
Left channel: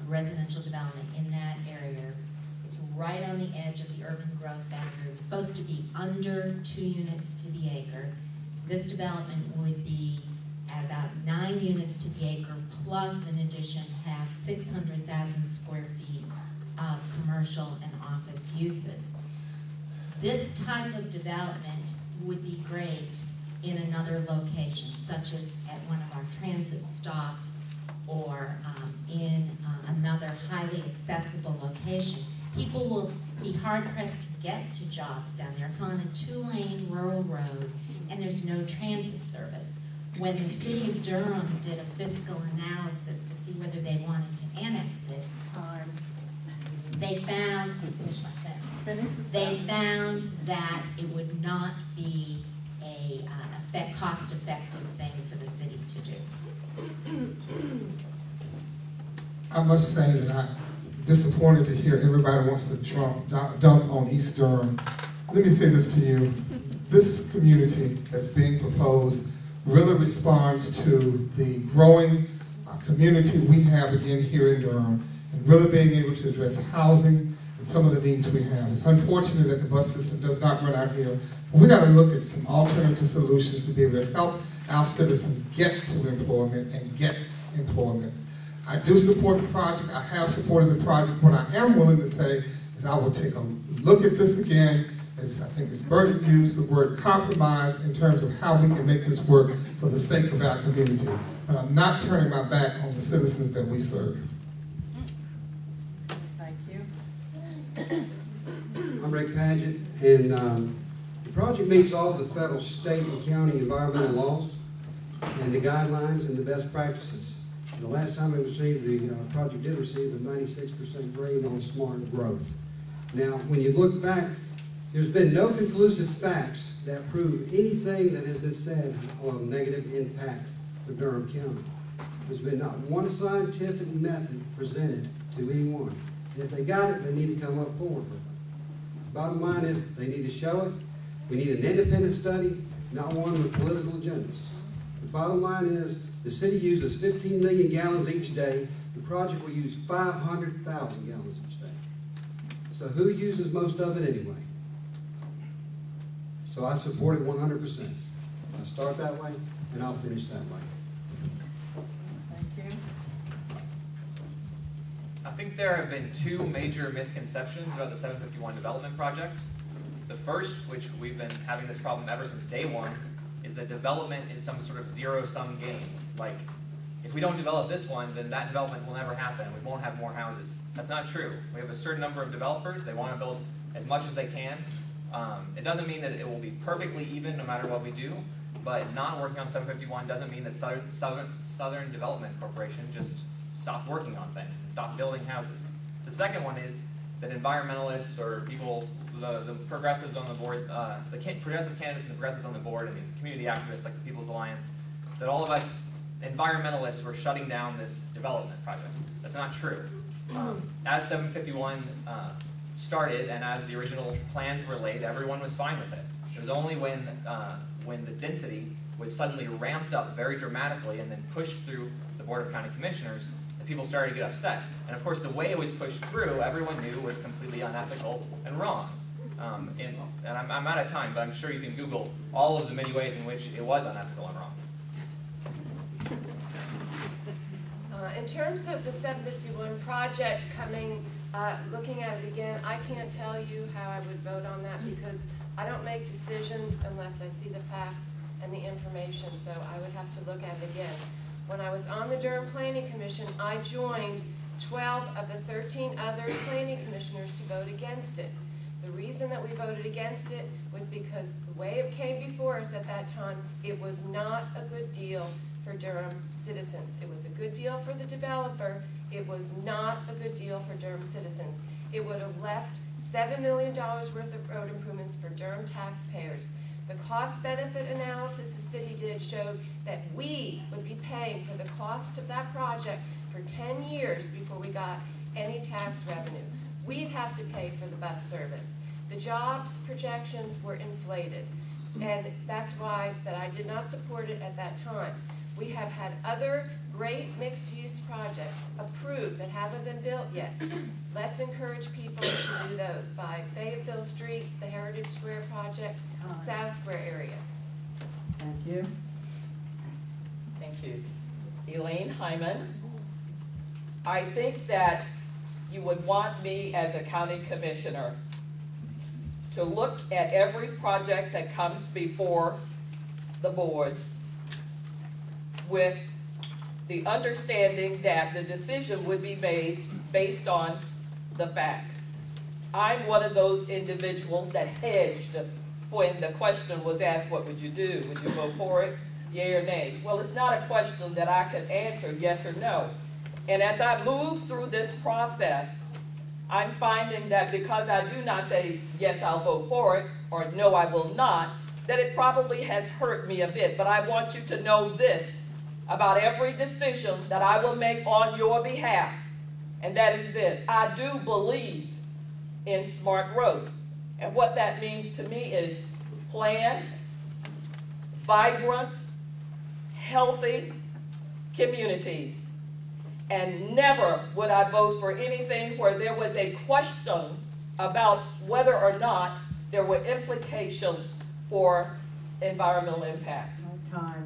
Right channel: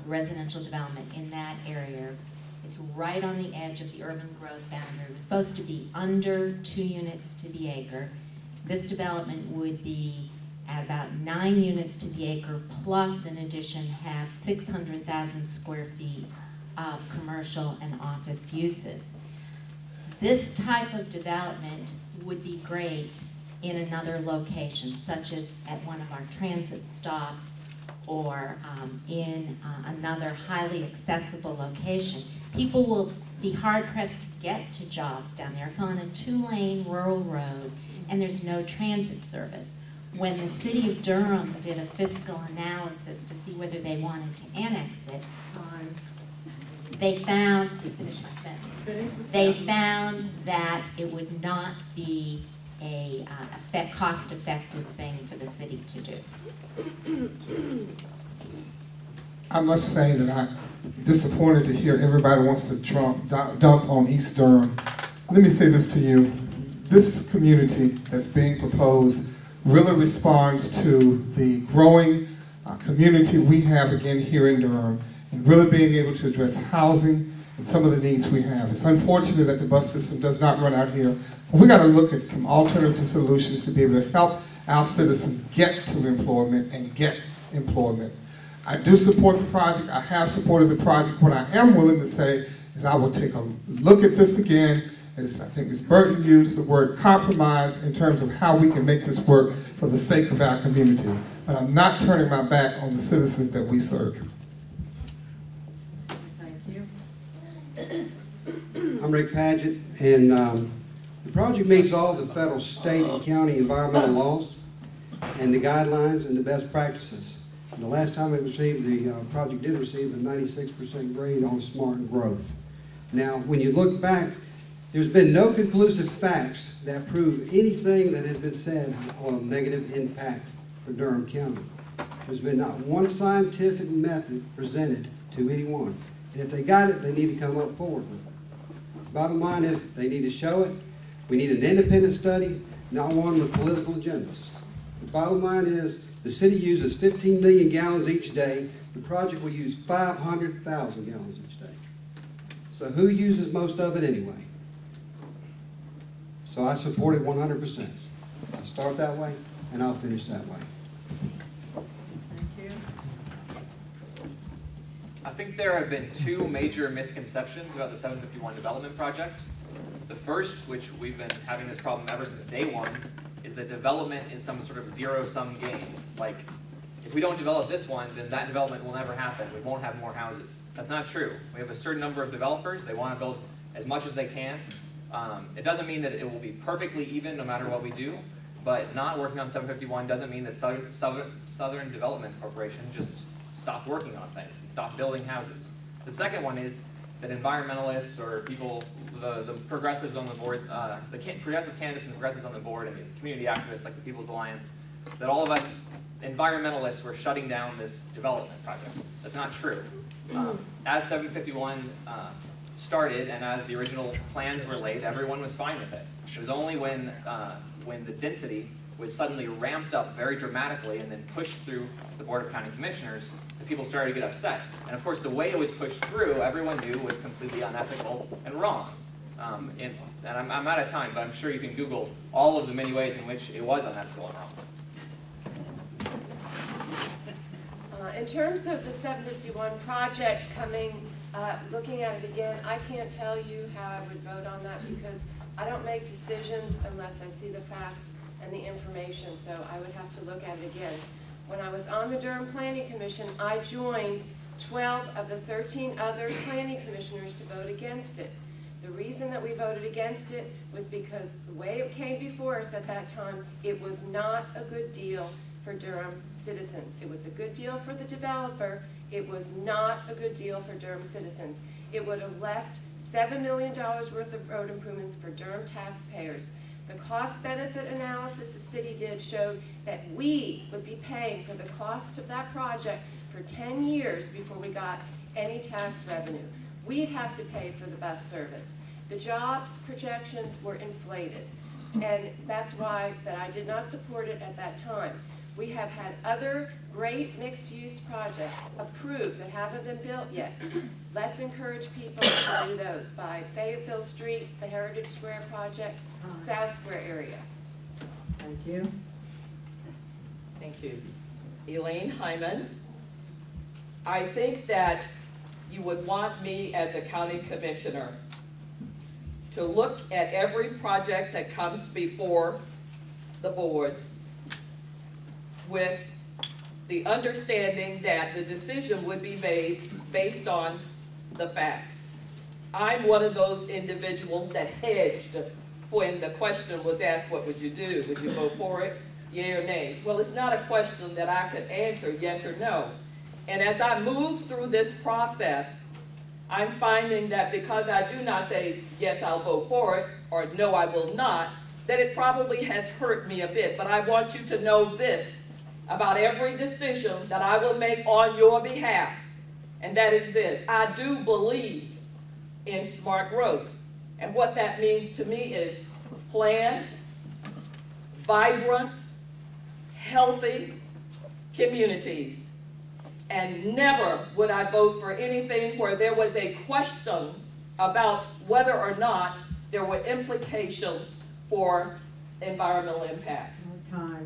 residential development in that area. It's right on the edge of the urban growth boundary. We're supposed to be under 2 units to the acre. This development would be at about 9 units to the acre, plus in addition have 600,000 square feet of commercial and office uses. This type of development would be great in another location, such as at one of our transit stops or in another highly accessible location. People will be hard-pressed to get to jobs down there. It's on a 2-lane rural road, and there's no transit service. When the city of Durham did a fiscal analysis to see whether they wanted to annex it, they found, they found that it would not be a cost-effective thing for the city to do. I must say that I'm disappointed to hear everybody wants to dump on East Durham. Let me say this to you. This community that's being proposed really responds to the growing community we have again here in Durham, and really being able to address housing and some of the needs we have. It's unfortunate that the bus system does not run out here, but we got to look at some alternative solutions to be able to help our citizens get to employment and get employment. I do support the project. I have supported the project. What I am willing to say is I will take a look at this again, as I think Ms. Burton used the word compromise in terms of how we can make this work for the sake of our community. But I'm not turning my back on the citizens that we serve. Thank you. I'm Rick Padgett, and the project meets all the federal, state, and county environmental laws and the guidelines and the best practices. And the last time it received, the project did receive a 96% grade on smart growth. Now, when you look back, there's been no conclusive facts that prove anything that has been said on negative impact for Durham County. There's been not one scientific method presented to anyone. And if they got it, they need to come up forward with it. Bottom line is, they need to show it. We need an independent study, not one with political agendas. The bottom line is, the city uses 15 million gallons each day. The project will use 500,000 gallons each day. So who uses most of it anyway? So I support it 100%. I'll start that way, and I'll finish that way. Thank you. I think there have been two major misconceptions about the 751 development project. The first, which we've been having this problem ever since day one, is that development is some sort of zero-sum game. Like, if we don't develop this one, then that development will never happen. We won't have more houses. That's not true. We have a certain number of developers. They want to build as much as they can. It doesn't mean that it will be perfectly even no matter what we do, but not working on 751 doesn't mean that Southern Development Corporation just stopped working on things and stopped building houses. The second one is that environmentalists or people, the progressives on the board, the progressive candidates and the progressives on the board and the community activists like the People's Alliance, that all of us environmentalists were shutting down this development project. That's not true. As 751 started and as the original plans were laid, everyone was fine with it. It was only when the density was suddenly ramped up very dramatically and then pushed through the Board of County Commissioners that people started to get upset. And of course, the way it was pushed through, everyone knew was completely unethical and wrong. And I'm out of time, but I'm sure you can Google all of the many ways in which it was unethical and wrong. In terms of the 751 project coming, looking at it again, I can't tell you how I would vote on that because I don't make decisions unless I see the facts and the information, so I would have to look at it again. When I was on the Durham Planning Commission, I joined 12 of the 13 other planning commissioners to vote against it. The reason that we voted against it was because the way it came before us at that time, it was not a good deal for Durham citizens. It was a good deal for the developer. It was not a good deal for Durham citizens. It would have left $7 million worth of road improvements for Durham taxpayers. The cost-benefit analysis the city did showed that we would be paying for the cost of that project for 10 years before we got any tax revenue. We'd have to pay for the bus service. The jobs projections were inflated, and that's why that I did not support it at that time. We have had other great mixed-use projects approved that haven't been built yet. Let's encourage people to do those by Fayetteville Street, the Heritage Square project, South Square area. Thank you. Thank you. Elaine Hyman. I think that you would want me as a county commissioner to look at every project that comes before the board with the understanding that the decision would be made based on the facts. I'm one of those individuals that hedged when the question was asked, what would you do? Would you vote for it? Yea or nay? Well, it's not a question that I could answer yes or no. And as I move through this process, I'm finding that because I do not say, yes, I'll vote for it, or no, I will not, that it probably has hurt me a bit. But I want you to know this about every decision that I will make on your behalf, and that is this: I do believe in smart growth. And what that means to me is planned, vibrant, healthy communities. And never would I vote for anything where there was a question about whether or not there were implications for environmental impact. No time.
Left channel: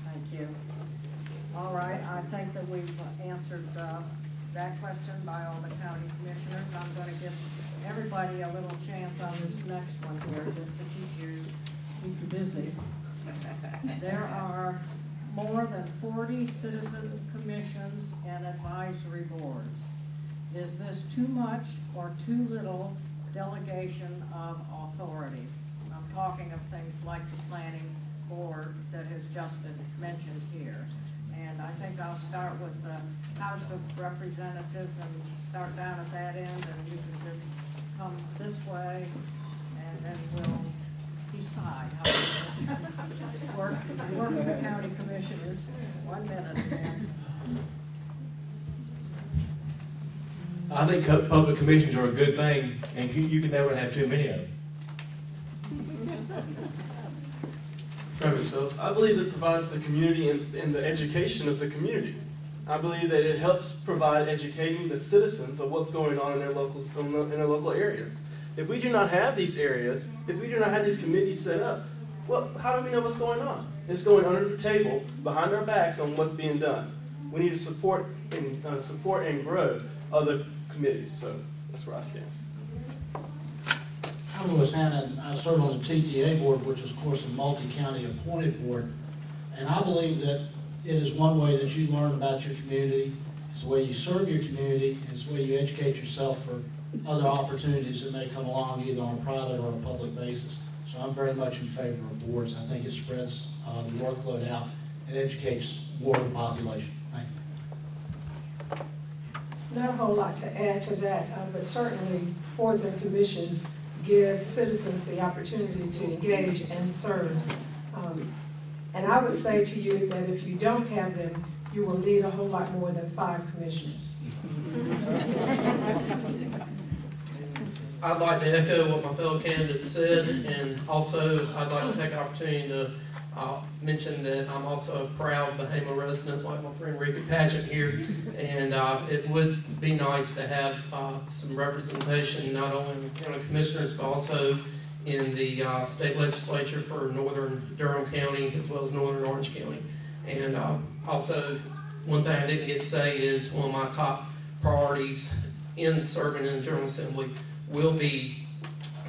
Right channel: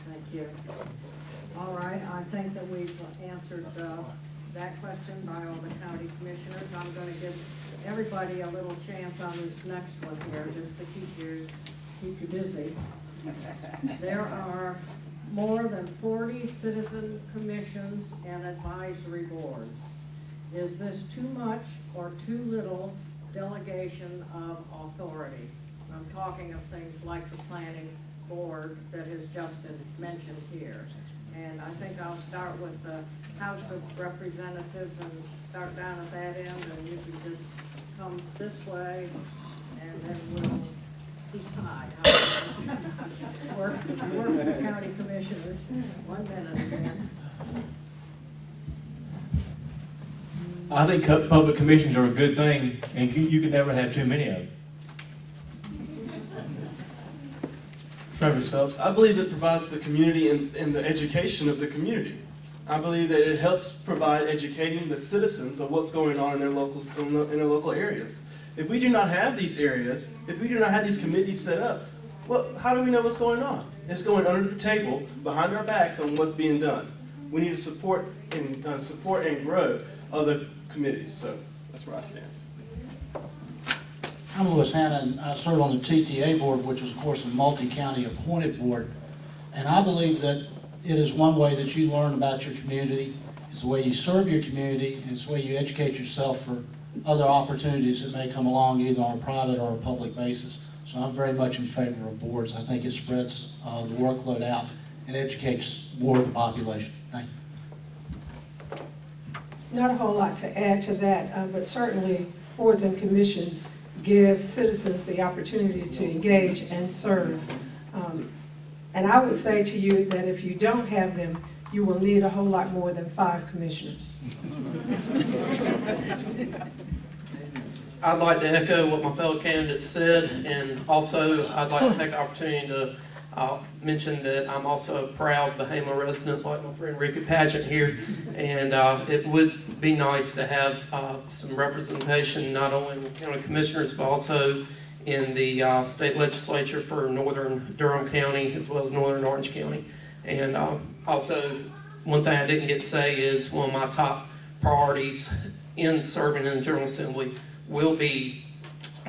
Thank you. All right, I think that we've answered that question by all the county commissioners. I'm going to give everybody a little chance on this next one here, just to keep you busy. There are more than 40 citizen commissions and advisory boards. Is this too much or too little delegation of authority? I'm talking of things like the planning board that has just been mentioned here. And I think I'll start with the House of Representatives and start down at that end, and you can just come this way, and then we'll decide how to work with the county commissioners. 1 minute, Dan. I think public commissions are a good thing, and you can never have too many of them. Travis Phelps. I believe it provides the community and the education of the community. I believe that it helps provide educating the citizens of what's going on in their local areas. If we do not have these areas, if we do not have these committees set up, well, how do we know what's going on? It's going under the table, behind our backs on what's being done. We need to support and grow other committees. So that's where I stand. I'm Louis Hanna, and I serve on the TTA board, which is, of course, a multi-county appointed board. And I believe that it is one way that you learn about your community. It's the way you serve your community, and it's the way you educate yourself for other opportunities that may come along, either on a private or a public basis. So I'm very much in favor of boards. I think it spreads the workload out and educates more of the population. Thank you. Not a whole lot to add to that, but certainly boards and commissions give citizens the opportunity to engage and serve. And I would say to you that if you don't have them, you will need a whole lot more than 5 commissioners. I'd like to echo what my fellow candidates said, and also I'd like to take the opportunity to mention that I'm also a proud Bahama resident, like my friend Rickey Padgett here, and it would be nice to have some representation not only in the county commissioners but also in the state legislature for northern Durham County as well as northern Orange County. And also, one thing I didn't get to say is one of my top priorities in serving in the General Assembly will be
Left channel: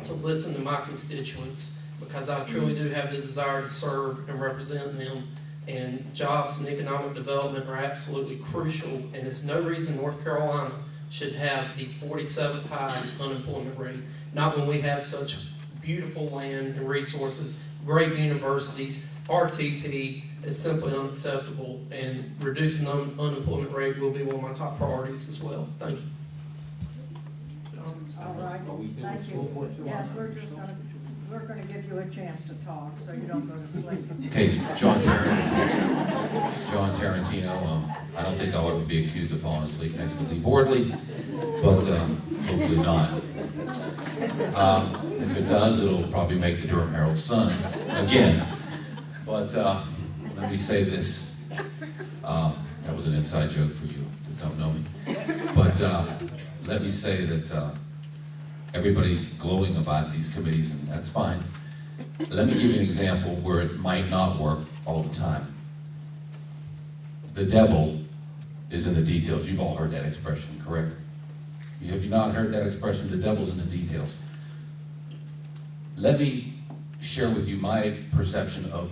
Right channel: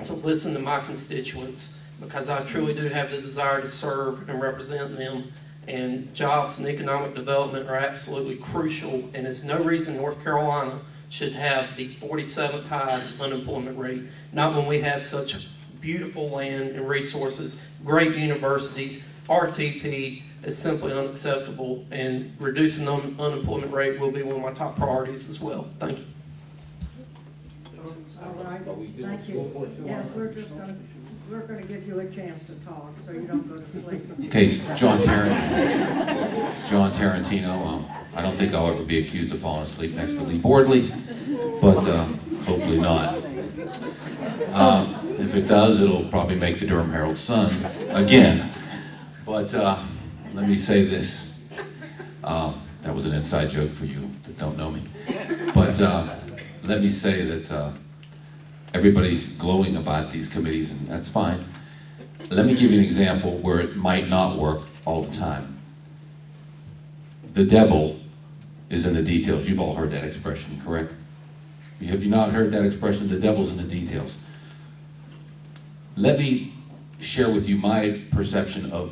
to listen to my constituents, because I truly do have the desire to serve and represent them. And jobs and economic development are absolutely crucial, and there's no reason North Carolina should have the 47th highest unemployment rate. Not when we have such beautiful land and resources, great universities. RTP is simply unacceptable, and reducing the unemployment rate will be one of my top priorities as well. Thank you. All right, thank you. Yes, we're going to give you a chance to talk so you don't go to sleep. Okay, John Tarantino. I don't think I'll ever be accused of falling asleep next to Leigh Bordley, but hopefully not. If it does, it'll probably make the Durham Herald Sun again. But let me say this. That was an inside joke for you that don't know me. But let me say that everybody's glowing about these committees, and that's fine. Let me give you an example where it might not work all the time. the devil is in the details. You've all heard that expression, correct? Have you not heard that expression? The devil's in the details. Let me share with you my perception of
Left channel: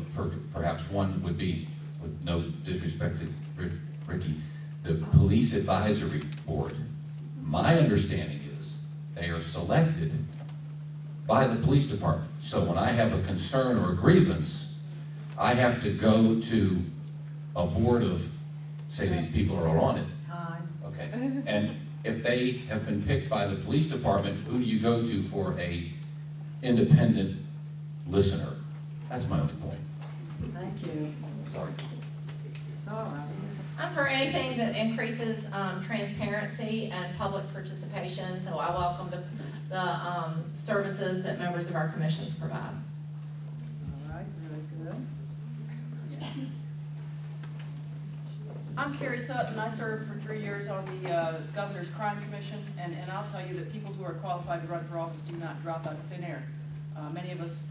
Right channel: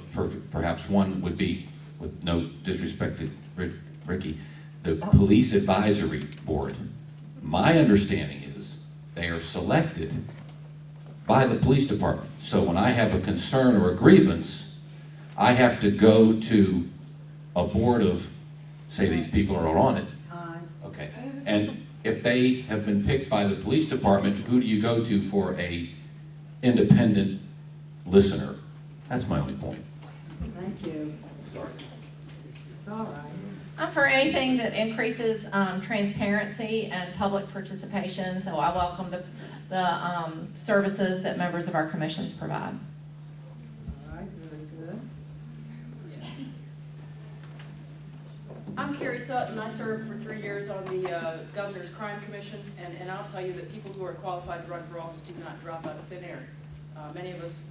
perhaps one would be, with no disrespect to Rickey, the Police Advisory Board. My understanding is they are selected by the police department. So when I have a concern or a grievance, I have to go to a board of, say these people are on it. Okay. And if they have been picked by the police department, who do you go to for a independent listener? That's my only point. Thank you. Sorry. It's all right. I'm for anything that increases transparency and public participation, so I welcome the services that members of our commissions provide. All right, very good. I'm Carrie Sutton. I served for 3 years on the Governor's Crime Commission, and I'll tell you that people who are qualified to run for office do not drop out of thin air. Many of us,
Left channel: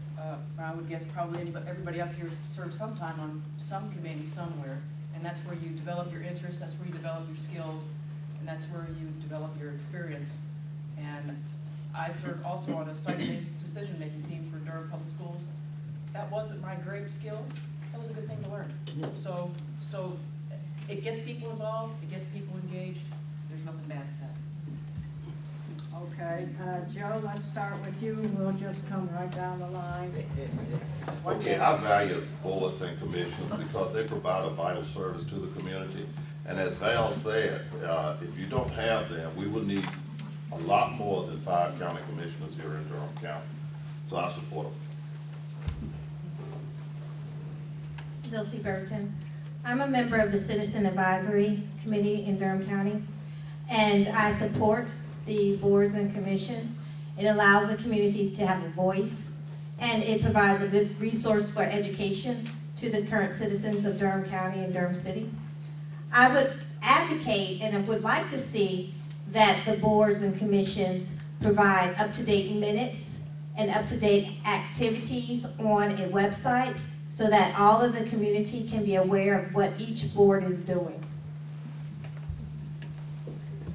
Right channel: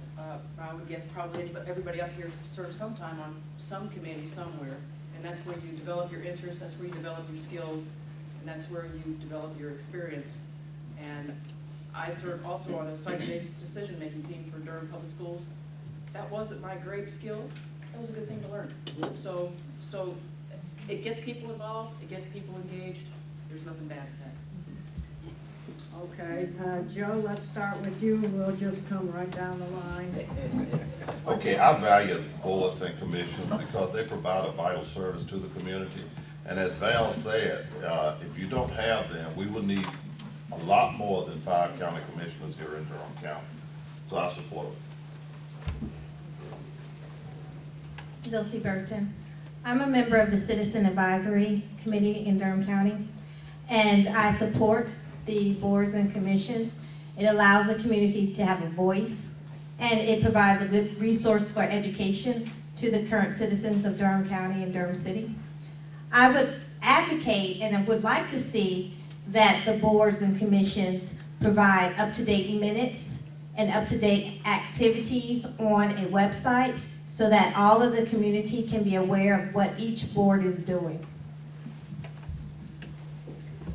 I would guess probably everybody up here served sometime on some committee somewhere, and that's where you develop your interests, that's where you develop your skills, and that's where you develop your experience. And I served also on a site-based decision-making team for Durham Public Schools. That wasn't my great skill. That was a good thing to learn. So it gets people involved, it gets people engaged. There's nothing bad at that. Okay, Joe, let's start with you. We'll just come right down the line. Okay, I value boards and commissions because they provide a vital service to the community. And as Val said, if you don't have them, we will need a lot more than 5 county commissioners here in Durham County. So I support them. Dilcy Burton. I'm a member of the Citizen Advisory Committee in Durham County, and I support the boards and commissions. It allows the community to have a voice, and it provides a good resource for education to the current citizens of Durham County and Durham City. I would advocate and I would like to see that the boards and commissions provide up-to-date minutes and up-to-date activities on a website so that all of the community can be aware of what each board is doing.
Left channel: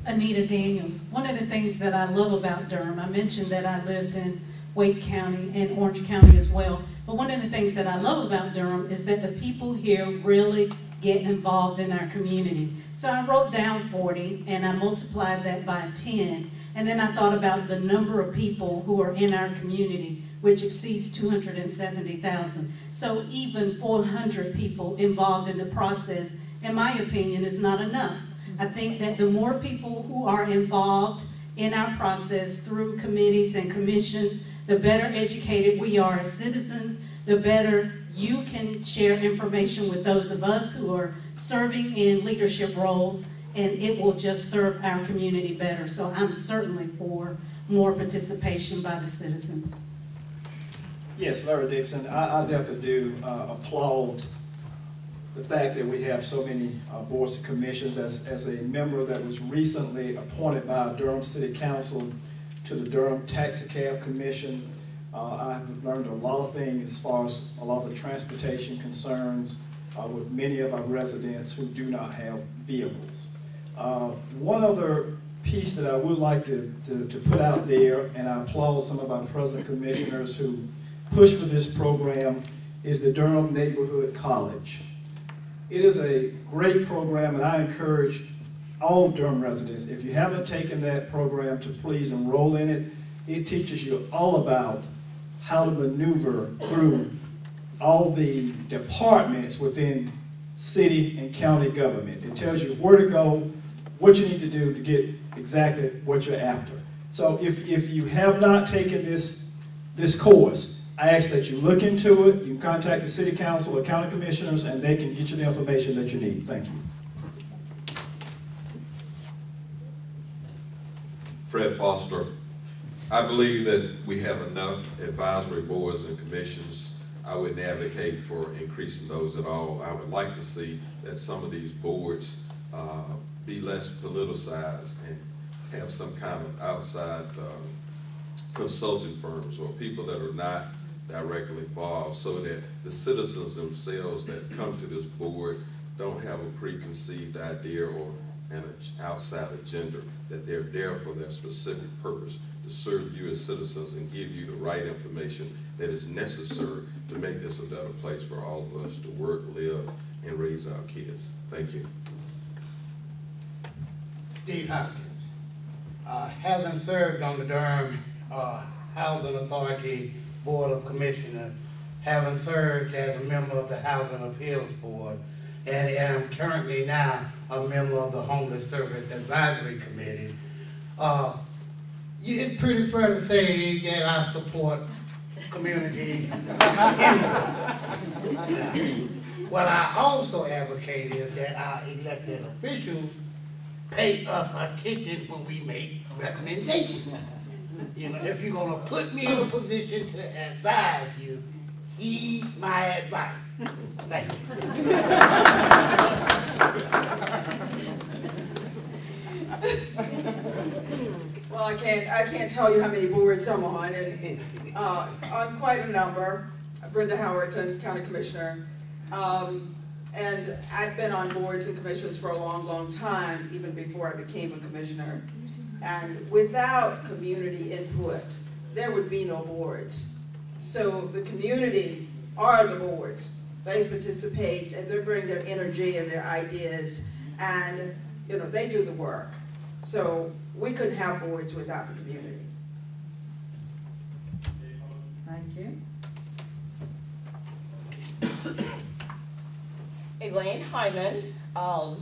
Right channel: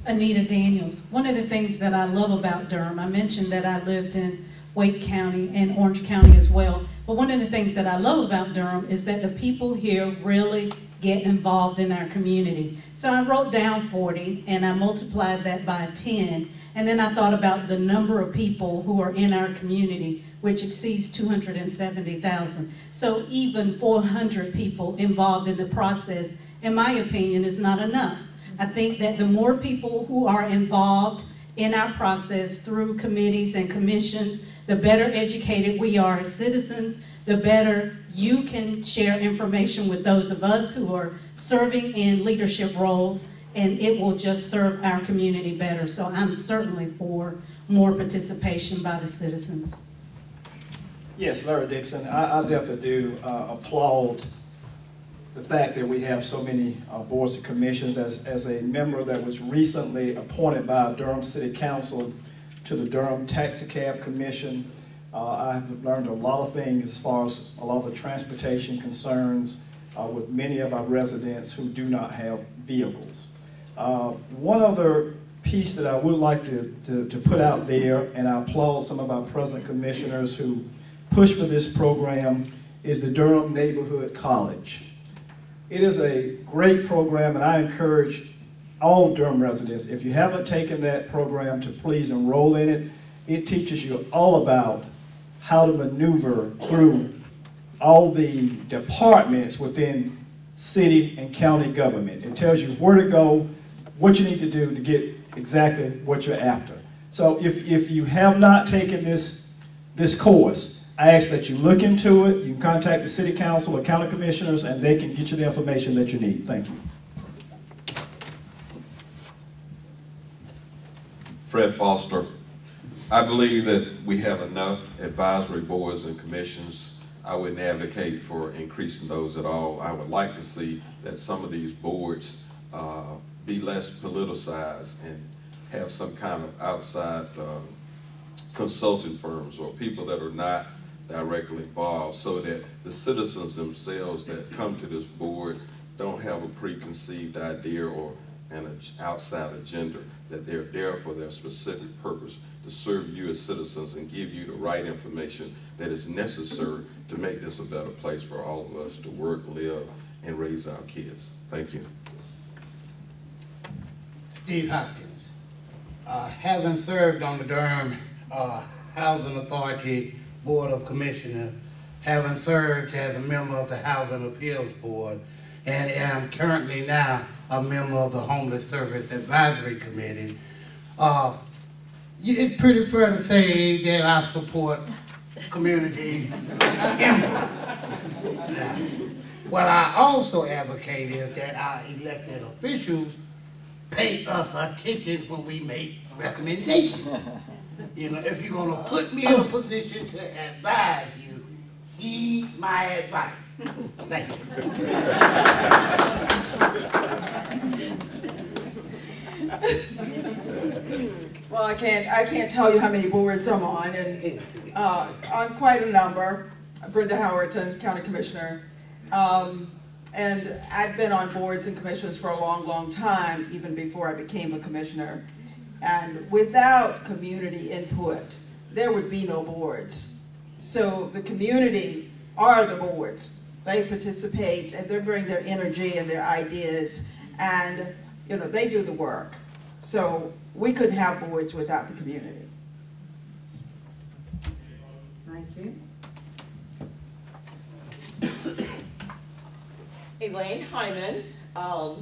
Anita Daniels. One of the things that I love about Durham, I mentioned that I lived in Wake County and Orange County as well, but one of the things that I love about Durham is that the people here really get involved in our community. So I wrote down 40 and I multiplied that by 10, and then I thought about the number of people who are in our community, which exceeds 270,000. So even 400 people involved in the process, in my opinion, is not enough. I think that the more people who are involved in our process through committees and commissions, the better educated we are as citizens, the better you can share information with those of us who are serving in leadership roles, and it will just serve our community better. So I'm certainly for more participation by the citizens. Yes, Larry Dixon, I definitely do applaud the fact that we have so many boards and commissions. As a member that was recently appointed by Durham City Council to the Durham Taxicab Commission, I've learned a lot of things as far as a lot of the transportation concerns with many of our residents who do not have vehicles. One other piece that I would like to put out there, and I applaud some of our present commissioners who push for this program, is the Durham Neighborhood College. It is a great program, and I encourage all Durham residents, if you haven't taken that program, to please enroll in it. It teaches you all about how to maneuver through all the departments within city and county government. It tells you where to go, what you need to do to get exactly what you're after. So if you have not taken this course, I ask that you look into it. You can contact the city council or county commissioners, and they can get you the information that you need. Thank you. Fred Foster. I believe that we have enough advisory boards and commissions. I wouldn't advocate for increasing those at all. I would like to see that some of these boards be less politicized and have some kind of outside consulting firms or people that are not directly involved, so that the citizens themselves that come to this board don't have a preconceived idea or an outside agenda, that they're there for their specific purpose, to serve you as citizens and give you the right information that is necessary to make this a better place for all of us to work, live, and raise our kids. Thank you. Steve Hopkins. Having served on the Durham Housing Authority Board of Commissioners, having served as a member of the Housing Appeals Board, and am currently now a member of the Homeless Service Advisory Committee, it's pretty fair to say that I support community input. Now, what I also advocate is that our elected officials pay us attention when we make recommendations. You know, if you're going to put me in a position to advise you, heed my advice. Thank you. Well, I can't tell you how many boards I'm on, and on quite a number. Brenda, Howerton, County Commissioner. And I've been on boards and commissions for a long, long time, even before I became a commissioner. And without community input, there would be no boards. So the community are the boards. They participate and they bring their energy and their ideas, and you know, they do the work. So we couldn't have boards without the community. Thank you. Elaine, Hyman, I'd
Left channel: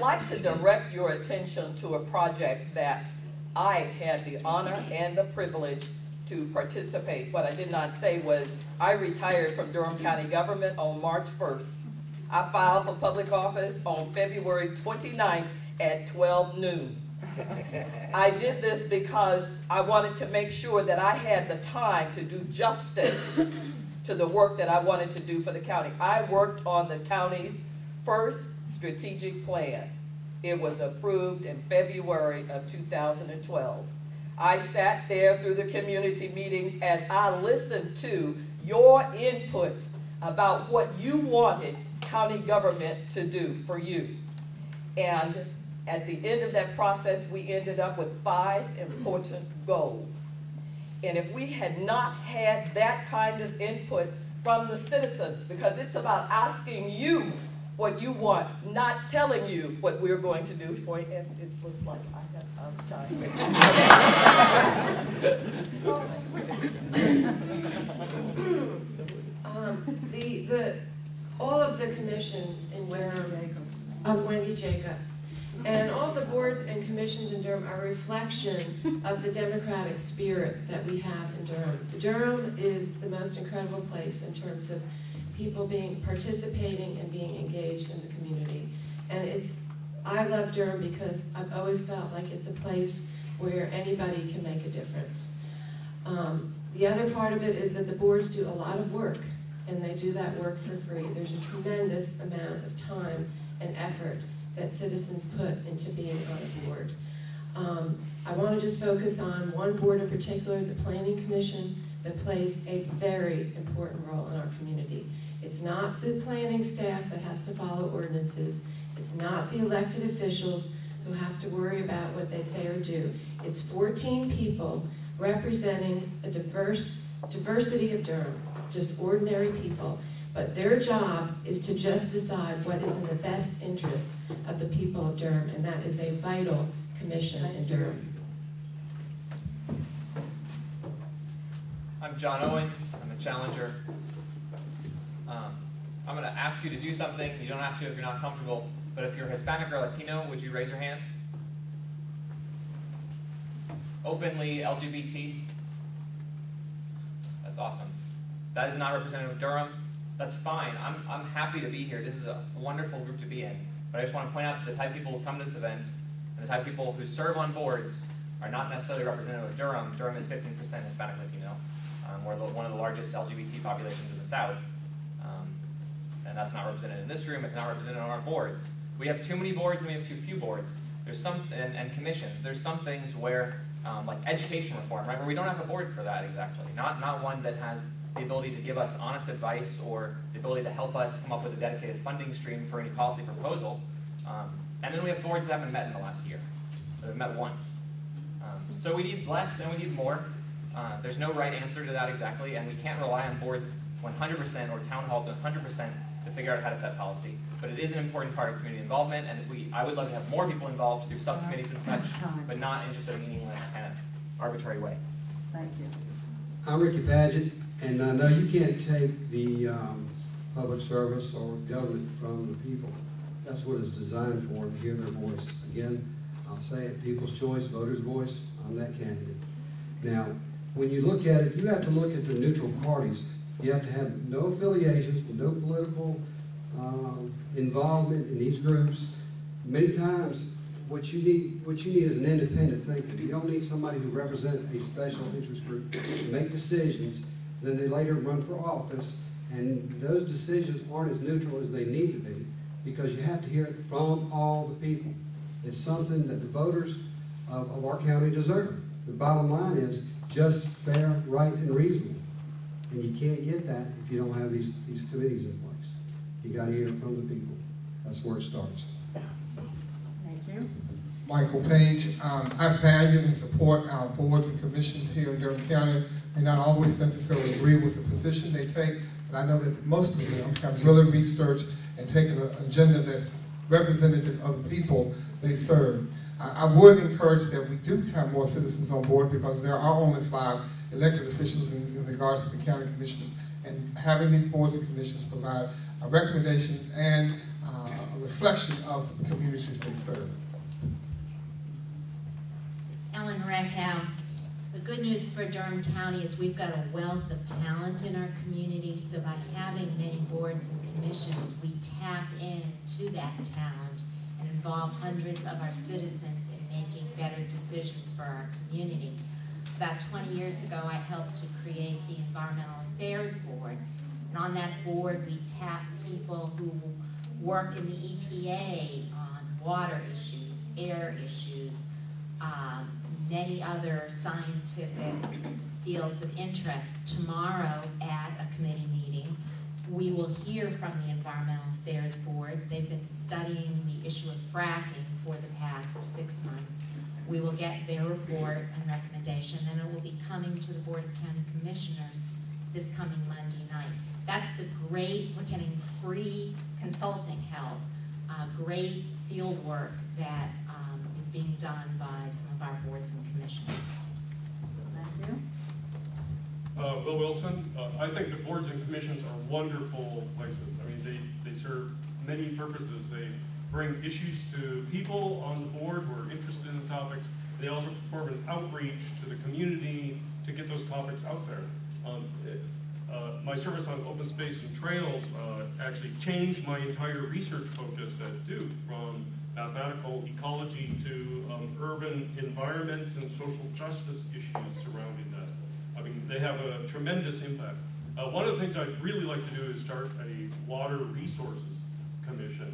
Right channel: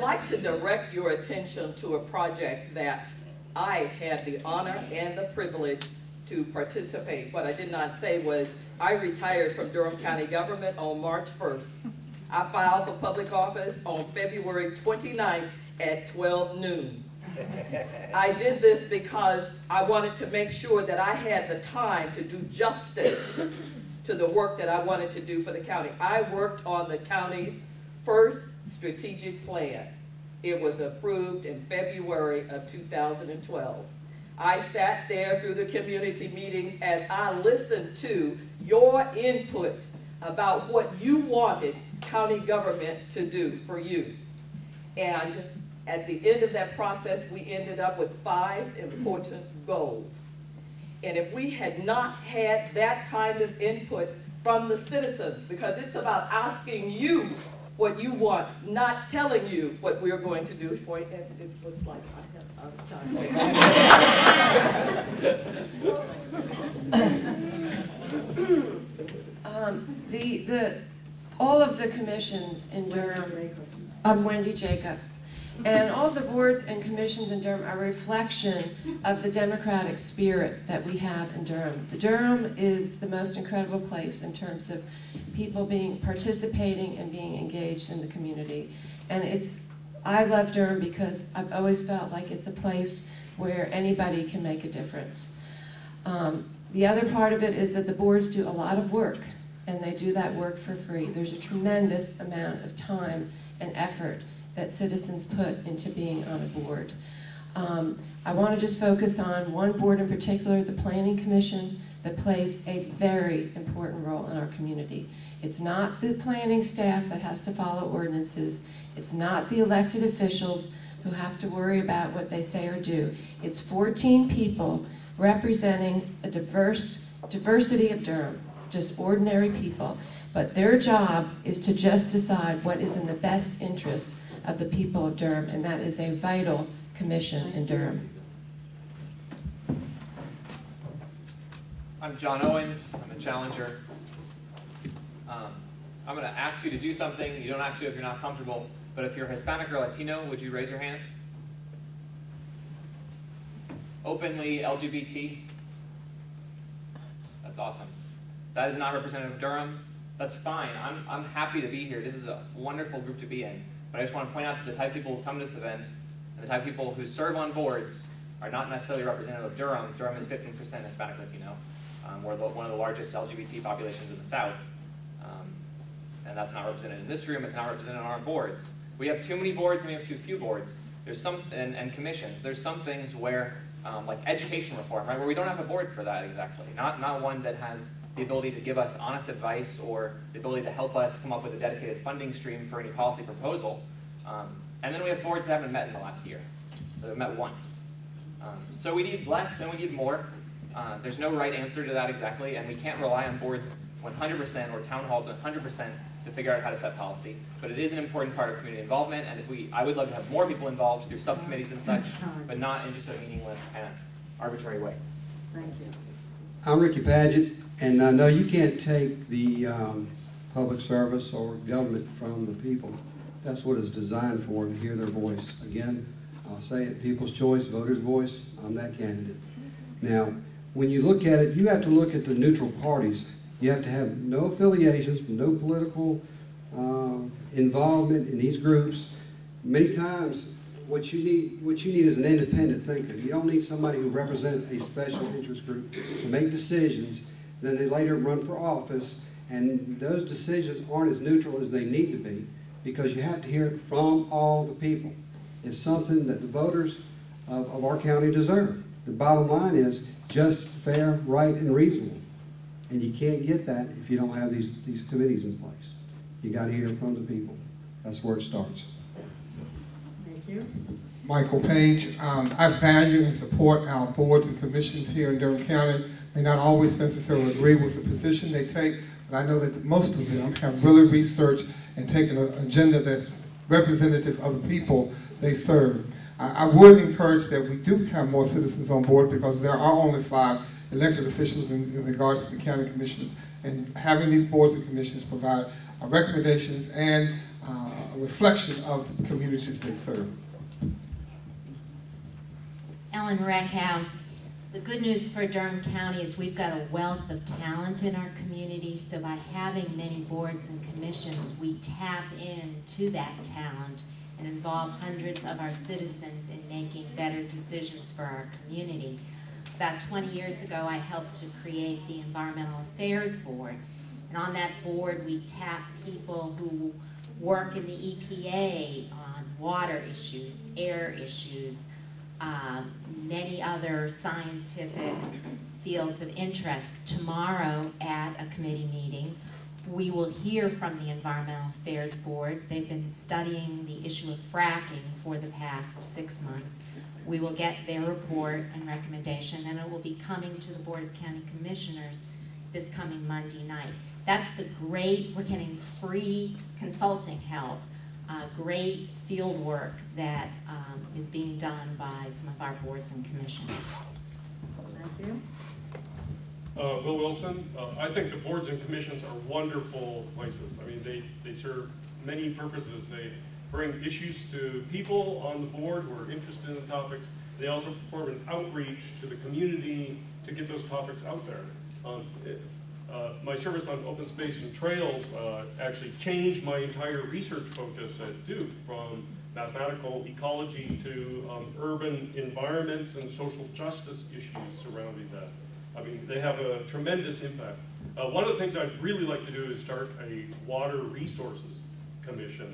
like to direct your attention to a project that I had the honor and the privilege to participate. What I did not say was I retired from Durham County government on March 1st. I filed for public office on February 29th at 12 noon. I did this because I wanted to make sure that I had the time to do justice to the work that I wanted to do for the county. I worked on the county's first strategic plan. It was approved in February of 2012. I sat there through the community meetings as I listened to your input about what you wanted county government to do for you. And at the end of that process, we ended up with 5 important goals. And if we had not had that kind of input from the citizens, because it's about asking you what you want, not telling you what we're going to do for you. And it looks like I have time. All of the commissions in Durham, I'm Wendy Jacobs, and all of the boards and commissions in Durham are a reflection of the democratic spirit that we have in Durham. Durham is the most incredible place in terms of people participating and being engaged in the community. And I love Durham because I've always felt like it's a place where anybody can make a difference. The other part of it is that the boards do a lot of work, and they do that work for free. There's a tremendous amount of time and effort that citizens put into being on a board. I want to just focus on one board in particular, the Planning Commission, that plays a very important role in our community. It's not the planning staff that has to follow ordinances. It's not the elected officials who have to worry about what they say or do. It's 14 people representing a diversity of Durham, just ordinary people. But their job is to just decide what is in the best interest of the people of Durham, and that is a vital commission in Durham. I'm John Owens. I'm a challenger. I'm going to ask you to do something. You don't have to if you're not comfortable, but if you're Hispanic or Latino, would you raise your hand? Openly LGBT? That's awesome. That is not representative of Durham. That's fine. I'm happy to be here. This is a wonderful group to be in. But I just want to point out that the type of people who come to this event and the type of people who serve on boards are not necessarily representative of Durham. Durham is 15% Hispanic Latino. We're one of the largest LGBT populations in the South. And that's not represented in this room. It's not represented on our boards. We have too many boards and we have too few boards. There's some, and commissions. There's some things where, like education reform, right, where we don't have a board for that exactly. Not one that has the ability to give us honest advice or the ability to help us come up with a dedicated funding stream for any policy proposal. And then we have boards that haven't met in the last year. They've met once. So we need less and we need more. There's no right answer to that exactly, and we can't rely on boards 100% or town halls 100% to figure out how to set policy. But it is an important part of community involvement, and I would love to have more people involved through subcommittees and such, but not in just a meaningless kind of arbitrary way. Thank you. I'm Ricky Padgett, and I know you can't take the public service or government from the people. That's what it's designed for, to hear their voice. Again, I'll say it, people's choice, voters' voice. I'm that candidate. Now, when you look at it, you have to look at the neutral parties. You have to have no affiliations, no political involvement in these groups. Many times, what you need is an independent thinker. You don't need somebody who represents a special interest group to make decisions. Then they later run for office, and those decisions aren't as neutral as they need to be, because you have to hear it from all the people. It's something that the voters of our county deserve. The bottom line is just, fair, right, and reasonable. And you can't get that if you don't have these committees in place. You got to hear it from the people. That's where it starts. Thank you. Michael Page. I value and support our boards and commissions here in Durham County. May not always necessarily agree with the position they take, but I know that most of them have really researched and taken an agenda that's representative of the people they serve. I would encourage that we do have more citizens on board, because there are only 5 elected officials in regards to the county commissioners, and having these boards and commissions provide recommendations and a reflection of the communities they serve. Ellen Reckhow. The good news for Durham County is we've got a wealth of talent in our community, so by having many boards and commissions, we tap into that talent and involve hundreds of our citizens in making better decisions for our community. About 20 years ago, I helped to create the Environmental Affairs Board, and on that board, we tap people who work in the EPA on water issues, air issues, many other scientific fields of interest. Tomorrow at a committee meeting, we will hear from the Environmental Affairs Board. They've been studying the issue of fracking for the past 6 months. We will get their report and recommendation, and it will be coming to the Board of County Commissioners this coming Monday night. That's the great, we're getting free consulting help, great field work that is being done by some of our boards and commissions. Thank you. Bill Wilson. I think the boards and commissions are wonderful places. I mean, they serve many purposes. They bring issues to people on the board who are interested in the topics. They also perform an outreach to the community to get those topics out there. My service on open space and trails actually changed my entire research focus at Duke, from mathematical ecology to urban environments and social justice issues surrounding that. I mean, they have a tremendous impact. One of the things I'd really like to do is start a water resources commission,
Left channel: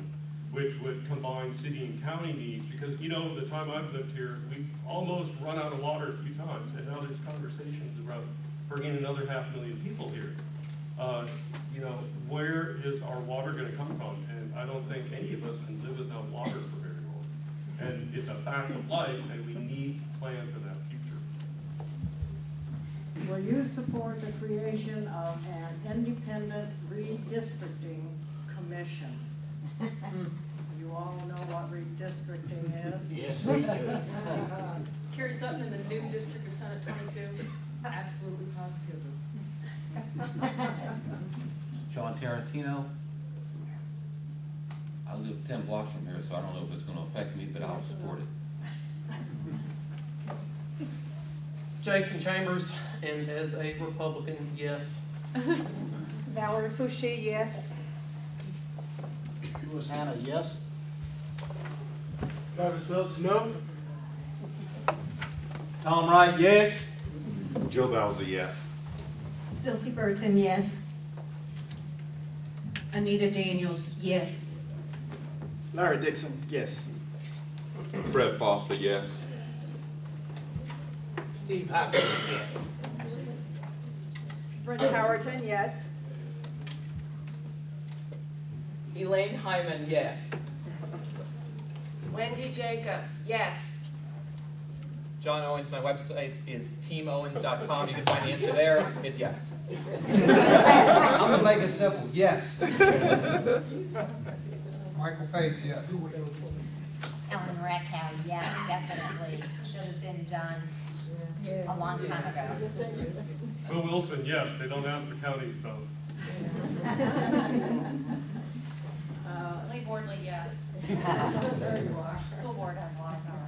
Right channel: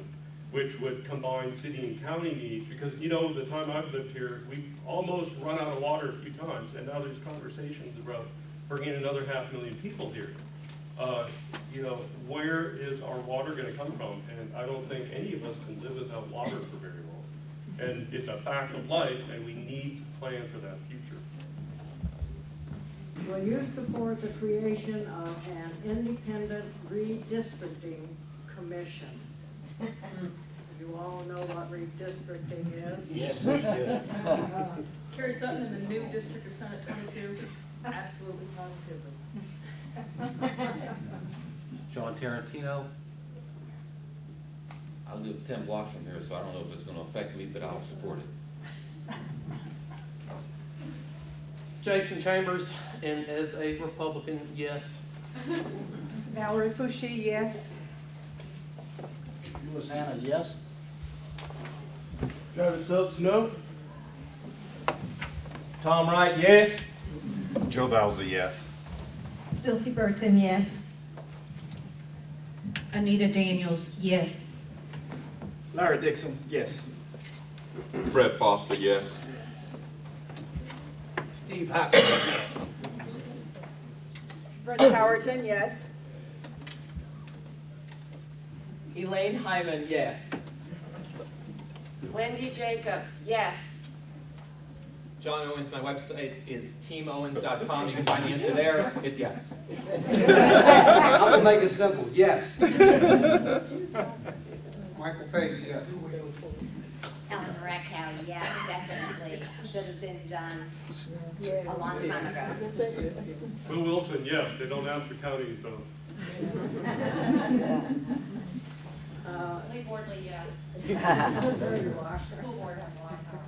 which would combine city and county needs, because, you know, the time I've lived here, we've almost run out of water a few times, and now there's conversations about bringing another 500,000 people here. You know, where is our water going to come from? And I don't think any of us can live without water for very long. And it's a fact of life, and we need to plan for that future. Will you support the creation of an independent redistricting commission? You all know what redistricting is? Yes, we do. Carry something in the new district of Senate 22? Absolutely, positively. Sean Tarantino. I live 10 blocks from here, so I don't know if it's going to affect me, but I'll support it. Jason Chambers, and as a Republican, yes. Valerie Fouché, yes. Louis Hannah, yes. Travis Phillips, no. Tom Wright, yes. Joe Bowser, yes. Dilcy Burton, yes. Anita Daniels, yes. Larry Dixon, yes. Fred Foster, yes. Steve Hopkins, yes. Brenda Howerton, yes. Elaine Hyman, yes. Wendy Jacobs, yes. John Owens, my website is teamowens.com. You can find the answer there. It's yes. I'm going to make it simple. Yes. Michael Page, yes. Ellen Reckhow, yes, definitely. Should have been done a long time ago. Will Wilson, yes. They don't ask the counties, though. Leigh Bordley, yes. There you are. School board has a lot of power.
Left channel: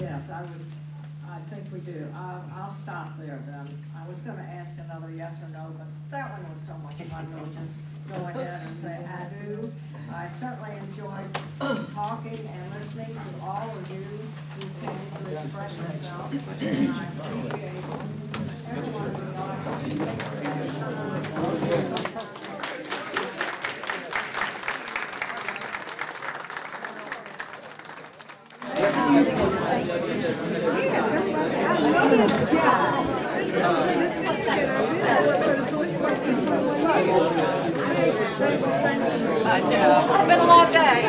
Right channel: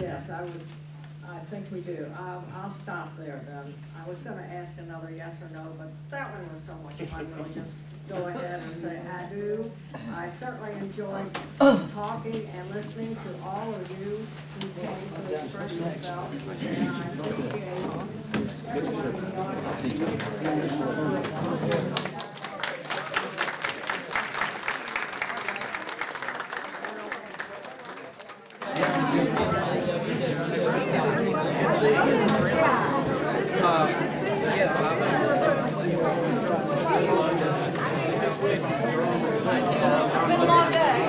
Yes, I think we do. I'll stop there then. I was gonna ask another yes or no, but that one was so much fun, we'll just go ahead and say I do. I certainly enjoyed talking and listening to all of you who came to express yourself, and I appreciate everyone in the audience. It's been a long day.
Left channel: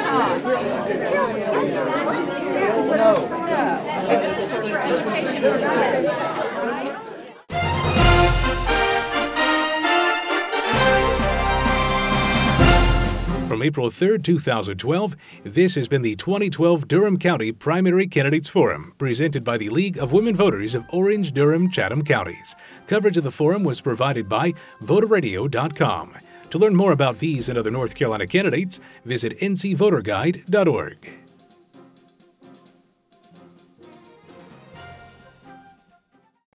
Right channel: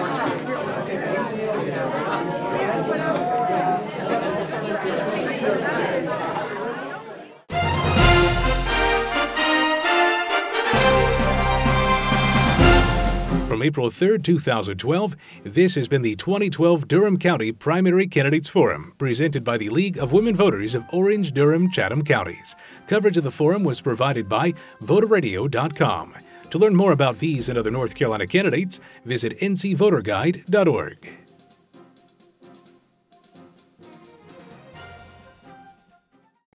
From April 3rd, 2012, this has been the 2012 Durham County Primary Candidates Forum, presented by the League of Women Voters of Orange-Durham-Chatham counties. Coverage of the forum was provided by voterradio.com. To learn more about these and other North Carolina candidates, visit ncvoterguide.org.